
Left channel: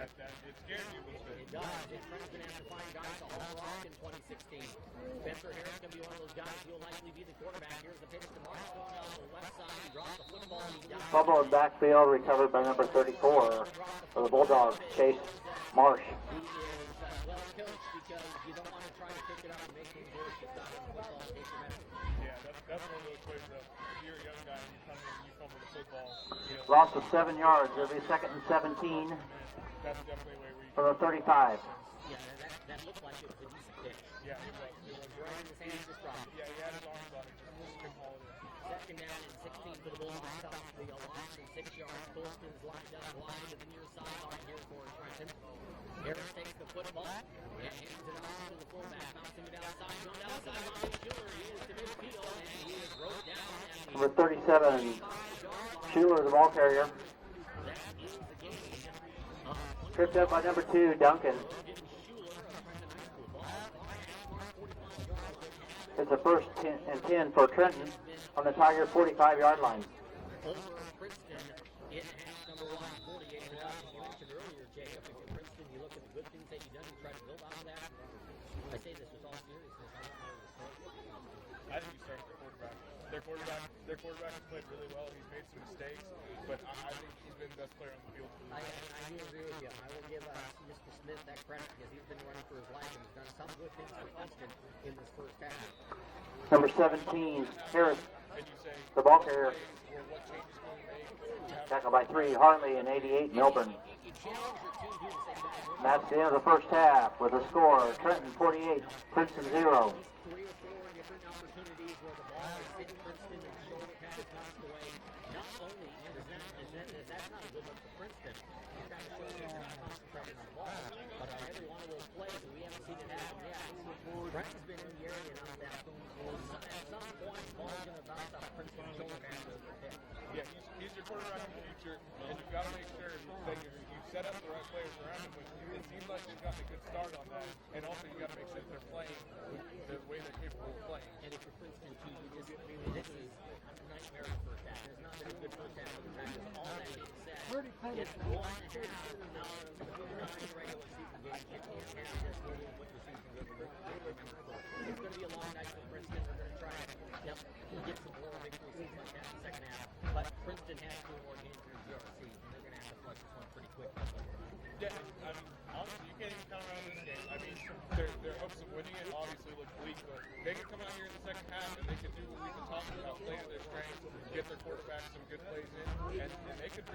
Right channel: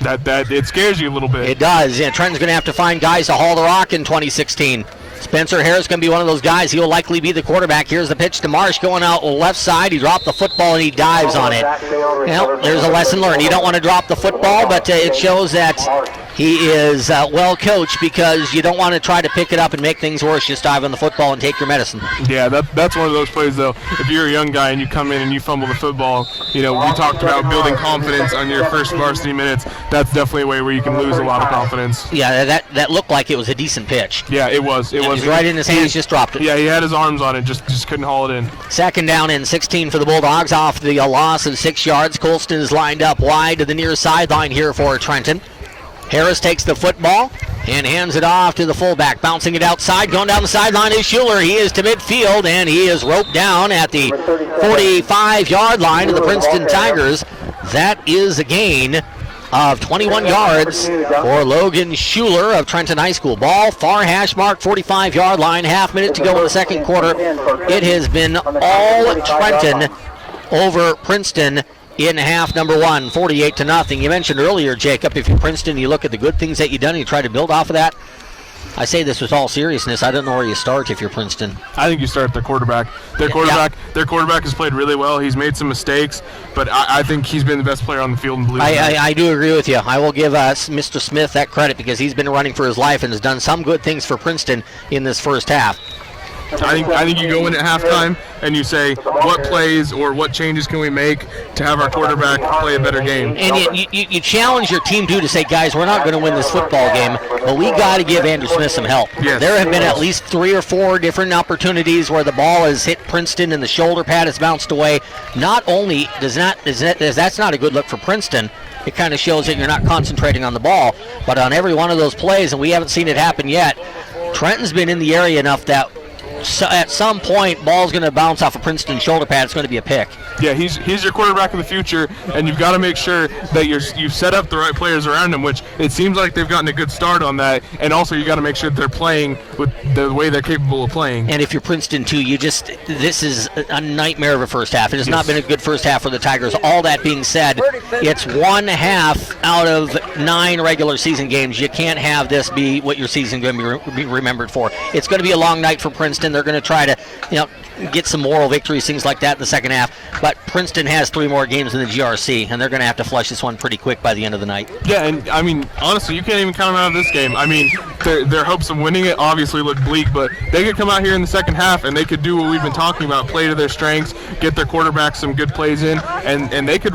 That it scares you a little bit. It does. Yeah, Trenton's going to have to find guys to haul the rock in 2016. Spencer Harris going to be one of those guys. He'll likely be the quarterback. Here's the pitch to Marsh going out left side. He dropped the football and he dives on it. Well, there's a lesson learned. You don't want to drop the football, but it shows that he is well coached because you don't want to try to pick it up and make things worse. Just dive on the football and take your medicine. Yeah, that's one of those plays, though. If you're a young guy and you come in and you fumble the football, we talked about building confidence on your first varsity minutes. That's definitely a way where you can lose a lot of confidence. Yeah, that looked like it was a decent pitch. Yeah, it was. It was right in his hands, just dropped it. Yeah, he had his arms on it, just couldn't haul it in. Second down and 16 for the Bulldogs off the loss of 6 yards. Colston is lined up wide to the near sideline here for Trenton. Harris takes the football and hands it off to the fullback. Bouncing it outside, going down the sideline is Schuler. He is to midfield, and he is roped down at the 45-yard line of the Princeton Tigers. That is a gain of 21 yards for Logan Schuler of Trenton High School. Ball far hash mark, 45-yard line, half minute to go in the second quarter. It has been all Trenton over Princeton in half number one, 48-0. You mentioned earlier, Jacob, if you're Princeton, you look at the good things that you've done and you try to build off of that. I say this with all seriousness. I don't know where you start if you're Princeton. I think you start at their quarterback. Their quarterback has played really well. He's made some mistakes, but I think he's been the best player on the field. And I do agree with you. I will give Mr. Smith that credit because he's been running for his life and has done some good things for Princeton in this first half. I think you go in at halftime and you say, what plays or what changes can we make to have our quarterback play a better game? And you challenge your team, too, to say, guys, we're not going to win this football game, but we got to give Andrew Smith some help. Yes. There have been at least 3 or 4 different opportunities where the ball has hit Princeton and the shoulder pad has bounced away. Not only that's not a good look for Princeton, it kind of shows that you're not concentrating on the ball, but on every one of those plays, and we haven't seen it happen yet, Trenton's been in the area enough that at some point, ball's going to bounce off of Princeton's shoulder pad. It's going to be a pick. Yeah, he's your quarterback of the future, and you've got to make sure that you've set up the right players around him, which it seems like they've gotten a good start on that. And also, you got to make sure that they're playing with the way they're capable of playing. And if you're Princeton too, this is a nightmare of a first half. It has not been a good first half for the Tigers. All that being said, it's 1/2 out of 9 regular season games. You can't have this be what your season is going to be remembered for. It's going to be a long night for Princeton. They're going to try to, get some moral victories, things like that in the second half. But Princeton has 3 more games in the GRC, and they're going to have to flush this one pretty quick by the end of the night. Yeah, and I mean, honestly, you can't even count them out of this game. I mean, their hopes of winning it obviously look bleak, but they could come out here in the second half and they could do what we've been talking about, play to their strengths, get their quarterback some good plays in, and they could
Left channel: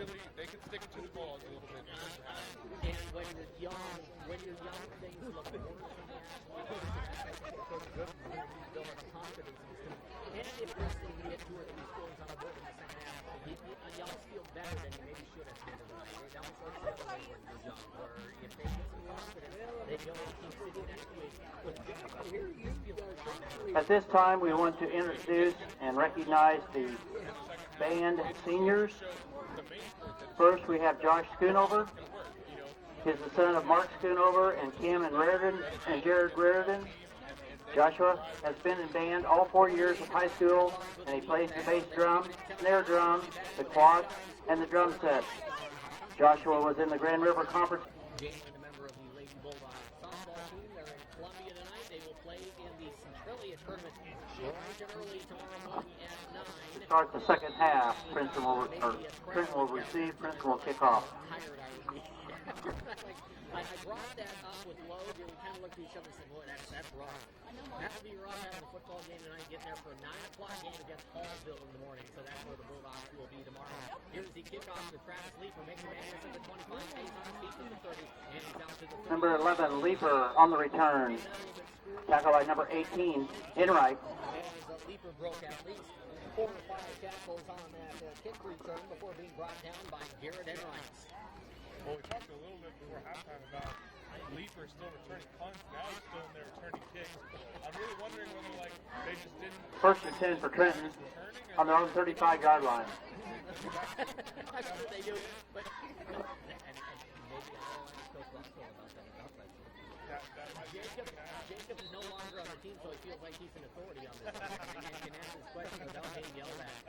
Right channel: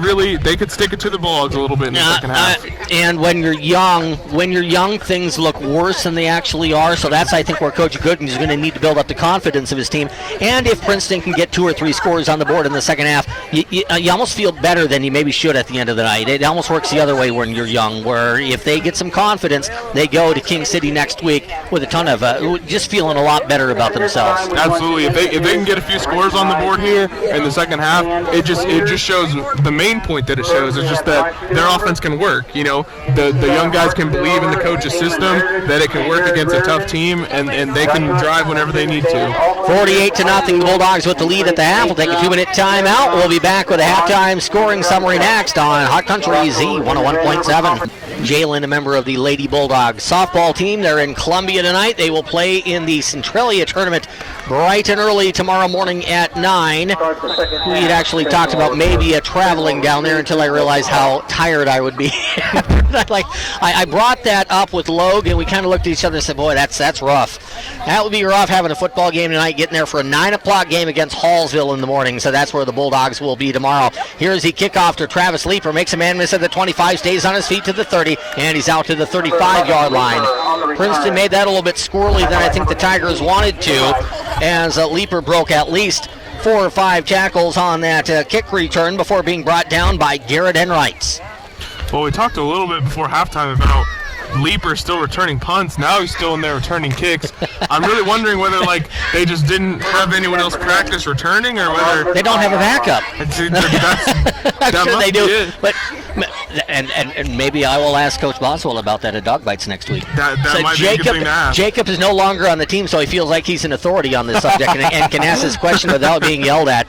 stick it to the Bulldogs a little bit in the second half. And when you're young, things look worse than they actually are. So that's, I think, where Coach Gooden is going to need to build up the confidence of his team. And if Princeton can get 2 or 3 scores on the board in the second half, you almost feel better than you maybe should at the end of the night. It almost works the other way when you're young, where if they get some confidence, they go to King City next week with a ton of just feeling a lot better about themselves. Absolutely. If they can get a few scores on the board here in the second half, it just shows the main point that it shows is just that their offense can work. The young guys can believe in the coach's system, that it can work against a tough team, and they can drive whenever they need to. 48-0, Bulldogs with the lead at the half. We'll take a 2-minute timeout. We'll be back with a halftime scoring summary next on Hot Country Z 101.7. Jalen, a member of the Lady Bulldogs softball team. They're in Columbia tonight. They will play in the Centralia tournament bright and early tomorrow morning at 9. We had actually talked about maybe traveling down there until I realized how tired I would be. I brought that up with Logue, and we kind of looked at each other and said, boy, that's rough. That would be rough having a football game tonight, getting there for a 9 o'clock game against Hallsville in the morning. So that's where the Bulldogs will be tomorrow. Here's the kickoff to Travis Leeper. Makes a man miss at the 25, stays on his feet to the 30, and he's out to the 35-yard line. Princeton made that a little bit squirrely than I think the Tigers wanted to, as Leeper broke at least 4 or 5 tackles on that kick return before being brought down by Garrett Enrights. Well, we talked a little bit before halftime about Leeper still returning punts. Now he's still in there returning kicks. I'm really wondering whether they just didn't have anyone else practice returning, or whether they don't have a backup. I'm sure they do. But and maybe I will ask Coach Boswell about that at Dog Bites next week. That might be a good thing to ask. Jacob is no longer on the team, so he feels like he's an authority on this subject and can ask this question without being yelled at.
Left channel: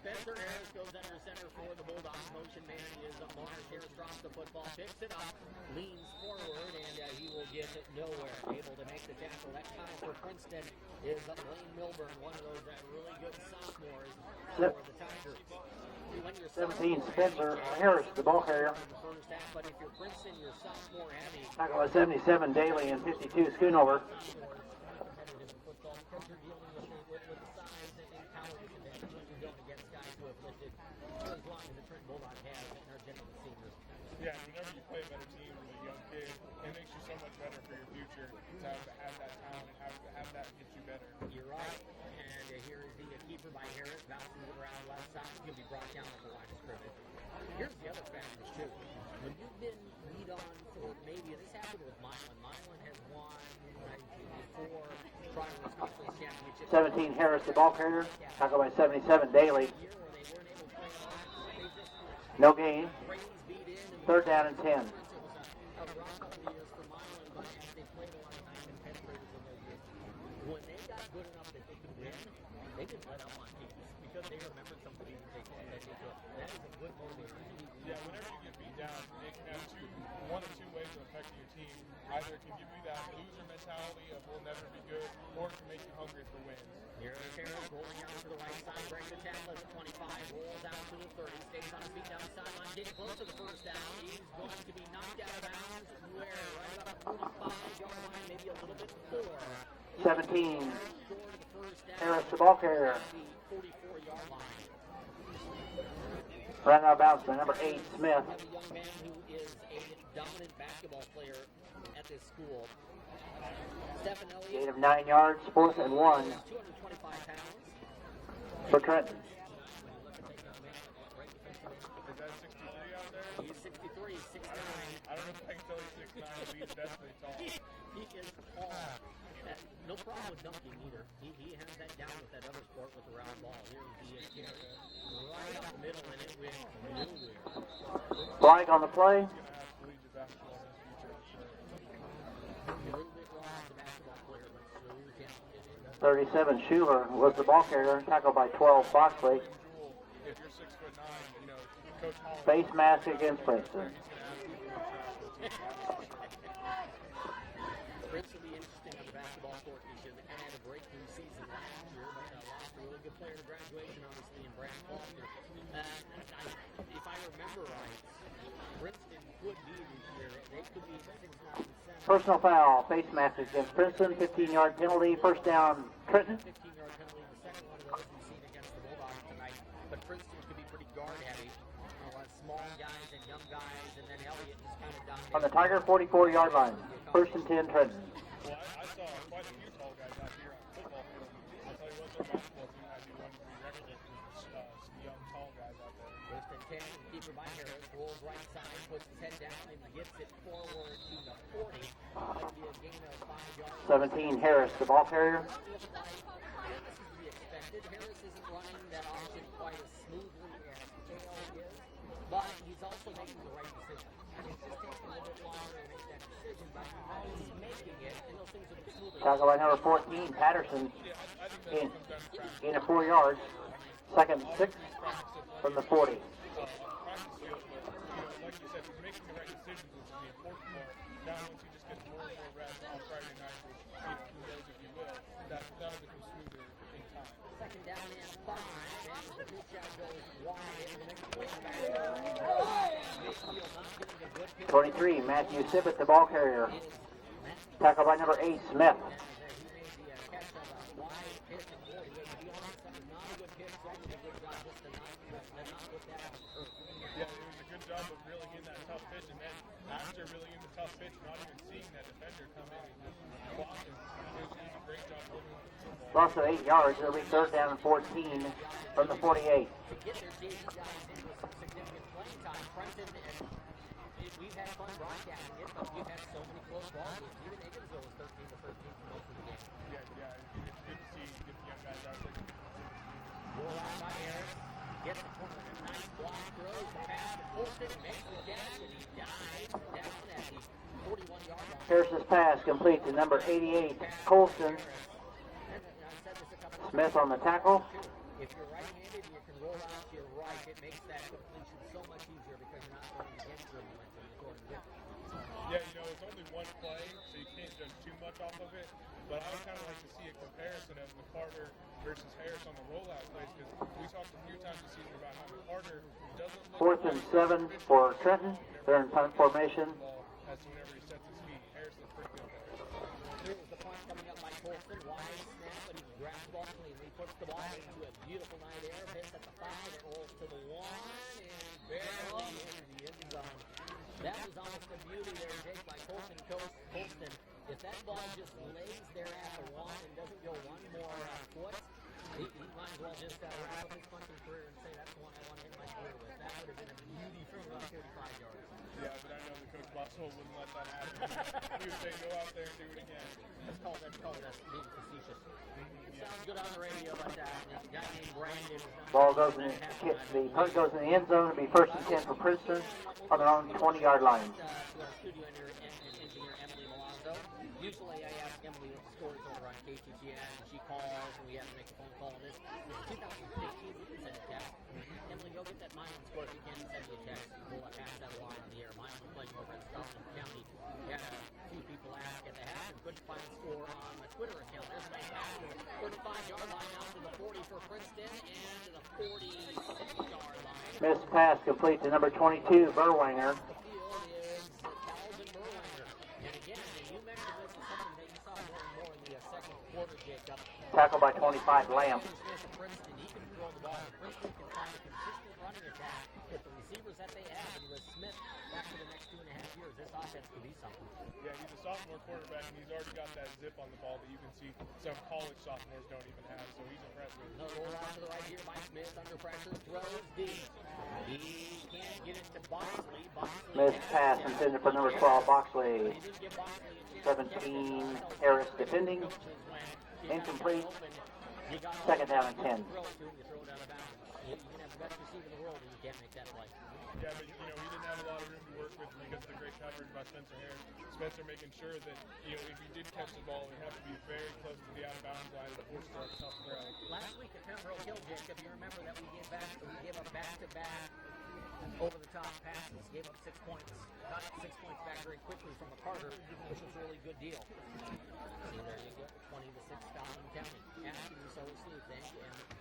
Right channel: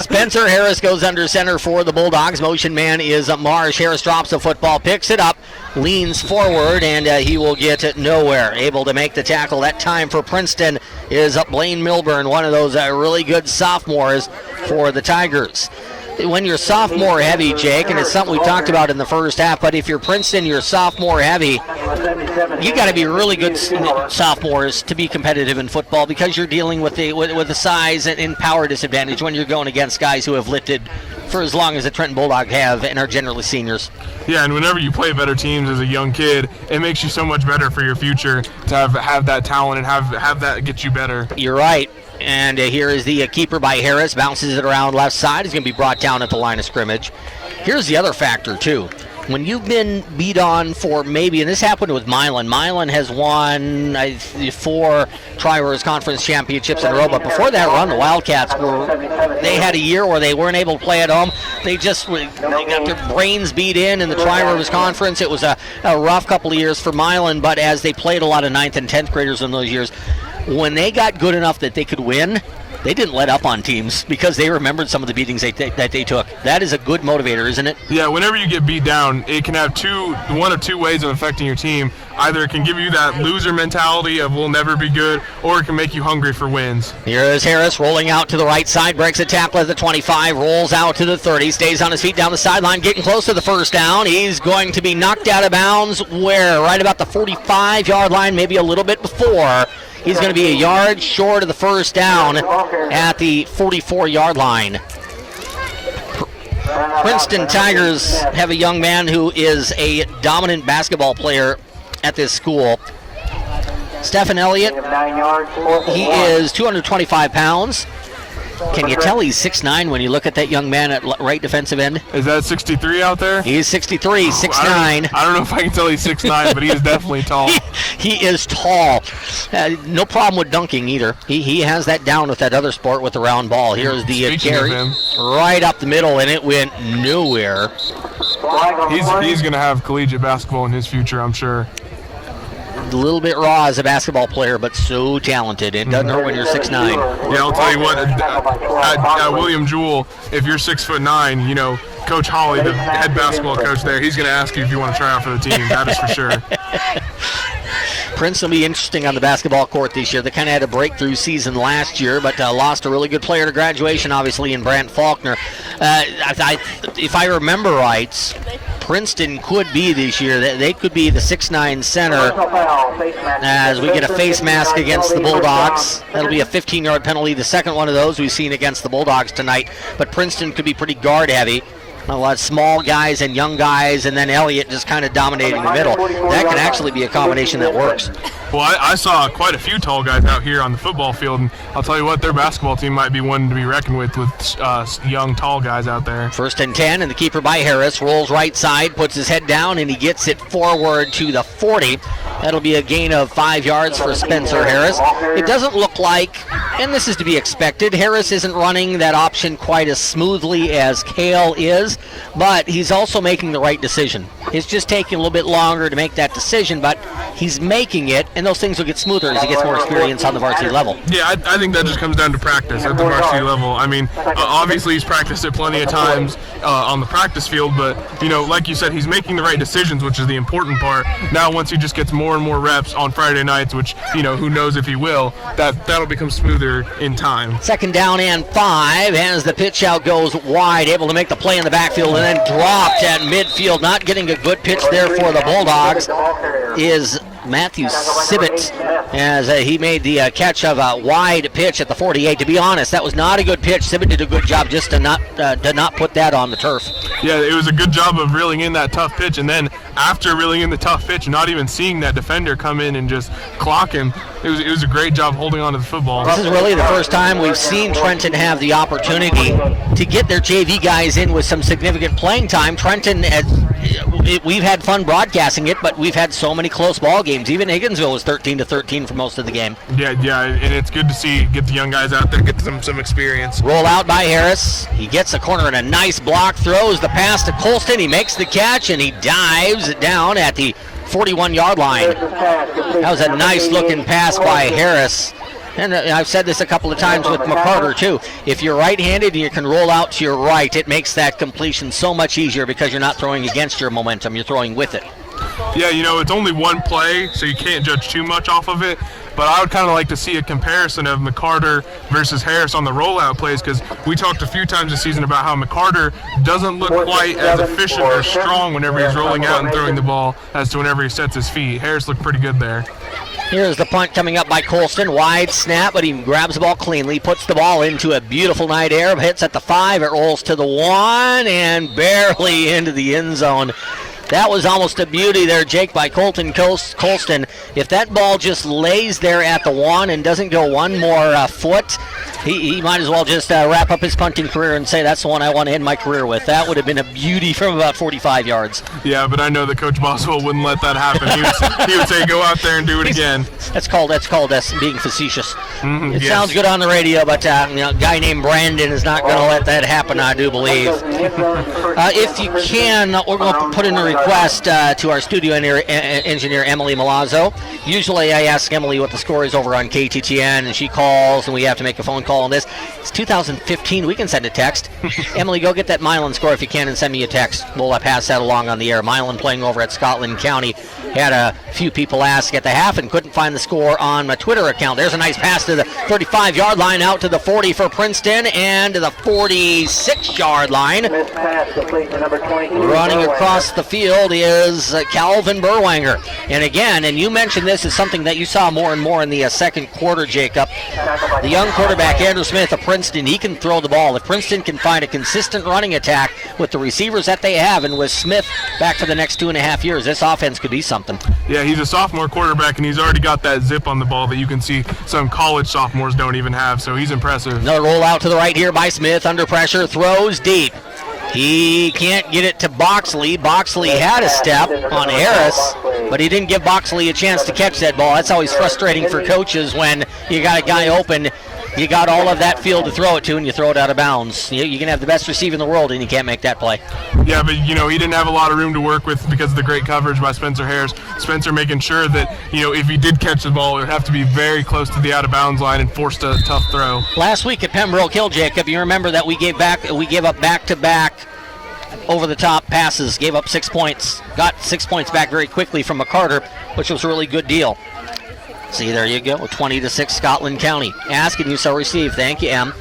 Spencer Harris goes under center for the Bulldogs. Motion man is Marsh. Harris drops the football, picks it up, leans forward, and he will get nowhere. Able to make the tackle that time for Princeton is Blaine Milburn, one of those really good sophomores for the Tigers. When you're sophomore heavy, Jake, and it's something we talked about in the first half, but if you're Princeton, you're sophomore heavy, you got to be really good sophomores to be competitive in football, because you're dealing with the size and power disadvantage when you're going against guys who have lifted for as long as the Trenton Bulldogs have and are generally seniors. Yeah, and whenever you play better teams as a young kid, it makes you so much better for your future to have that talent and have that get you better. You're right. And here is the keeper by Harris. Bounces it around left side. He's going to be brought down at the line of scrimmage. Here's the other factor, too. When you've been beat on for maybe, and this happened with Milan. Milan has won 4 Tri-Rivers Conference championships in a row, but before that run, the Wildcats they had a year where they weren't able to play at home. They got their brains beat in the Tri-Rivers Conference. It was a rough couple of years for Milan, but as they played a lot of 9th and 10th graders in those years, when they got good enough that they could win, they didn't let up on teams because they remembered some of the beatings that they took. That is a good motivator, isn't it? Yeah, whenever you get beat down, it can have one of two ways of affecting your team. Either it can give you that loser mentality of we'll never be good, or it can make you hungry for wins. Here is Harris rolling out to the right side, breaks a tackle at the 25, rolls out to the 30, stays on his feet down the sideline, getting close to the first down. He's going to be knocked out of bounds where? Right about the 45-yard line, maybe a little bit before. He's going to be a yard short of the first down at the 44-yard line. Princeton Tigers have a young man who is a dominant basketball player at this school. Stephen Elliott, he is 225 pounds. Can you tell he's 6'9" when you look at that young man at right defensive end? Is that 63 out there? He's 63, 6'9". I don't know if I can tell he's 6'9", but he is definitely tall. He is tall. No problem with dunking either. He has that down with that other sport with the round ball. Here's the carry right up the middle, and it went nowhere. He's going to have collegiate basketball in his future, I'm sure. A little bit raw as a basketball player, but so talented. It doesn't hurt when you're 6'9". Yeah, I'll tell you what. At William Jewell, if you're 6'9", you know, Coach Holly, the head basketball coach there, he's going to ask you if you want to try out for the team. That is for sure. Princeton will be interesting on the basketball court this year. They kind of had a breakthrough season last year, but lost a really good player to graduation, obviously, in Brant Faulkner. If I remember right, Princeton could be this year. They could be the 6'9" center as we get a face mask against the Bulldogs. That'll be a 15-yard penalty, the second one of those we've seen against the Bulldogs tonight. But Princeton could be pretty guard heavy. A lot of small guys and young guys, and then Elliott just kind of dominating the middle. That could actually be a combination that works. Well, I saw quite a few tall guys out here on the football field, and I'll tell you what, their basketball team might be one to be reckoned with young, tall guys out there. 1st and 10, and the keeper by Harris rolls right side, puts his head down, and he gets it forward to the 40. That'll be a gain of 5 yards for Spencer Harris. It doesn't look like, and this is to be expected, Harris isn't running that option quite as smoothly as Cale is, but he's also making the right decision. It's just taking a little bit longer to make that decision, but he's making it, and those things will get smoother as he gets more experience on the varsity level. Yeah, I think that just comes down to practice at the varsity level. I mean, obviously he's practiced it plenty of times on the practice field, but, you know, like you said, he's making the right decisions, which is the important part. Now, once he just gets more and more reps on Friday nights, which, you know, who knows if he will, that'll become smoother in time. 2nd down and 5, as the pitch out goes wide, able to make the play in the backfield, and then dropped at midfield. Not getting a good pitch there for the Bulldogs is Matthew Sibbett, as he made the catch of a wide pitch at the 48. To be honest, that was not a good pitch. Sibbett did a good job just to not put that on the turf. Yeah, it was a good job of reeling in that tough pitch, and then after reeling in the tough pitch, not even seeing that defender come in and just clock him, it was a great job holding on to the football. This is really the first time we've seen Trenton have the opportunity to get their JV guys in with some significant playing time. Trenton, we've had fun broadcasting it, but we've had so many close ball games. Even Higginsville was 13-13 for most of the game. Yeah, and it's good to get the young guys out there, get some experience. Roll out by Harris. He gets the corner and a nice block, throws the pass to Colston. He makes the catch, and he dives down at the 41-yard line. That was a nice-looking pass by Harris. And I've said this a couple of times with McCarter, too. If you're right-handed and you can roll out to your right, it makes that completion so much easier because you're not throwing against your momentum. You're throwing with it. Yeah, you know, it's only one play, so you can't judge too much off of it. But I would kind of like to see a comparison of McCarter versus Harris on the rollout plays, because we talked a few times this season about how McCarter doesn't look quite as efficient or strong whenever he's rolling out and throwing the ball as to whenever he sets his feet. Harris looked pretty good there. Here's the punt coming up by Colston. Wide snap, but he grabs the ball cleanly, puts the ball into a beautiful night air, hits at the 5, it rolls to the 1, and barely into the end zone. That was almost a beauty there, Jake, by Colston. If that ball just lays there at the 1 and doesn't go one more foot, he might as well just wrap up his punting career and say that's the one I want to end my career with. That would have been a beauty from about 45 yards. Yeah, but I know that Coach Boswell wouldn't let that happen. He would say, go out there and do it again. That's called being facetious. It sounds good on the radio, but a guy named Brandon is not going to let that happen, I do believe. If you can, we're going to put in a request to our studio engineer, Emily Milazzo. Usually I ask Emily what the score is over on KTTN, and she calls, and we have to make a phone call on this. It's 2015. We can send a text. Emily, go get that Milan score if you can and send me a text. We'll pass that along on the air. Milan playing over at Scotland County. Had a few people ask at the half and couldn't find the score on my Twitter account. There's a nice pass to the 35-yard line, out to the 40 for Princeton, and to the 46-yard line. Running across the field is Calvin Berwanger. And again, and you mentioned this is something that you saw more and more in the second quarter, Jacob. The young quarterback like Andrew Smith of Princeton, he can throw the ball. If Princeton can find a consistent running attack with the receivers that they have, and with Smith back for the next 2.5 years, this offense could be something. Yeah, he's a sophomore quarterback, and he's already got that zip on the ball that you can see some college sophomores don't even have, so he's impressive. Another roll out to the right here by Smith, under pressure, throws deep. He can't get it to Boxley. Boxley had a step on Harris, but he didn't give Boxley a chance to catch that ball. That's always frustrating for coaches when you got a guy open, you got all of that field to throw it to, and you throw it out of bounds. You can have the best receiver in the world, and you can't make that play. Yeah, but, he didn't have a lot of room to work with because of the great coverage by Spencer Harris. Spencer making sure that, if he did catch the ball, it would have to be very close to the out-of-bounds line and forced a tough throw. Last week at Pembroke Hill, Jacob, you remember that we gave up back-to-back over-the-top passes, gave up 6 points, got 6 points back very quickly from McCarter, which was a really good deal. See, there you go, 20-6 Scotland County. Ask and you shall receive. Thank you, Em.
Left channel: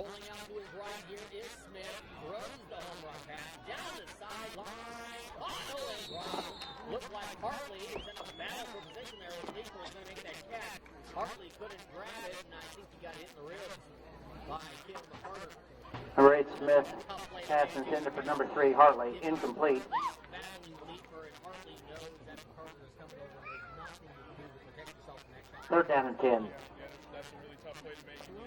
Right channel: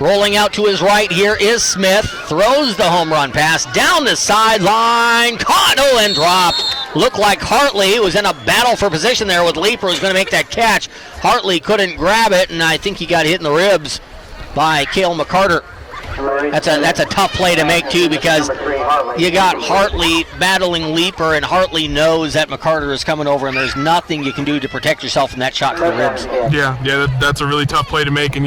Rolling out to his right here is Smith. Throws the home run pass down the sideline. Caught and dropped. Looked like Hartley was in a battle for position there with Leeper, who's going to make that catch. Hartley couldn't grab it, and I think he got hit in the ribs by Cale McCarter. That's a tough play to make, too, because you got Hartley battling Leeper, and Hartley knows that McCarter is coming over, and there's nothing you can do to protect yourself from that shot to the ribs. Yeah, that's a really tough play to make, and,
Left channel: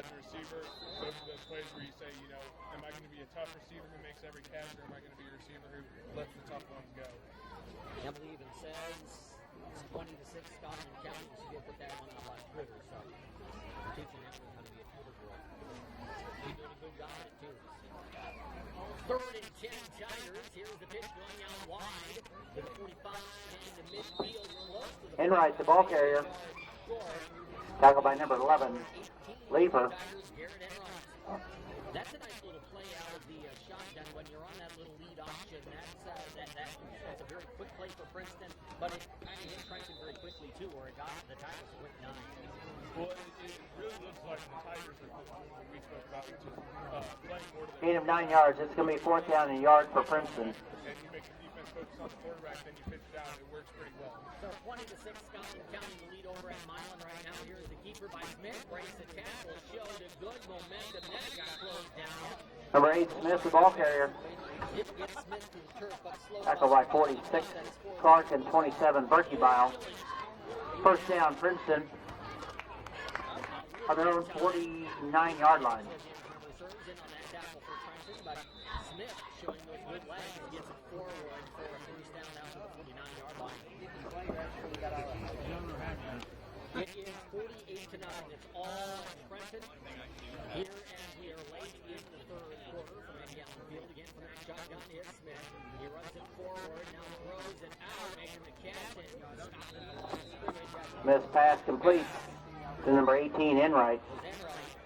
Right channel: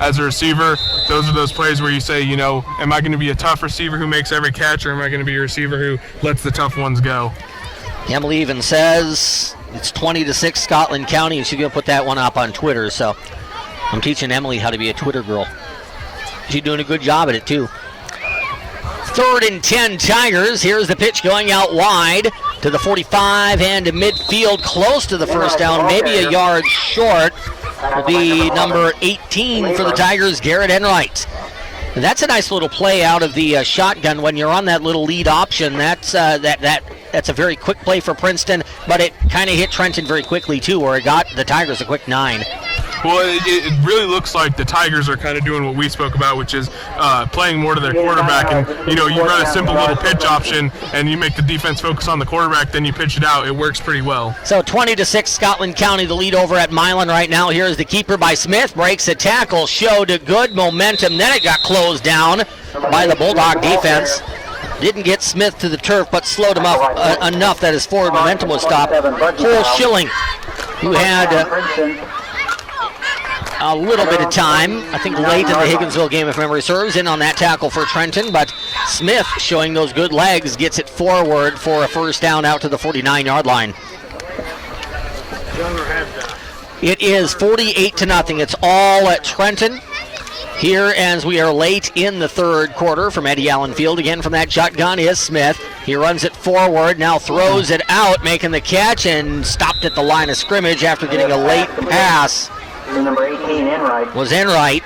as a receiver, those are those plays where you say, am I going to be a tough receiver who makes every catch, or am I going to be a receiver who lets the tough ones go? Emily even says it's 20-6 Scotland County, and she's going to put that one up on Twitter, so I'm teaching Emily how to be a Twitter girl. She's doing a good job at it, too. 3rd and 10 Tigers. Here's the pitch going out wide to the 45 and to midfield, close to the first down, maybe a yard short. Will be number 18 for the Tigers, Garrett Enright. And that's a nice little play out of the shotgun when you're on that little lead option. That's a very quick play for Princeton, but it kind of hit Trenton very quickly, too, where it got the Tigers a quick 9. Well, it really looks like the Tigers are kind of doing what we spoke about, which is playing more to their quarterback. And, you run a simple little pitch option, and you make the defense focus on the quarterback, then you pitch it out. It works pretty well. So 20-6 Scotland County, the lead over at Milan right now. Here's the keeper by Smith. Breaks a tackle, showed a good momentum. Then it got closed down by the Bulldog defense. Didn't get Smith to the turf, but slowed him up enough that his forward momentum was stopped. Cole Schilling, who had a little bit of time, I think late in the Higginsville game, if memory serves, in on that tackle for Trenton, but Smith, showing those good legs, gets it forward for a first down out to the 49-yard line. It is 48-0. It's all at Trenton here as we are late in the third quarter from Eddie Allen Field. Again, from that shotgun is Smith. He runs it forward, now throws it out, making the catch, and stopped at the line of scrimmage after getting a late pass. Was Enright.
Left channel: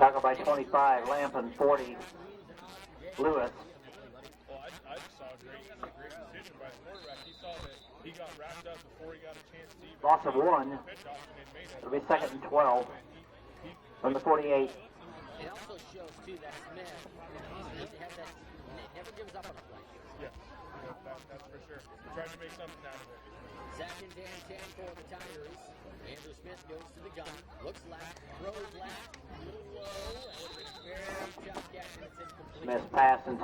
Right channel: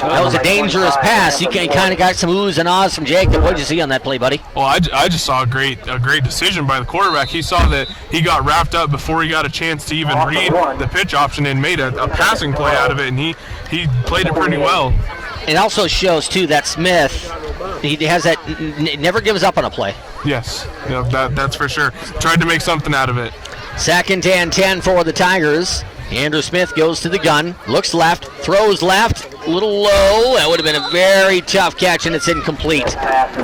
That was a dangerous pass. You kind of got some oohs and ahs from Jacob. What did you see on that play, buddy? Well, I just saw a great decision by the quarterback. He saw that he got wrapped up before he got a chance to even read the pitch option and made a passing play out of it, and he played it pretty well. It also shows, too, that Smith, he has that, never gives up on a play. Yes, that's for sure. Tried to make something out of it. 2nd and 10 for the Tigers. Andrew Smith goes to the gun, looks left, throws left, a little low. That would have been a very tough catch, and it's incomplete. How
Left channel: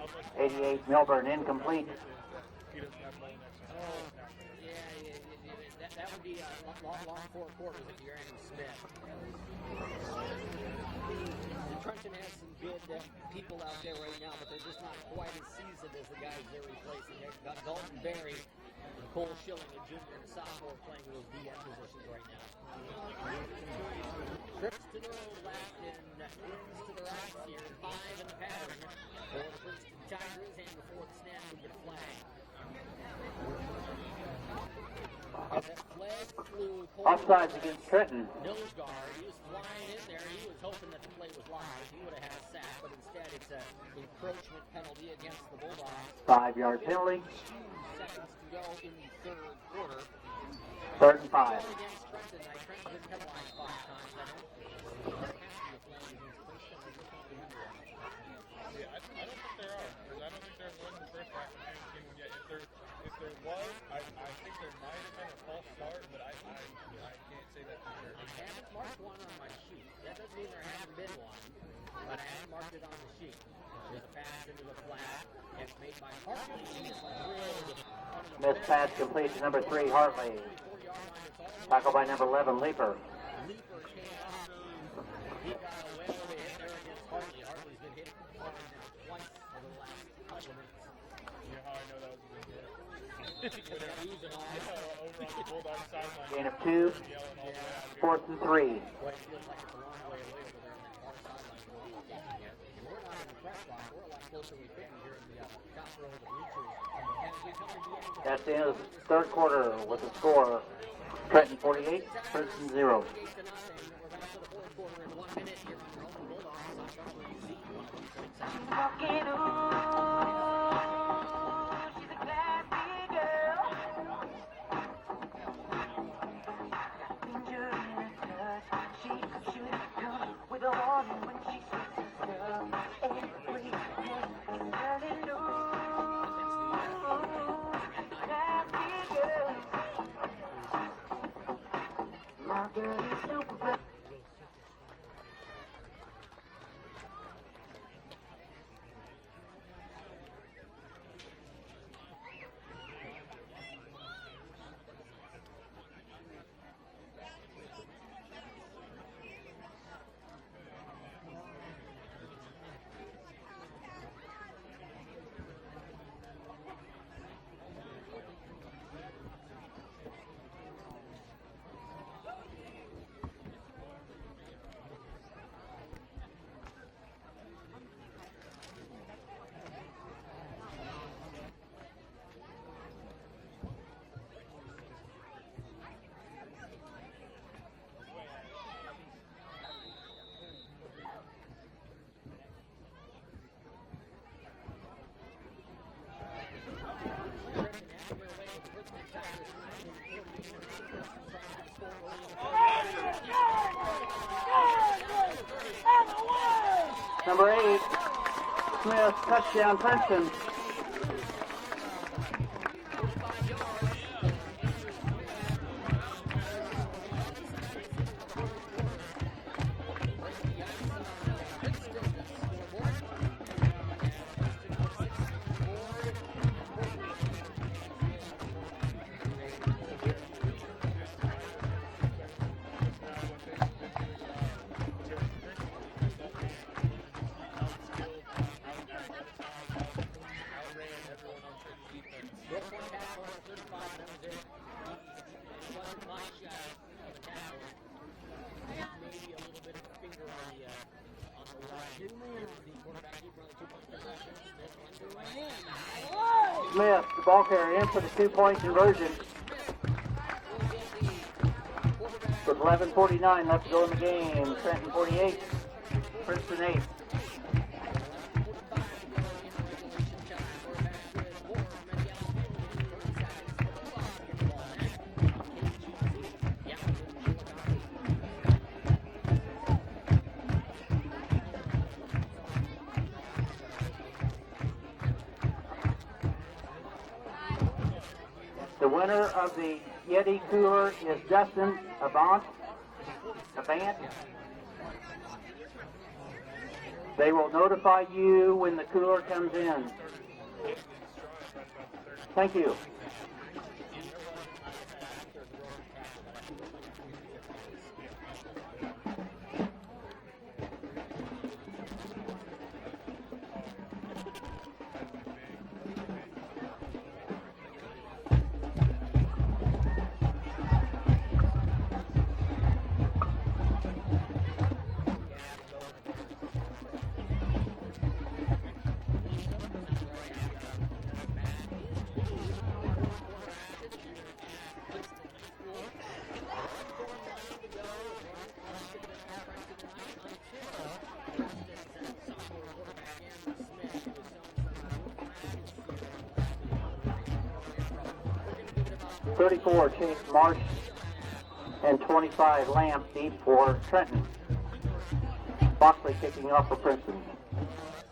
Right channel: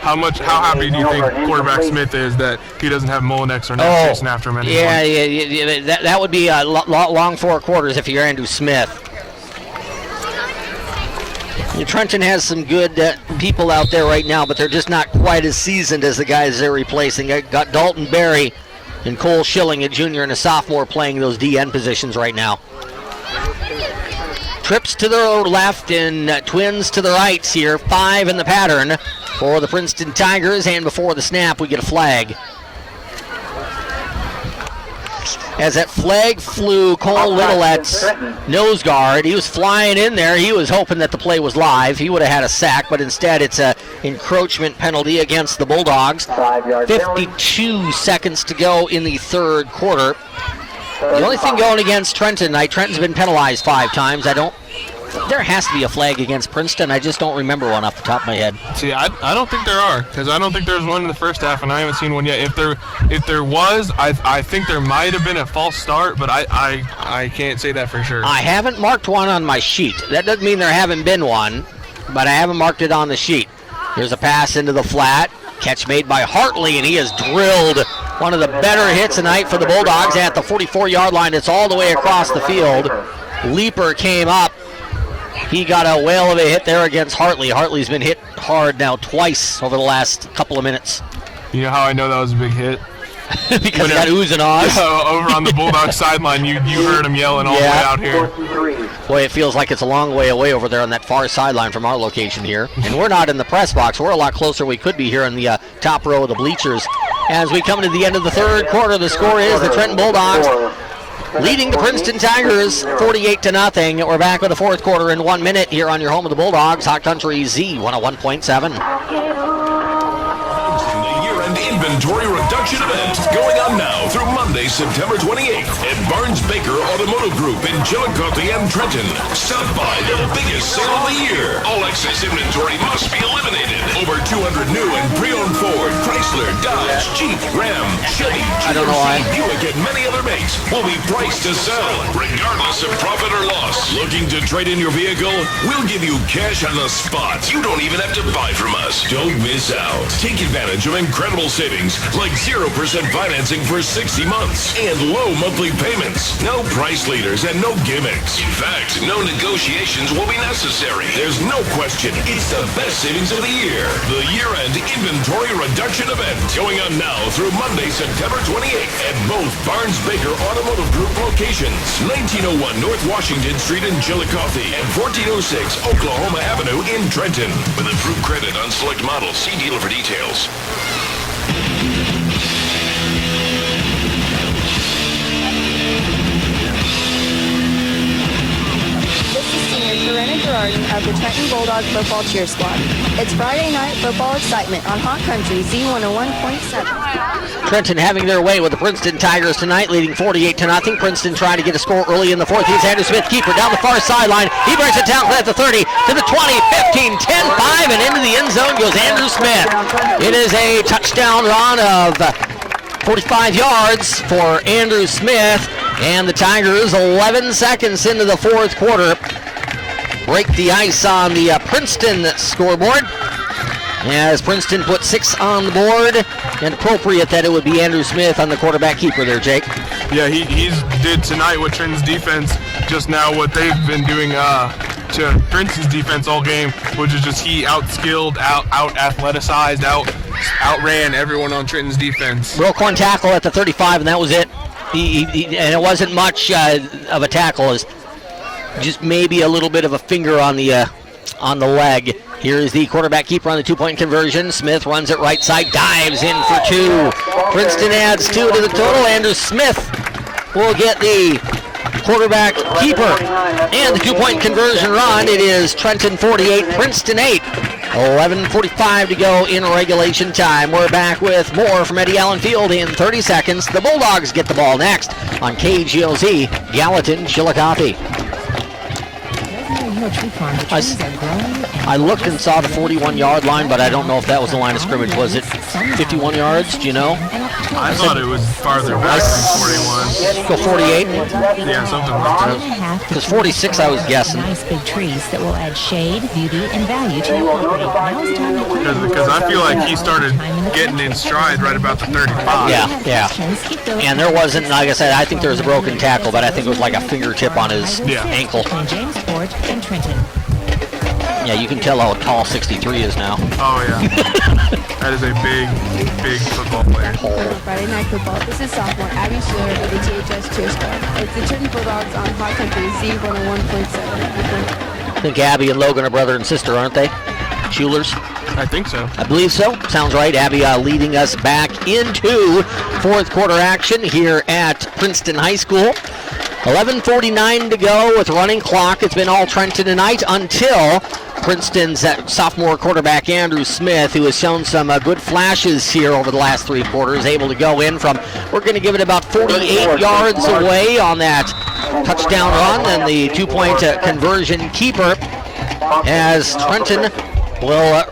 happy do you think quarterback Smith is that he doesn't have Molinex or Ness chasing after him anymore? Yeah. That would be a long 4 quarters if you're Andrew Smith. Trenton has some good people out there right now, but they're just not quite as seasoned as the guys they're replacing. Got Dalton Berry and Cole Schilling, a junior and a sophomore, playing those DN positions right now. Trips to the left and twins to the right here. 5 in the pattern for the Princeton Tigers, and before the snap, we get a flag. As that flag flew, Cole Littlett's nose guard, he was flying in there. He was hoping that the play was live. He would have had a sack, but instead it's an encroachment penalty against the Bulldogs. 52 seconds to go in the third quarter. The only thing going against Trenton tonight, Trenton's been penalized 5 times. I don't There has to be a flag against Princeton. I just don't remember one off the top of my head. See, I don't think there are, because I don't think there's one in the first half, and I haven't seen one yet. If there was, I think there might have been a false start, but I can't say that for sure. I haven't marked one on my sheet. That doesn't mean there haven't been one, but I haven't marked it on the sheet. Here's a pass into the flat. Catch made by Hartley, and he has drilled one of the better hits tonight for the Bulldogs at the 44-yard line. It's all the way across the field. Leaper came up. He got a whale of a hit there against Hartley. Hartley's been hit hard now twice over the last couple of minutes. You know how I know that was a big hit? Because he got oohs and ahs. Over on the Bulldogs sideline, you heard him yelling all the way out here. Boy, it feels like it's a long way away over there on that far sideline from our location here. And we're not in the press box. We're a lot closer we could be here in the top row of the bleachers. As we come to the end of the third quarter, the score is the Trenton Bulldogs leading the Princeton Tigers 48-0. We're back with the fourth quarter in 1 minute here on your home of the Bulldogs, Hot Country Z 101.7. Inventory reduction event going on now through Monday, September 28th at Barnes Baker Automotive Group in Chillicothe and Trenton. Stop by the biggest sale of the year. All excess inventory must be eliminated. Over 200 new and pre-owned Ford, Chrysler, Dodge, Jeep, Ram, Chevy, Buick, and many other makes will be priced to sell, regardless of profit or loss. Looking to trade in your vehicle? We'll give you cash on the spot. You don't even have to buy from us. Don't miss out. Take advantage of incredible savings like 0% financing for 60 months and low monthly payments. No price leaders and no gimmicks. In fact, no negotiations will be necessary. There's no question. It's the best savings of the year. The year-end inventory reduction event going on now through Monday, September 28th at both Barnes Baker Automotive Group locations. 1901 North Washington Street in Chillicothe and 1406 Oklahoma Avenue in Trenton. With approved credit on select models. See dealer for details. Of the Trenton Bulldog football cheer squad. It's Friday night football excitement on Hot Country Z101.7. Trenton having their way with the Princeton Tigers tonight, leading 48-0. Princeton trying to get a score early in the fourth. Here's Andrew Smith, keeper down the far sideline. He brings it down at the 30 to the 20, 15, 10, 5, and into the end zone goes Andrew Smith. It is a touchdown run of 45 yards for Andrew Smith, and the Tigers 11 seconds into the fourth quarter break the ice on the Princeton scoreboard as Princeton put 6 on the board, and appropriate that it would be Andrew Smith on the quarterback keeper there, Jake. Yeah, he did tonight with Trenton's defense just now what they've been doing to Princeton's defense all game, which is just he out-skilled, out-athleticized, outran everyone on Trenton's defense. Real corn tackle at the 35, and that was it. And it wasn't much of a tackle. As just maybe a little bit of a finger on the leg. Here is the quarterback keeper on the 2-point conversion. Smith runs it right side, dives in for 2. Princeton adds 2 to the total. Andrew Smith will get the quarterback keeper and the 2-point conversion run. It is Trenton 48, Princeton 8. 11:45 to go in regulation time. We're back with more from Eddie Allen Field in 30 seconds. The Bulldogs get the ball next on KGOZ, Gallatin, Chillicothe. I looked and saw the 41-yard line, but I don't know if that was the line of scrimmage. Was it 51 yards? Do you know? I thought it was farther back than 41. Go 48? Yeah, something like that. Because 46 I was guessing. Nice big trees that will add shade, beauty, and value to your property. Because I feel like he started getting in stride right about the 35. Yeah. And there wasn't, like I said, I think there was a broken tackle, but I think it was like a fingertip on his ankle. Jamesport and Trenton. Yeah, you can tell how tall 63 is now. Oh, yeah. That is a big football player. Friday night football. This is sophomore Abby Schiller of the THS Cheer Squad. It's the Trenton Bulldogs on Hot Country Z101.7. I think Abby and Logan are brother and sister, aren't they? Schulers? I think so. I believe so. Sounds right. Abby leading us back into fourth quarter action here at Princeton High School. 11:49 to go with running clock. It's been all Trenton tonight until Princeton's sophomore quarterback Andrew Smith, who has shown some good flashes here over the last 3 quarters, able to go in from, we're going to give it about 48 yards away on that touchdown run and the 2-point conversion keeper, as Trenton will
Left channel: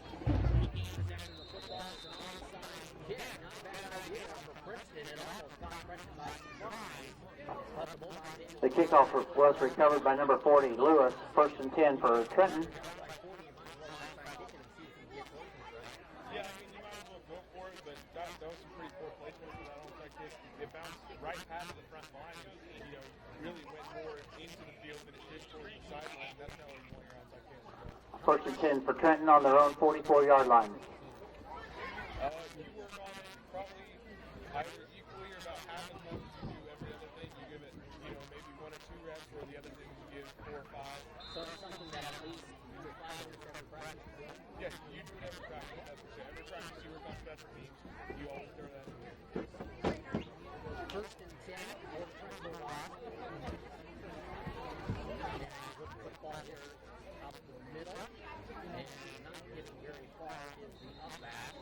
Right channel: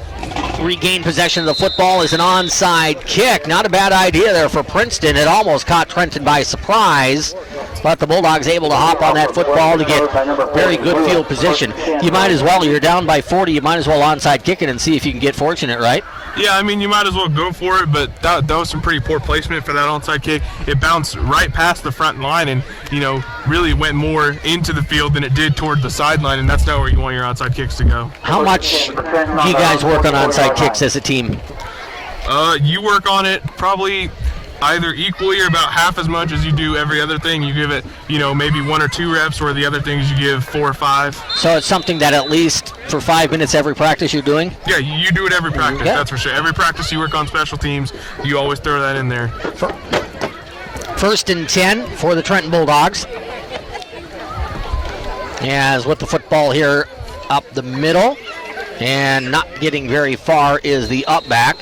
regain possession of the football as an onside kick. Not a bad idea there for Princeton. It almost caught Trenton by surprise, but the Bulldogs able to hop on that football to get very good field position. You might as well, you're down by 40, you might as well onside kick it and see if you can get fortunate, right? Yeah, I mean, you might as well go for it, but that was some pretty poor placement for that onside kick. It bounced right past the front line and, really went more into the field than it did toward the sideline, and that's not where you want your onside kicks to go. How much do you guys work on onside kicks as a team? You work on it probably either equally or about half as much as you do every other thing. You give it, maybe 1 or 2 reps, where the other things you give 4 or 5. So it's something that at least for 5 minutes every practice you're doing? Yeah, you do it every practice, that's for sure. Every practice you work on special teams, you always throw that in there. First and 10 for the Trenton Bulldogs. As with the football here up the middle, and not getting very far is the up back.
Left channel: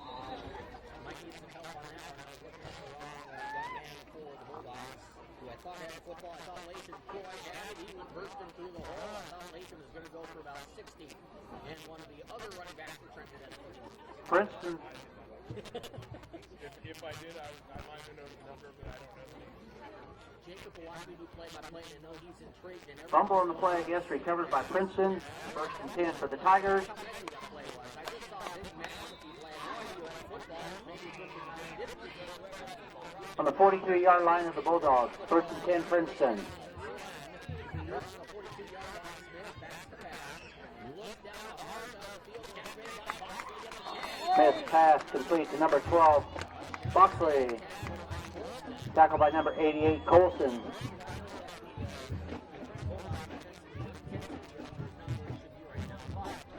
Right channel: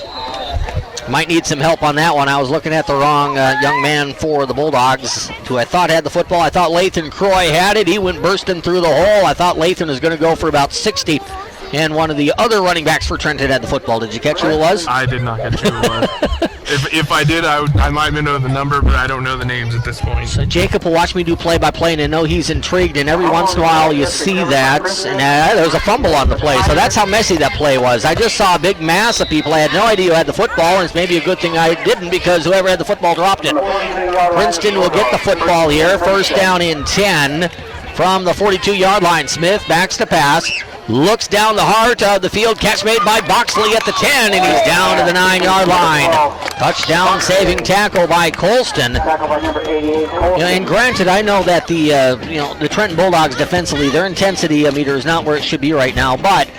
Might need some help on that one. I was looking at the wrong young man for the Bulldogs, who I thought had the football. I thought Lathan Croy had it. He went bursting through the hole. I thought Lathan was going to go for about 60. And one of the other running backs for Trenton had the football. Did you catch who it was? I did not catch who it was. If I did, I might know the number, but I don't know the names at this point. So Jacob will watch me do play-by-play, and I know he's intrigued, and every once in a while you see that. And there was a fumble on the play, so that's how messy that play was. I just saw a big mass of people. I had no idea who had the football, and it's maybe a good thing I didn't, because whoever had the football dropped it. Princeton will get the football here. First down in 10 from the 42-yard line. Smith backs to pass. Looks down the heart of the field. Catch made by Boxley at the 10, and he's down to the 9-yard line. Touchdown saving tackle by Colston. And granted, I know that the Trenton Bulldogs defensively, their intensity meter is not where it should be right now, but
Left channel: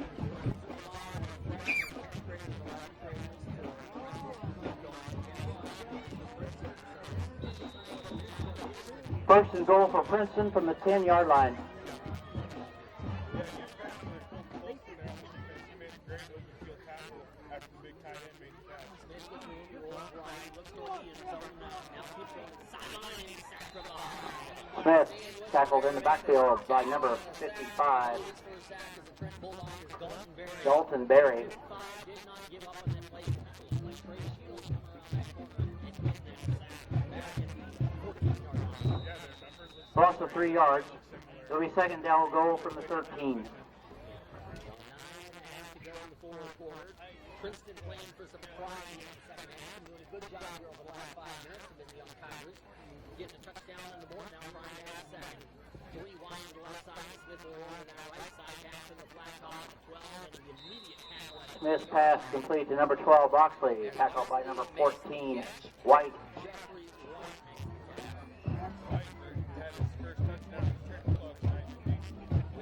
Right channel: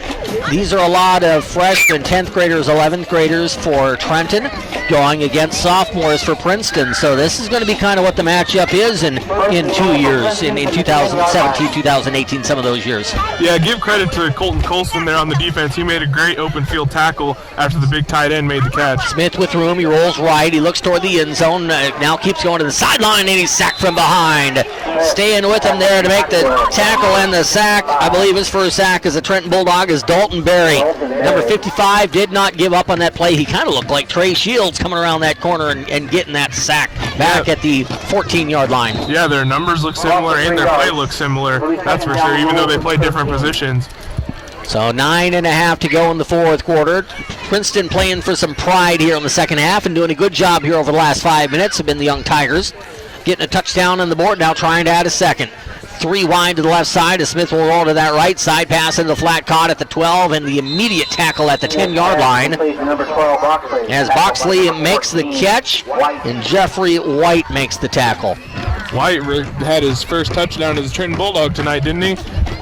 these are a lot of freshmen, 10th graders, 11th graders for Trenton, going against sophomores for Princeton. So this is going to be kind of what the matchup is in 2 years, in 2017, 2018, some of those years. Yeah, give credit to Colton Colston there on the defense. He made a great open field tackle after the big tight end made the catch. Smith with room. He rolls right. He looks toward the end zone. Now keeps going to the sideline, and he's sacked from behind. Staying with him there to make the tackle and the sack, I believe his first sack as a Trenton Bulldog, is Dalton Berry. Number 55 did not give up on that play. He kind of looked like Trey Shields coming around that corner and getting that sack back at the 14-yard line. Yeah, their numbers look similar and their play looks similar. That's for sure, even though they play different positions. So 9.5 to go in the fourth quarter. Princeton playing for some pride here in the second half and doing a good job here over the last 5 minutes have been the Young Tigers. Getting a touchdown on the board, now trying to add a second. 3 wide to the left side as Smith will roll to that right side. Pass into the flat, caught at the 12, and the immediate tackle at the 10-yard line as Boxley makes the catch and Jeffrey White makes the tackle. White had his first touchdown as a Trenton Bulldog tonight, didn't he?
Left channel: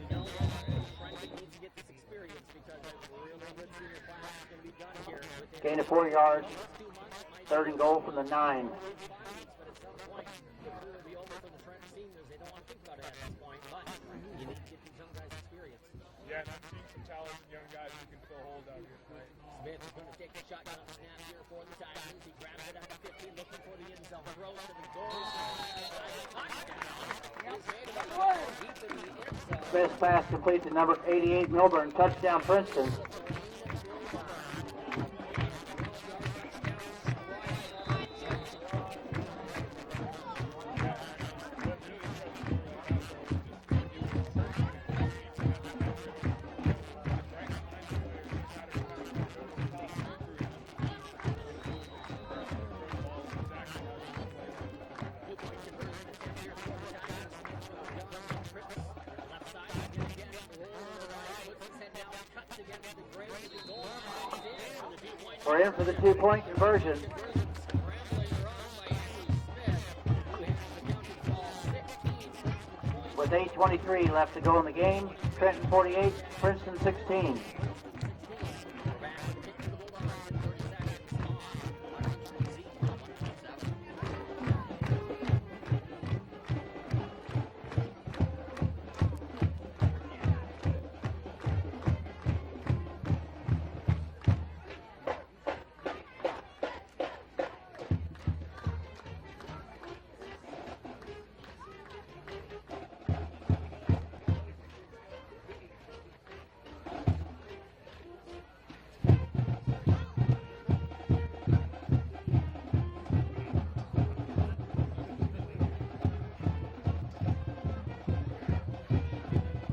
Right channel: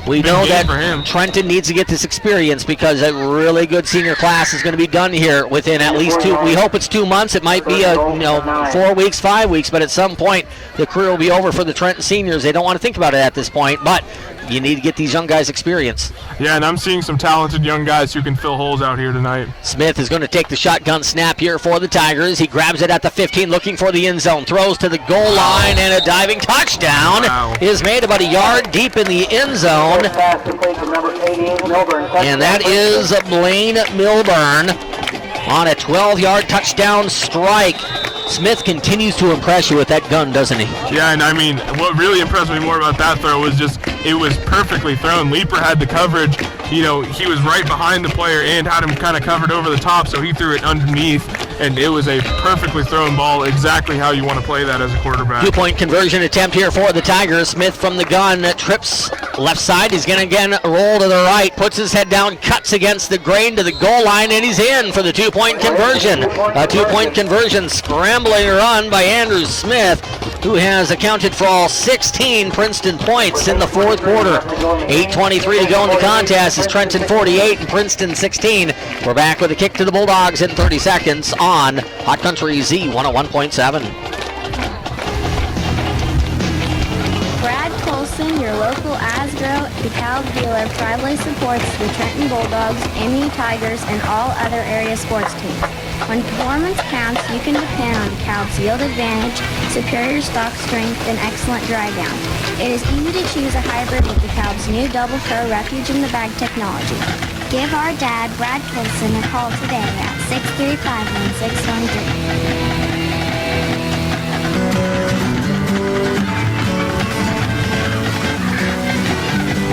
We know that Trenton needs to get this experience because a really good senior class is going to be done here within at least 2. We hope it's 2 months. It might be 4 weeks, 5 weeks, but at some point the career will be over for the Trenton seniors. They don't want to think about it at this point, but you need to get these young guys experience. Yeah, and I'm seeing some talented young guys who can fill holes out here tonight. Smith is going to take the shotgun snap here for the Tigers. He grabs it at the 15, looking for the end zone. Throws to the goal line, and a diving touchdown is made about a yard deep in the end zone. And that is Blaine Milburn on a 12-yard touchdown strike. Smith continues to impress you with that gun, doesn't he? Yeah, and I mean, what really impressed me more about that throw was just it was perfectly thrown. Leeper had the coverage. He was right behind the player and had him kind of covered over the top, so he threw it underneath, and it was a perfectly thrown ball, exactly how you want to play that as a quarterback. 2-point conversion attempt here for the Tigers. Smith from the gun trips left side. He's going to again roll to the right, puts his head down, cuts against the grain to the goal line, and he's in for the 2-point conversion. A 2-point conversion, scrambling run by Andrew Smith, who has accounted for all 16 Princeton points in the fourth quarter. 8:23 to go in the contest. It's Trenton 48 and Princeton 16. We're back with a kick to the Bulldogs in 30 seconds on Hot Country Z 101.7. Brad Colson, your local Asgrow DeKalb dealer, proudly supports the Trenton Bulldogs, MU Tigers, and all other area sports teams. When performance counts, you can depend on DeKalb's yield advantage, superior stock strength, and excellent dry down. It is easy to choose a hybrid with DeKalb's new Double Pro Refuge in the Bag technology. Give our dad, Brad Colson, a call today at 635-1613.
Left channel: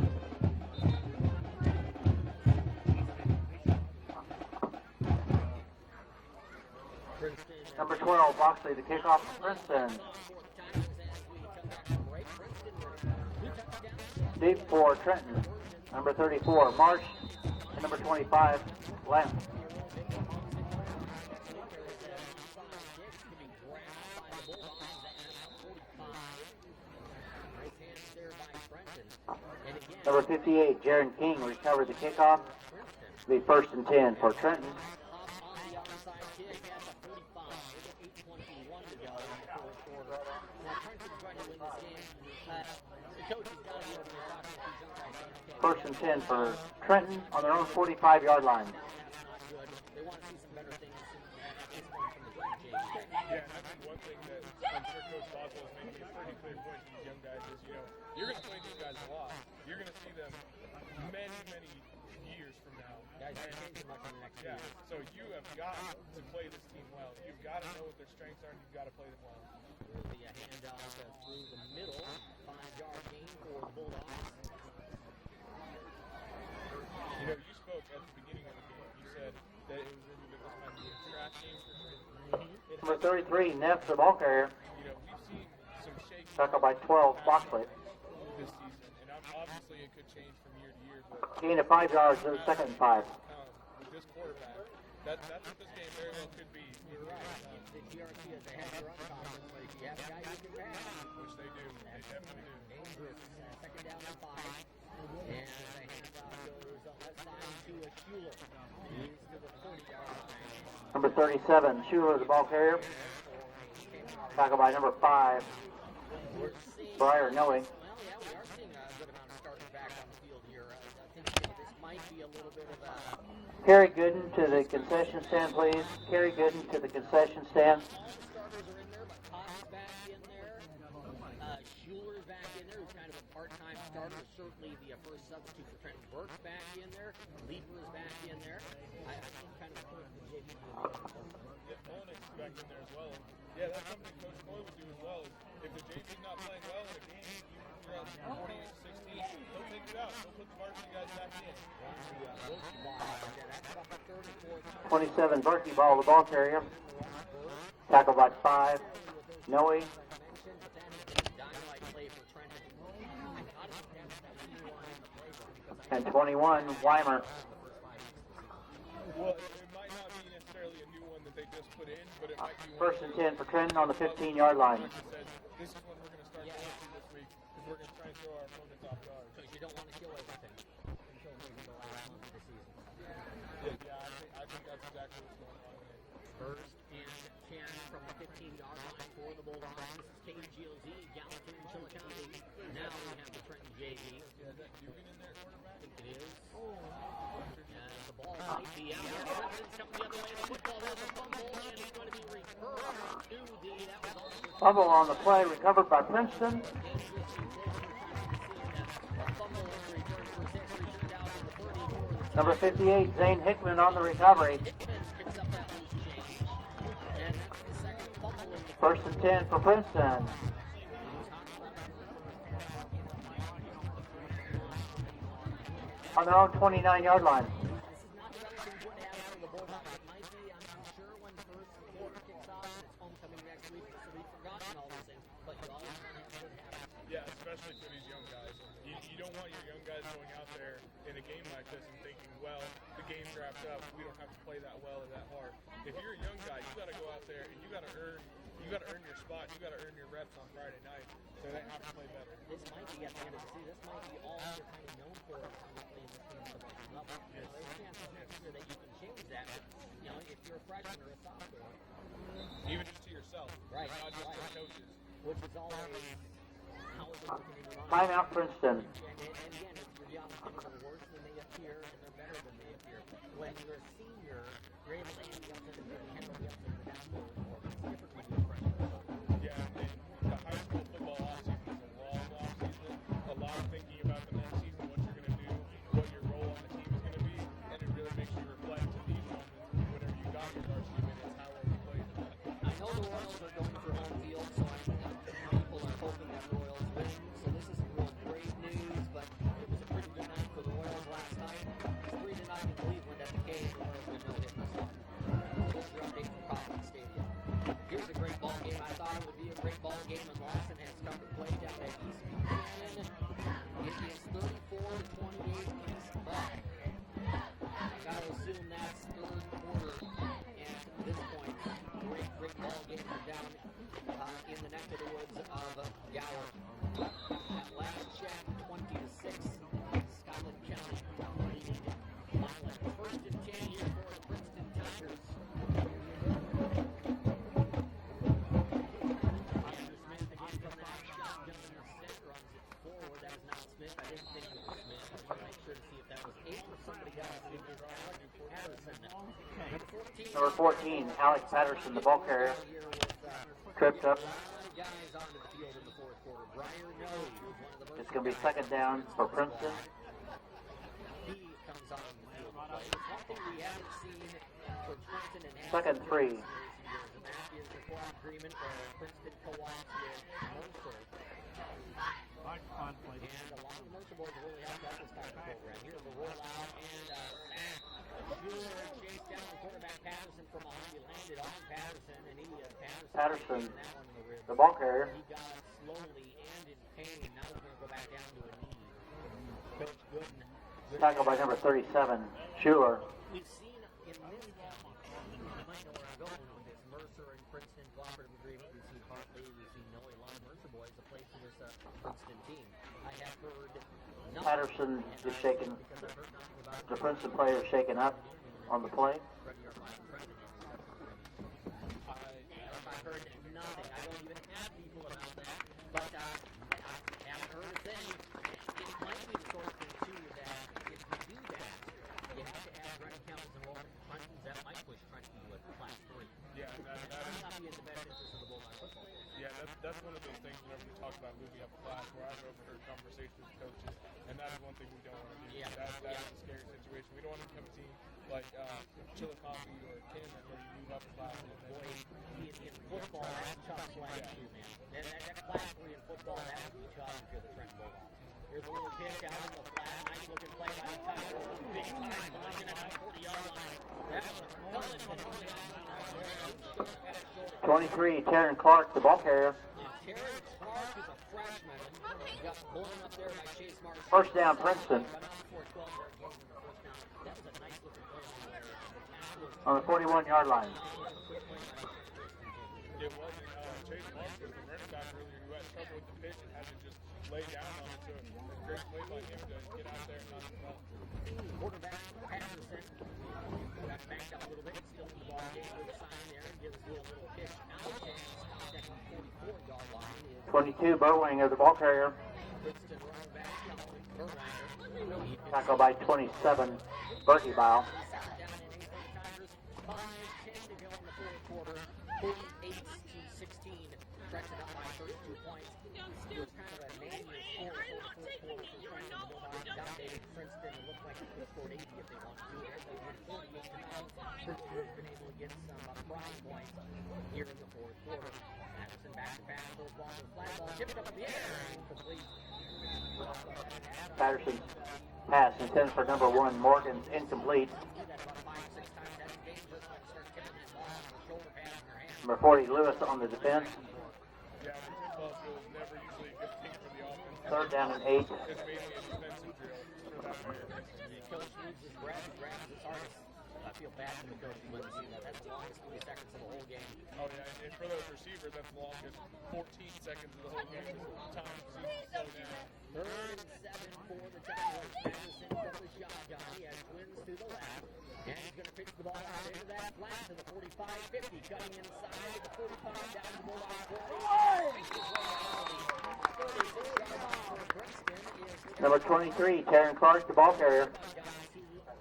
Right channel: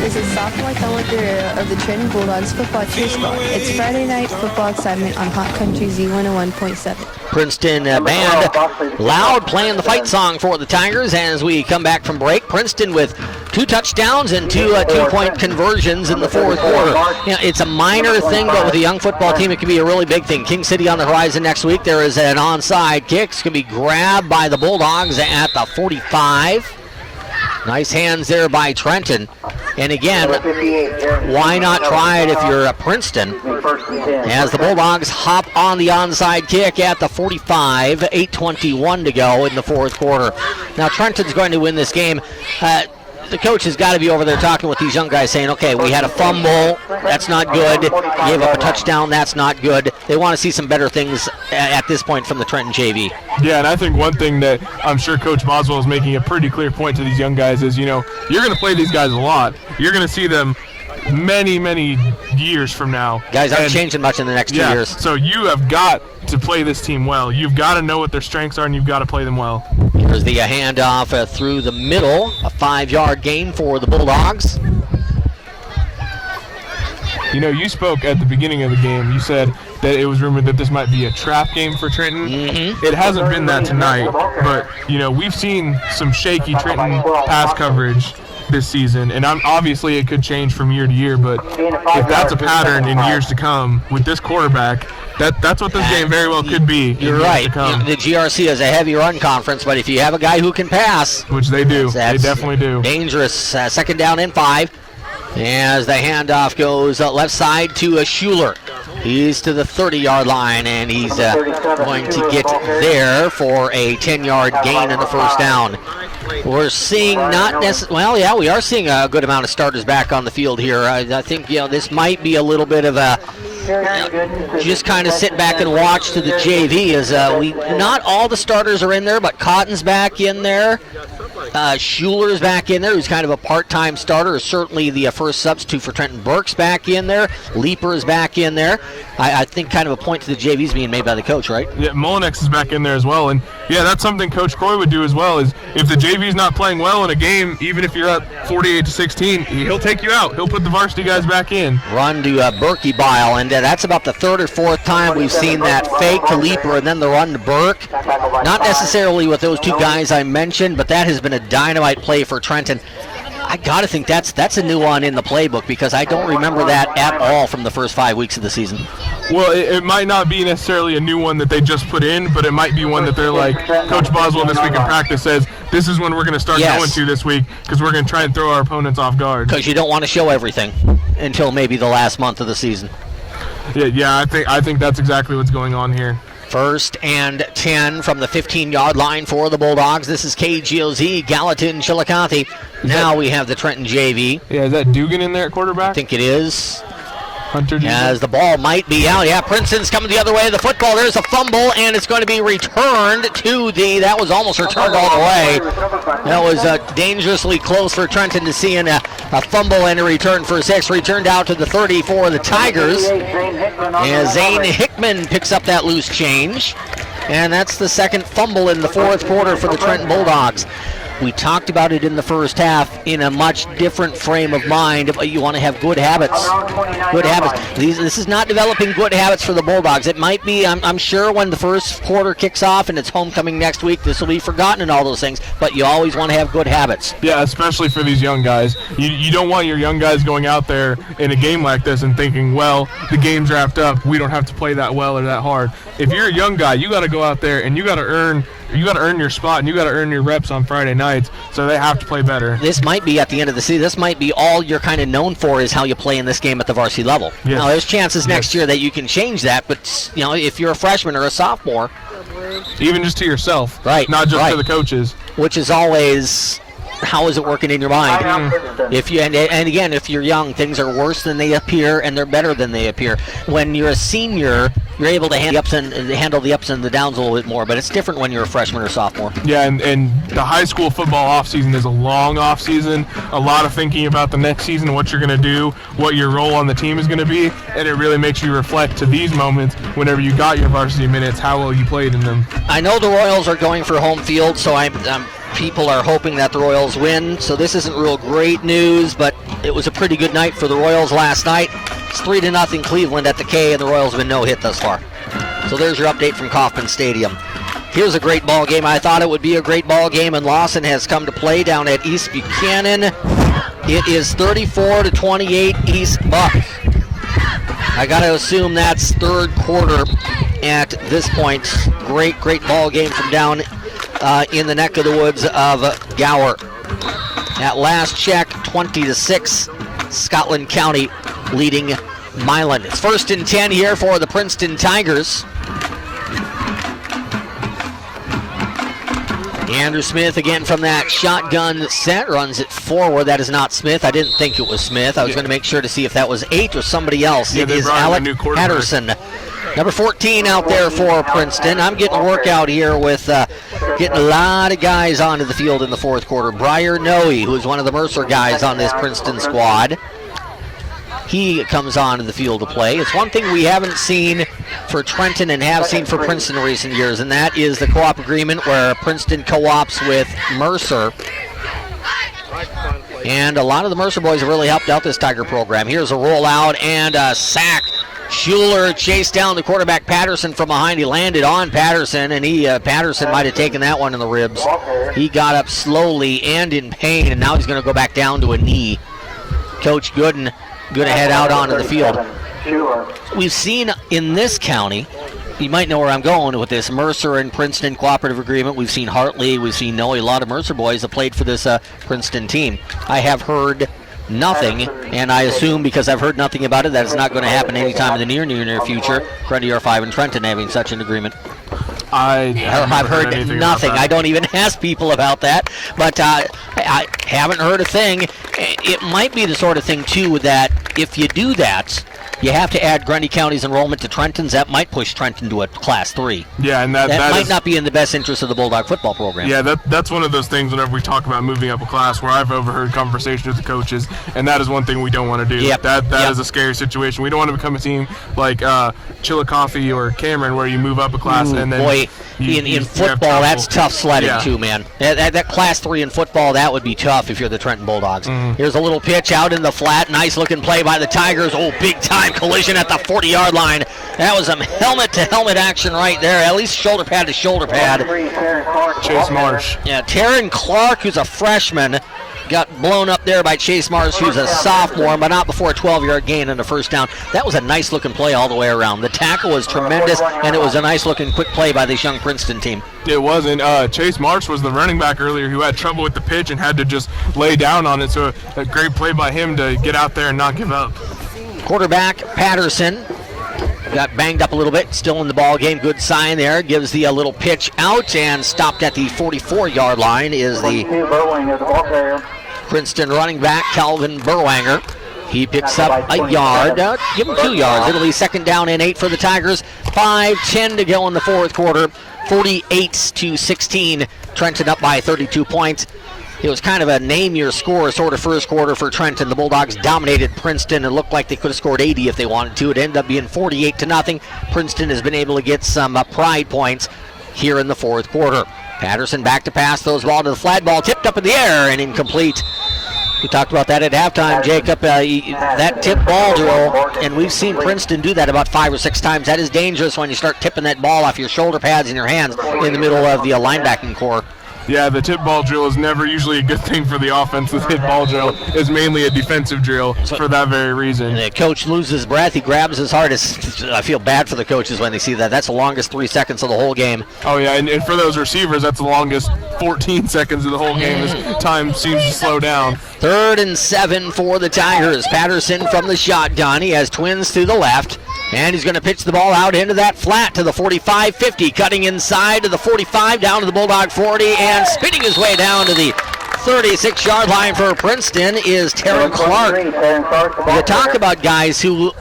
This is sophomore Thelma Guerrero of the Trenton Bulldogs football cheer squad. It's Friday night football excitement on Hot Country Z101.7. Princeton band loud playing the fight song for the Tigers as we come back from break. Princeton with 2 touchdowns and 2 two-point conversions in the fourth quarter. You know, it's a minor thing, but with a young football team, it can be a really big thing. King City on the horizon next week. There is an onside kick. It's going to be grabbed by the Bulldogs at the 45. Nice hands there by Trenton. And again, why not try it if you're at Princeton? As the Bulldogs hop on the onside kick at the 45, 8:21 to go in the fourth quarter. Now Trenton's going to win this game. The coach has got to be over there talking with these young guys saying, okay, we had a fumble, that's not good. Gave up a touchdown, that's not good. They want to see some better things at this point from the Trenton JV. Yeah, and I think one thing that I'm sure Coach Boswell is making a pretty clear point to these young guys is, you know, you're going to play these guys a lot. You're going to see them many years from now. Guys aren't changing much in the next 2 years. So you have got to play this team well. You've got to know what their strengths are, and you've got to play them well. Here's the handoff through the middle, a 5-yard gain for the Bulldogs. You know, you spoke at the beginning of the game. You said that it was rumored that this might be a trap game for Trenton. Mm-hmm. It hasn't been that tonight, but, you know, we've seen some shaky Trenton pass coverage this season, and obviously it could change from year to year, but if that's a pattern in years to come with this quarterback, that's what this game very well could be. You're right. The GRC is a heavy run conference, but if you have a guy who can pass, which they do, they definitely do. Dangerous. Second down and 5. As the handoff goes left side to Schuler. He's to the 30-yard line, and he's going to get there for a 10-yard gain in the first down. We're seeing not necessarily, well, yeah, we are seeing a good amount of starters back on the field here. I think, you know, this might be a little bit of a just kind of sit back and watch to the JV as not all the starters are in there, but Cotton's back in there. Schuler's back in there, who's kind of a part-time starter, is certainly the first substitute for Trenton. Burke's back in there. Leeper is back in there. I think kind of a point to the JV's being made by the coach, right? Yeah, Mullinex is back in there as well. And, yeah, that's something Coach Croy would do as well, is if the JV's not playing well in a game, even if you're up 48-16, he'll take you out. He'll put the varsity guys back in. Run to Berkey Bile, and that's about the 3rd or 4th time we've seen that fake to Leeper and then the run to Burke. Not necessarily with those 2 guys I mentioned, but that has been a dynamite play for Trenton. I got to think that's a new one in the playbook because I don't remember that at all from the first 5 weeks of the season. Well, it might not be necessarily a new one that they just put in, but it might be one that they're like, Coach Boswell this week in practice says, this is when we're going to start going to this week because we're going to try and throw our opponents off guard. Because you don't want to show everything until maybe the last month of the season. Yeah, I think that's exactly what's going on here. 1st and 10 from the 15-yard line for the Bulldogs. This is KGOZ, Gallatin, Chillicothe. Now we have the Trenton JV. Yeah, is that Dugan in there at quarterback? I think it is. Hunter Dugan. As the ball might be out. Yeah, Princeton's coming the other way of the football. There's a fumble, and it's going to be returned to that was almost returned all the way. That was dangerously close for Trenton to see a fumble and a return for 6. Returned out to the 30 for the Tigers. And Zane Hickman picks up that loose change. And that's the second fumble in the fourth quarter for the Trenton Bulldogs. We talked about it in the first half in a much different frame of mind. You want to have good habits. Good habits. This is not developing good habits for the Bulldogs. It might be, I'm sure, when the first quarter kicks off and it's homecoming next week, this will be forgotten and all those things, but you always want to have good habits. Yeah, especially for these young guys. You don't want your young guys going out there in a game like this and thinking, well, the game's wrapped up, we don't have to play that well or that hard. If you're a young guy, you got to go out there and you got to earn your spot and you got to earn your reps on Friday nights, so they have to play better. This might be at the end of the season. This might be all you're kind of known for is how you play in this game at the varsity level. Yes. Now, there's chances next year that you can change that, but you know, if you're a freshman or a sophomore, even just to yourself, right? Not just to the coaches. Which is always how is it working in your mind? If you and again, if you're young, things are worse than they appear, and they're better than they appear. When you're a senior, you're able to handle the ups and the downs a little bit more, but it's different when you're a freshman or sophomore. Yeah, and the high school football offseason is a long offseason, a lot of thinking about the next season, what you're going to do, what your role on the team is going to be, and it really makes you reflect to these moments whenever you got your varsity minutes, how well you played in them. I know the Royals are going for home field, so people are hoping that the Royals win, so this isn't real great news, but it was a pretty good night for the Royals last night. It's 3-0 Cleveland at the K, and the Royals have been no hit thus far. So there's your update from Kauffman Stadium. Here's a great ball game. I thought it would be a great ball game, and Lawson has come to play down at East Buchanan. It is 34-28 East Buck. I got to assume that's third quarter at this point. Great ball game from down in the neck of the woods of Gower. At last check, 20-6, Scotland County leading Milan. It's 1st and 10 here for the Princeton Tigers. Andrew Smith again from that shotgun set, runs it forward. That is not Smith. I didn't think it was Smith. I was going to make sure to see if that was 8 or somebody else. Yeah, it is Alec Patterson. Number 14 out there for Princeton. I'm getting a workout here with getting a lot of guys onto the field in the fourth quarter. Briar Noe, who is one of the Mercer guys on this Princeton squad. He comes onto the field to play. It's one thing we haven't seen for Trenton and have seen for Princeton in recent years, and that is the co-op agreement where Princeton co-ops with Mercer. And a lot of the Mercer boys have really helped out this Tiger program. Here's a rollout and a sack. Schuler chased down the quarterback Patterson from behind. He landed on Patterson, and Patterson might have taken that one in the ribs. He got up slowly and in pain, and now he's going to go back down to a knee. Coach Gooden going to head out onto the field. We've seen in this county, you might know where I'm going with this, Mercer and Princeton cooperative agreement. We've seen Hartley, we've seen Noe, a lot of Mercer boys have played for this Princeton team. I have heard nothing, and I assume because I've heard nothing about it that it's not going to happen anytime in the near future. Grundy R5 and Trenton having such an agreement. I've heard nothing. I don't even ask people about that, but I haven't heard a thing. It might be the sort of thing, too, that if you do that, you have to add Grundy County's enrollment to Trenton's. That might push Trenton to a Class 3. Yeah, and that might not be in the best interest of the Bulldog football program. Yeah, that's one of those things whenever we talk about moving up a class where I've overheard conversations with the coaches, and that is one thing we don't want to do. Yep. That is a scary situation. We don't want to become a team like Chillicothe or Cameron where you move up a class and then... Boy, in football, that's tough sledding too, man. That Class 3 in football, that would be tough if you're the Trenton Bulldogs. Here's a little pitch out in the flat. Nice looking play by the Tigers. Oh, big time collision at the 40-yard line. That was some helmet-to-helmet action right there. At least shoulder pad to shoulder pad. Chase Marsh. Yeah, Taryn Clark, who's a freshman, got blown up there by Chase Marsh, who's a sophomore, but not before a 12-yard gain and a first down. That was a nice-looking play all the way around. The tackle was tremendous, and it was a nice-looking quick play by this young Princeton team. It was, and Chase Marsh was the running back earlier who had trouble with the pitch and had to just lay down on it, so a great play by him to get out there and not give up. Quarterback Patterson got banged up a little bit, still in the ball game. Good sign there. Gives the little pitch out, and stopped at the 44-yard line is the Princeton running back Calvin Burwanger. He picks up a yard. Give him 2 yards. It'll be 2nd down and 8 for the Tigers. 5:10 to go in the fourth quarter. 48-16. Trenton up by 32 points. It was kind of a name-your-score sort of first quarter for Trenton. The Bulldogs dominated Princeton. It looked like they could have scored 80 if they wanted to. It ended up being 48-0. Princeton has been able to get some pride points here in the fourth quarter. Patterson back to pass, throws the ball to the flat ball, tipped up in the air and incomplete. We talked about that at halftime, Jacob. That tip ball drill, and we've seen Princeton do that about 5 or 6 times. That is dangerous when you start tipping that ball off your shoulder pads and your hands in the middle of the linebacking core. Yeah, the tip ball drill is never usually a good thing for the offense. The tip ball drill is mainly a defensive drill for that very reason. The coach loses breath. He grabs his heart. I feel bad for the coaches when they see that. That's the longest 3 seconds of the whole game. Oh, yeah, and for those receivers, that's the longest 14 seconds of the whole game as time seems to slow down. 3rd and 7 for the Tigers. Patterson from the shotgun. He has twins to the left. And he's going to pitch the ball out into that flat to the 45-50, cutting inside to the 45, down to the Bulldog 40, and spinning his way down to the 36-yard line for Princeton is Taryn Clark. You talk about guys who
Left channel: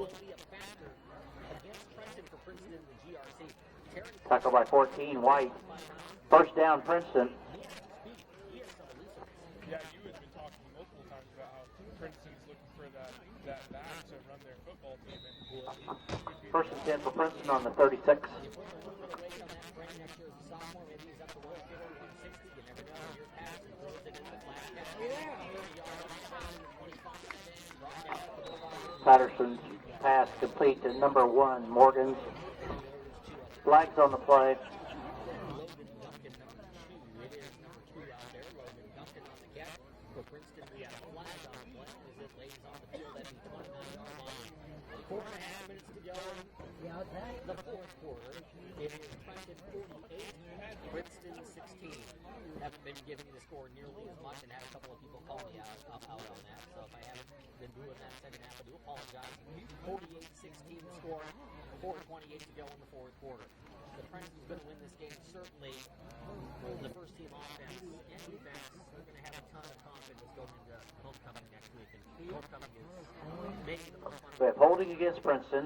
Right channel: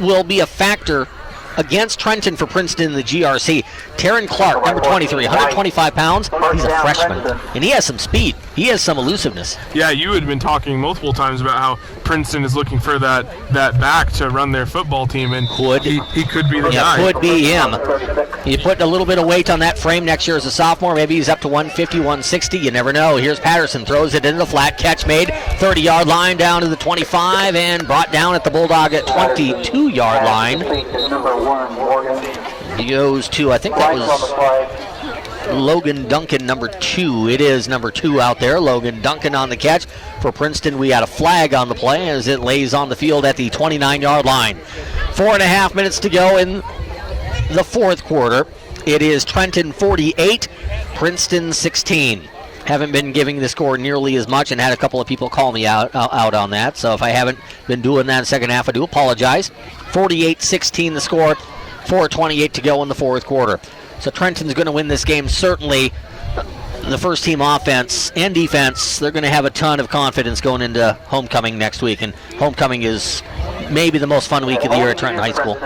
will be a factor against Trenton for Princeton in the GRC. Taryn Clark, number 23, 125 pounds. He's a freshman, and he has some speed. He has some elusiveness. Yeah, you had been talking multiple times about how Princeton is looking for that back to run their football team, and he could be the guy. Could be him. You put a little bit of weight on that frame next year as a sophomore. Maybe he's up to 150, 160. You never know. Here's Patterson, throws it into the flat, catch made, 30-yard line down to the 25, and brought down at the Bulldog at 22-yard line. He goes to, I think that was Logan Duncan, number 2. It is number 2 out there. Logan Duncan on the catch. For Princeton, we had a flag on the play as it lays on the field at the 29-yard line. 4.5 minutes to go in the fourth quarter. It is Trenton 48, Princeton 16. Haven't been giving the score nearly as much and had a couple of people call me out on that. So if I haven't been doing that in the second half, I do apologize. 48-16 the score. 4:28 to go in the fourth quarter. So Trenton's going to win this game. Certainly the first team offense and defense, they're going to have a ton of confidence going into homecoming next week. And homecoming is maybe the most fun week of the year at Trenton High School.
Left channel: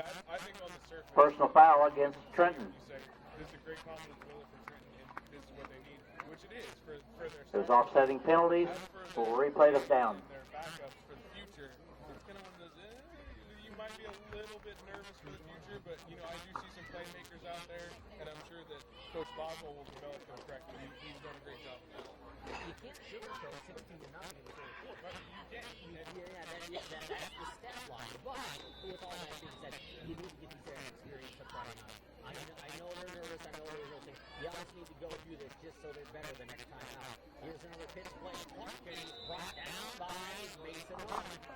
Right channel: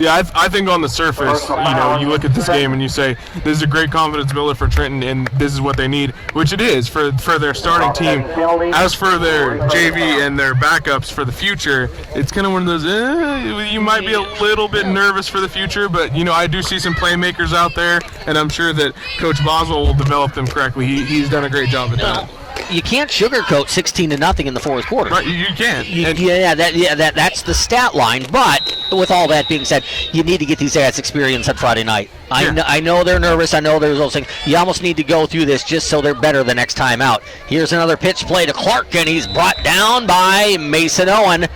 Yeah, I think on the surface, you look at this game and you say, this is a great confidence builder for Trenton, and this is what they need, which it is for their starting team. As for their JV and their backups for the future, it's kind of one of those, you might be a little bit nervous for the future, but, I do see some playmakers out there, and I'm sure that Coach Boswell will develop them correctly. He's done a great job at that. You can't sugarcoat 16-0 in the fourth quarter. Right, you can't. That's the stat line. But with all that being said, you need to get these guys experience on Friday night. I know they're nervous. I know there's those things. You almost need to go through this just so they're better the next time out. Here's another pitch play to Clark, and he's brought down by Mason Owen.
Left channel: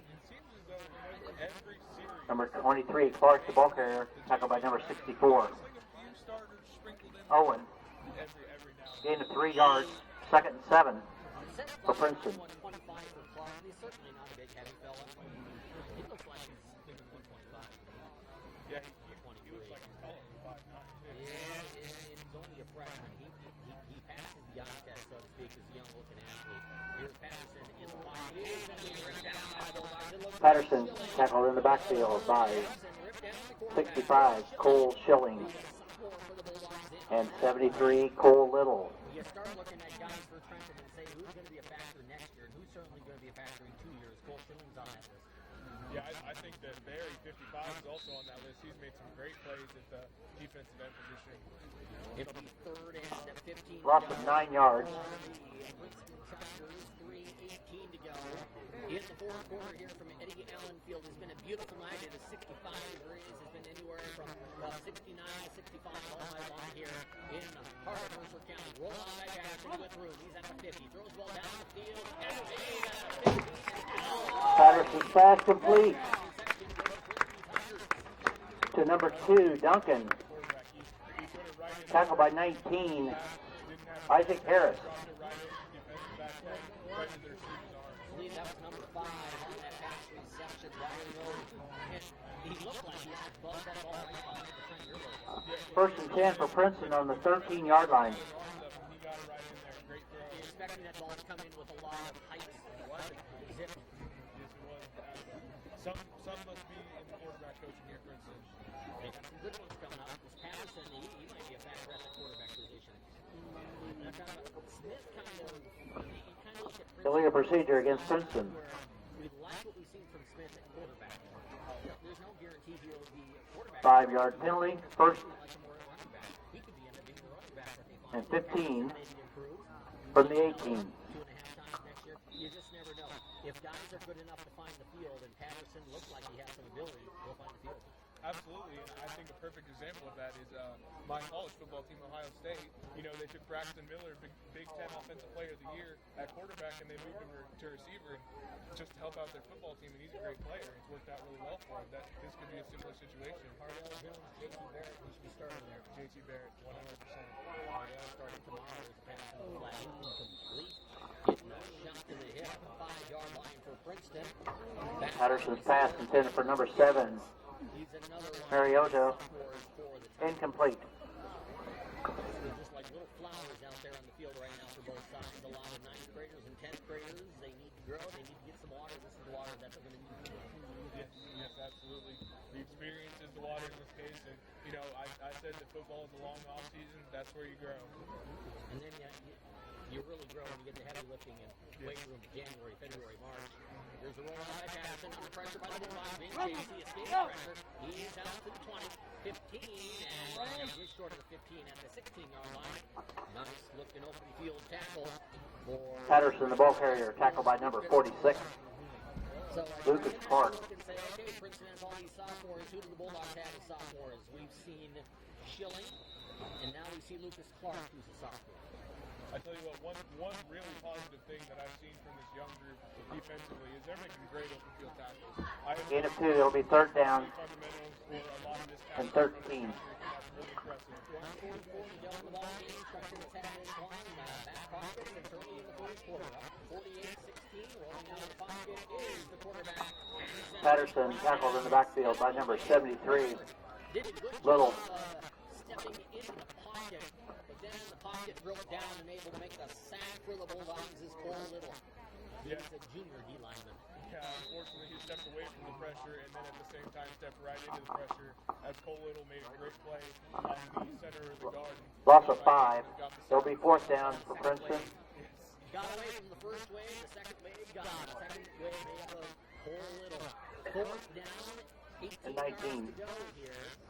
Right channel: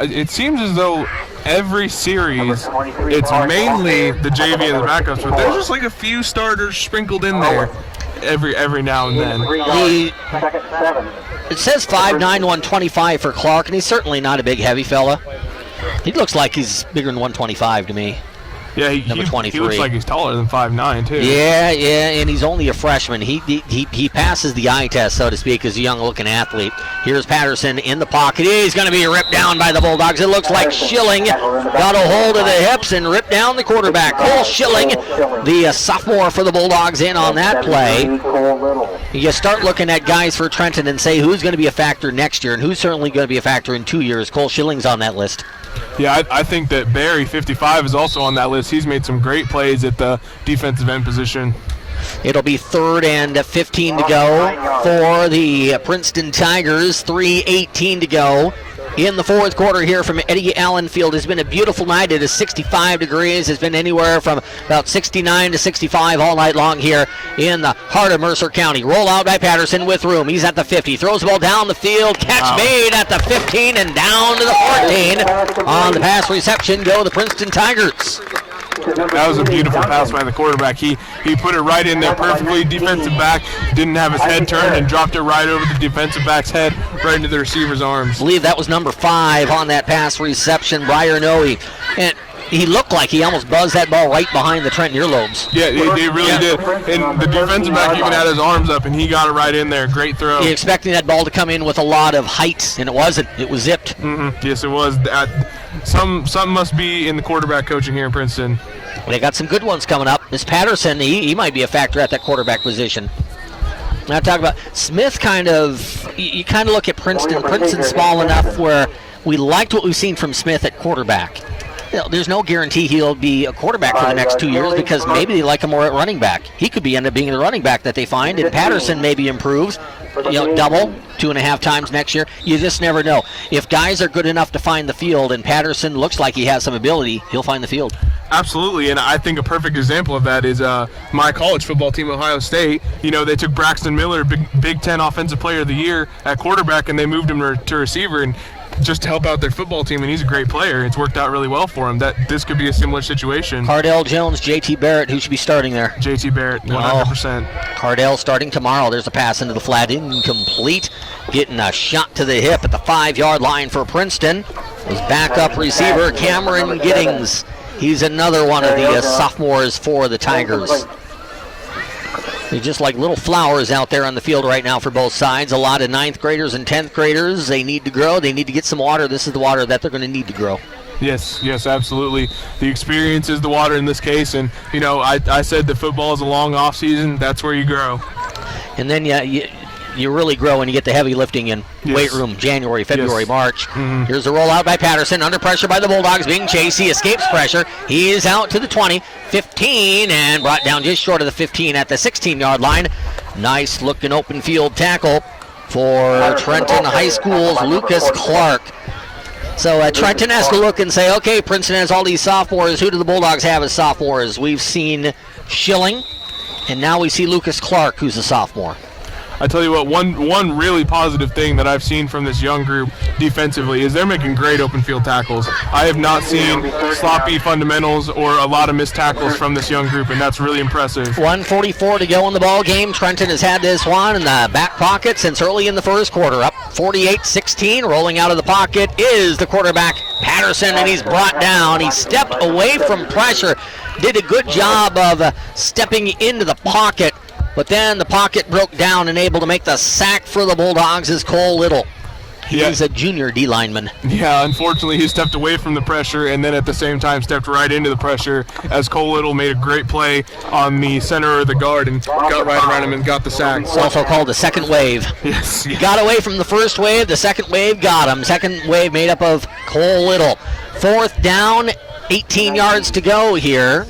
It seems as though every series, it's mainly the JV and the backups, but there's just like a few starters sprinkled in there. Every now and then. It says 5'9", 125 for Clark, and he's certainly not a big, heavy fella. He looks like he's bigger than 125 to me. Yeah, number 23. He looks like he's taller than 5'9", too. Yeah, and he's only a freshman. He passes the eye test, so to speak, as a young-looking athlete. Here's Patterson in the pocket. He's going to be ripped down by the Bulldogs. It looks like Schilling got a hold of the hips and ripped down the quarterback. Cole Schilling, the sophomore for the Bulldogs, in on that play. You start looking at guys for Trenton and say who's going to be a factor next year and who's certainly going to be a factor in 2 years. Cole Schilling's on that list. Yeah, I think that Barry, 55, is also on that list. He's made some great plays at the defensive end position. It'll be 3rd and 15 to go for the Princeton Tigers. 3:18 to go in the fourth quarter here from Eddie Allen Field. It's been a beautiful night. It is 65 degrees. It's been anywhere from about 69 to 65 all night long here in the heart of Mercer County. Roll out by Patterson with room. He's at the 50. Throws the ball down the field. Catch made at the 15 and down to the 14. On the pass reception go the Princeton Tigers. That was a beautiful pass by the quarterback. He put it right in there perfectly. Defensive back didn't have his head turned and dropped it right over the defensive back's head, right into the receiver's arms. I believe that was number 5 on that pass reception, Briar Noe. And he looked like he almost buzzed that ball right behind the Trenton earlobes. Yeah, he really did. And the defensive back even had his arms up, and he got it right in there. Great throw. You're expecting that ball to come in with a lot of height, and it wasn't. It was zipped. Mm-hmm. Yes, it was. Something must be in the quarterback coaching here in Princeton. They got some good ones coming up. This Patterson, he might be a factor at that quarterback position. Now talk about Smith. You kind of look at Princeton. Princeton's small enough where we liked what we've seen from Smith at quarterback. There's no guarantee he'll be a quarterback for the next 2 years because maybe they like him more at running back. He could end up being the running back that they find, and Patterson maybe improves. Double 2.5 times next year. You just never know. If guys are good enough to find the field, and Patterson looks like he has some ability, he'll find the field. Absolutely, and I think a perfect example of that is my college football team, Ohio State. They took Braxton Miller, Big Ten Offensive Player of the Year at quarterback, and they moved him to receiver, and just to help out their football team, and he's a great player. It's worked out really well for him. This could be a similar situation. Cardell Jones, JT Barrett, who should be starting there? JT Barrett, 100%. Cardell starting tomorrow. There's a pass into the flat, incomplete. Getting a shot to the hip at the 5-yard line for Princeton. His backup receiver, Cameron Giddings. He's another one of the sophomores for the Tigers. They're just like little flowers out there on the field right now for both sides. A lot of 9th graders and 10th graders. They need to grow. They need to get some water. This is the water that they're going to need to grow. Yes, absolutely. The experience is the water in this case. And, you know, I said that football is a long off season. That's where you grow. And then you really grow when you get the heavy lifting in weight room, January, February, March. Here's the rollout by Patterson, under pressure by the Bulldogs, being chased. He escapes pressure. He is out to the 20, 15, and brought down just short of the 15 at the 16-yard line. Nice looking open field tackle for Trenton High School's Lucas Clark. So Trenton has to look and say, okay, Princeton has all these sophomores. Who do the Bulldogs have as sophomores? We've seen Schilling, and now we see Lucas Clark, who's a sophomore. I tell you what, one really positive thing that I've seen from this young group defensively is they're making great open field tackles. I have not seen sloppy fundamentals or a lot of missed tackles from this young group, and that's really impressive. 1:44 to go in the ball game. Trenton has had this one in the back pocket since early in the first quarter. Up 48-16, rolling out of the pocket is the quarterback Patterson, and he's brought down. He stepped away from pressure, did a good job of stepping into the pocket. But then the pocket broke down, and able to make the sack for the Bulldogs is Cole Little. He's a junior D lineman. Yeah, unfortunately he stepped away from the pressure and then at the same time stepped right into the pressure as Cole Little made a great play on the center of the guard and got right around him and got the sack. It's also called the second wave. Yes. He got away from the first wave. The second wave got him. Second wave made up of Cole Little. 4th down, 18 yards to go here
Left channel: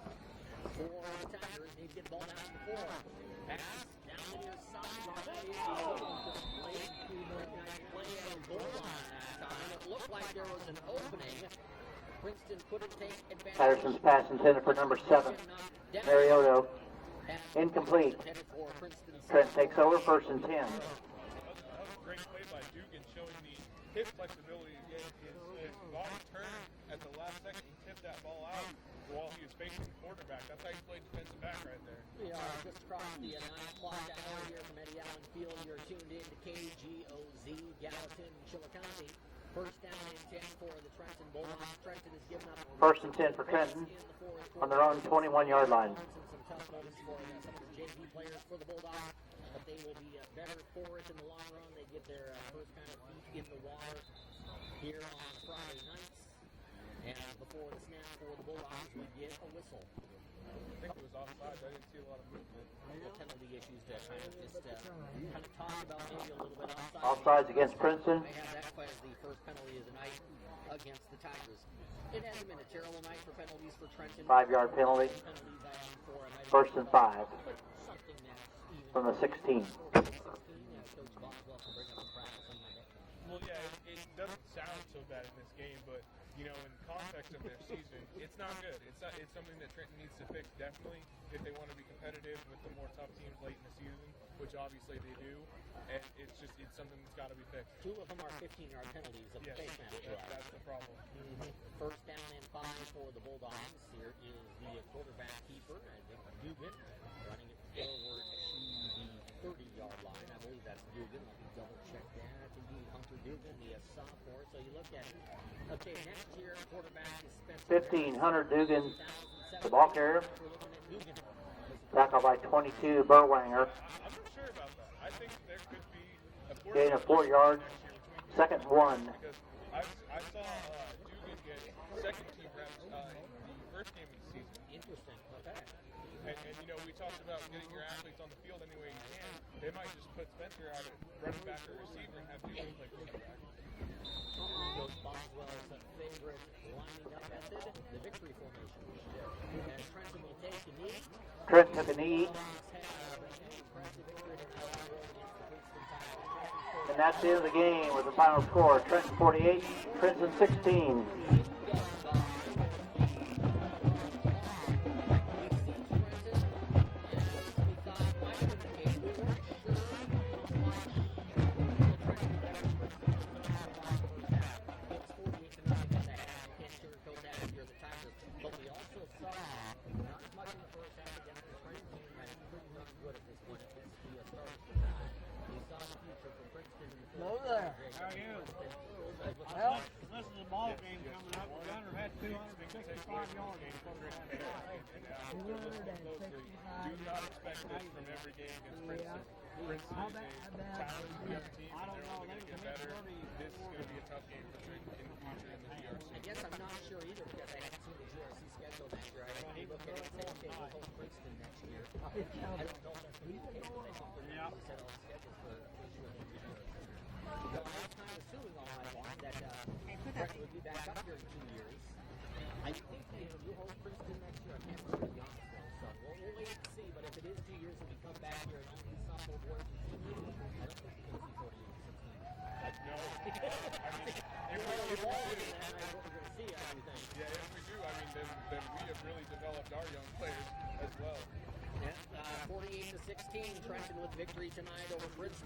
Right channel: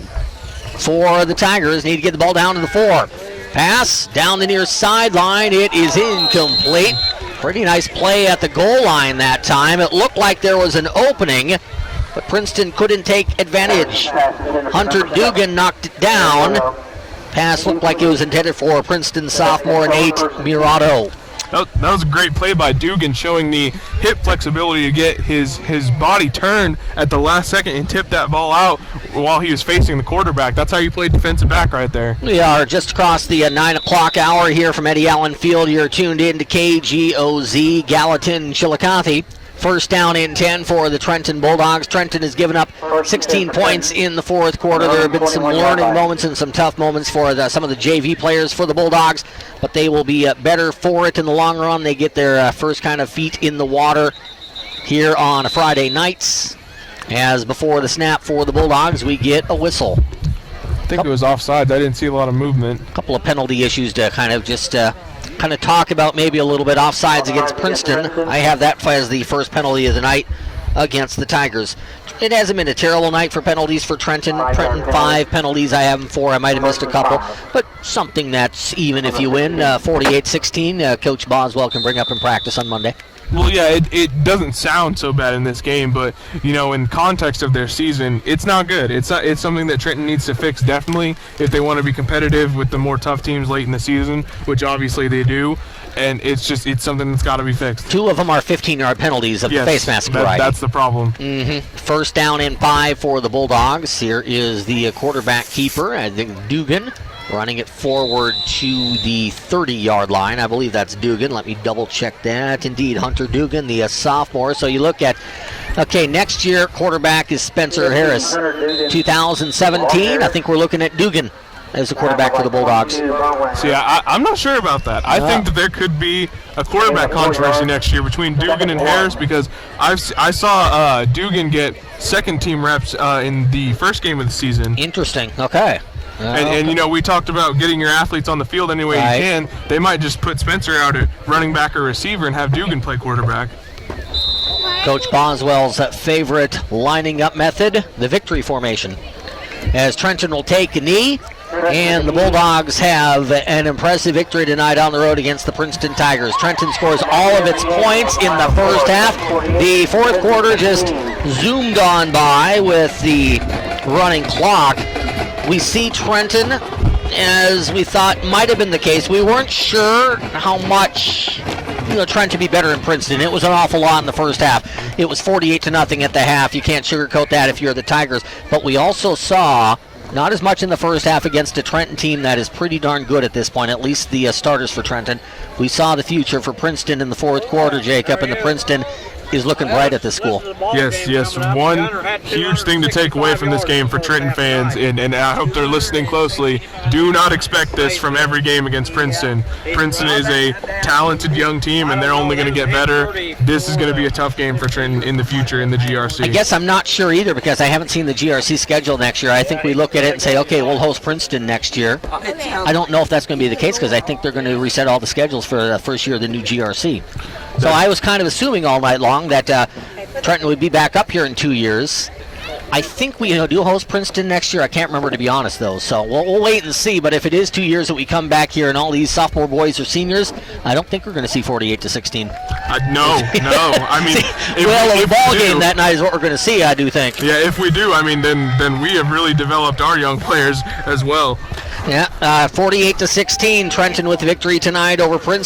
for the Tigers. Need to get the ball down to the 4. Pass down the near sideline. It is incomplete. Pretty nice play at the goal line that time. It looked like there was an opening, but Princeton couldn't take advantage. Hunter Dugan knocked it down. Pass looked like it was intended for Princeton sophomore Nate Murado. That was a great play by Dugan, showing the hip flexibility to get his body turned at the last second and tip that ball out while he was facing the quarterback. That's how you play defensive back right there. We are just across the 9 o'clock hour here from Eddie Allen Field. You're tuned in to KGOZ, Gallatin, Chillicothe. 1st down and 10 for the Trenton Bulldogs. Trenton has given up 16 points in the 4th quarter. There have been some learning moments and some tough moments for some of the JV players for the Bulldogs, but they will be better for it in the long run. They get their first kind of feet in the water here on Friday nights. As before the snap for the Bulldogs, we get a whistle. I think it was offsides. I didn't see a lot of movement. A couple of penalty issues to kind of just talk about, maybe a little bit offsides against Princeton. I have that as the first penalty of the night against the Tigers. It hasn't been a terrible night for penalties for Trenton. Trenton 5 penalties. I have them 4. I might have missed a couple, but something that's even if you win. 48-16. Coach Boswell can bring up in practice on Monday. Well, yeah, it doesn't sound so bad in this game, but, you know, in context of their season, it's not good. It's something that Trenton needs to fix, definitely, if they want to be competitive with the more tough teams late in the season, which obviously they do. And it's something that's got to be fixed. 2 of them are 15-yard penalties of the face mask variety. That's the problem. 1st down and 5 for the Bulldogs. Here is the quarterback keeper, I think Dugan, running it forward to the 30-yard line. I believe that's Dugan. Let me double-check that. Indeed, Hunter Dugan, the sophomore. So you look at, okay, next year quarterback is Spencer Harris. 2017, I think we're looking at Dugan as the quarterback for the Bulldogs. See, I'm not sure about that. I think that there could be a quarterback controversy next year between Dugan and Harris, because I saw Dugan get second-team reps in the first game of the season. Interesting. Okay. And you know, we talked about getting your athletes on the field any way you can. They might just put Spencer out at running back or receiver and have Dugan play quarterback. Coach Boswell's favorite lining up method, the victory formation. As Trenton will take a knee, and the Bulldogs have an impressive victory tonight on the road against the Princeton Tigers. Trenton scores all of its points in the first half. The 4th quarter just zoomed on by with the running clock. We see Trenton, as we thought might have been the case. We weren't sure how much Trenton be better in Princeton. It was an awful lot in the first half. It was 48-0 at the half. You can't sugarcoat that if you're the Tigers. But we also saw not as much in the first half against a Trenton team that is pretty darn good at this point, at least the starters for Trenton. We saw the future for Princeton in the 4th quarter, Jacob, and the Princeton is looking bright at this school. Yes. One huge thing to take away from this game for Trenton fans, and I hope they're listening closely, do not expect this from every game against Princeton. Princeton is a talented young team, and they're only going to get better. This is going to be a tough game for Trenton in the future in the GRC. I guess I'm not sure either because I haven't seen the GRC schedule next year. I think we look at it and say, okay, we'll host Princeton next year. I don't know if that's going to be the case because I think they're going to reset all the schedules for the first year of the new GRC. So I was kind of assuming all night long that Trenton would be back up here in 2 years. I think we do host Princeton next year. I can't remember, to be honest, though. So we'll wait and see. But if it is 2 years that we come back here and all these sophomore boys are seniors, I don't think we're going to see 48-16. No. I mean, a ball game that night is what we're going to see, I do think. Yeah, if we do, I mean, then we have really developed our young players as well. Yeah, 48-16, Trenton with victory tonight over Princeton.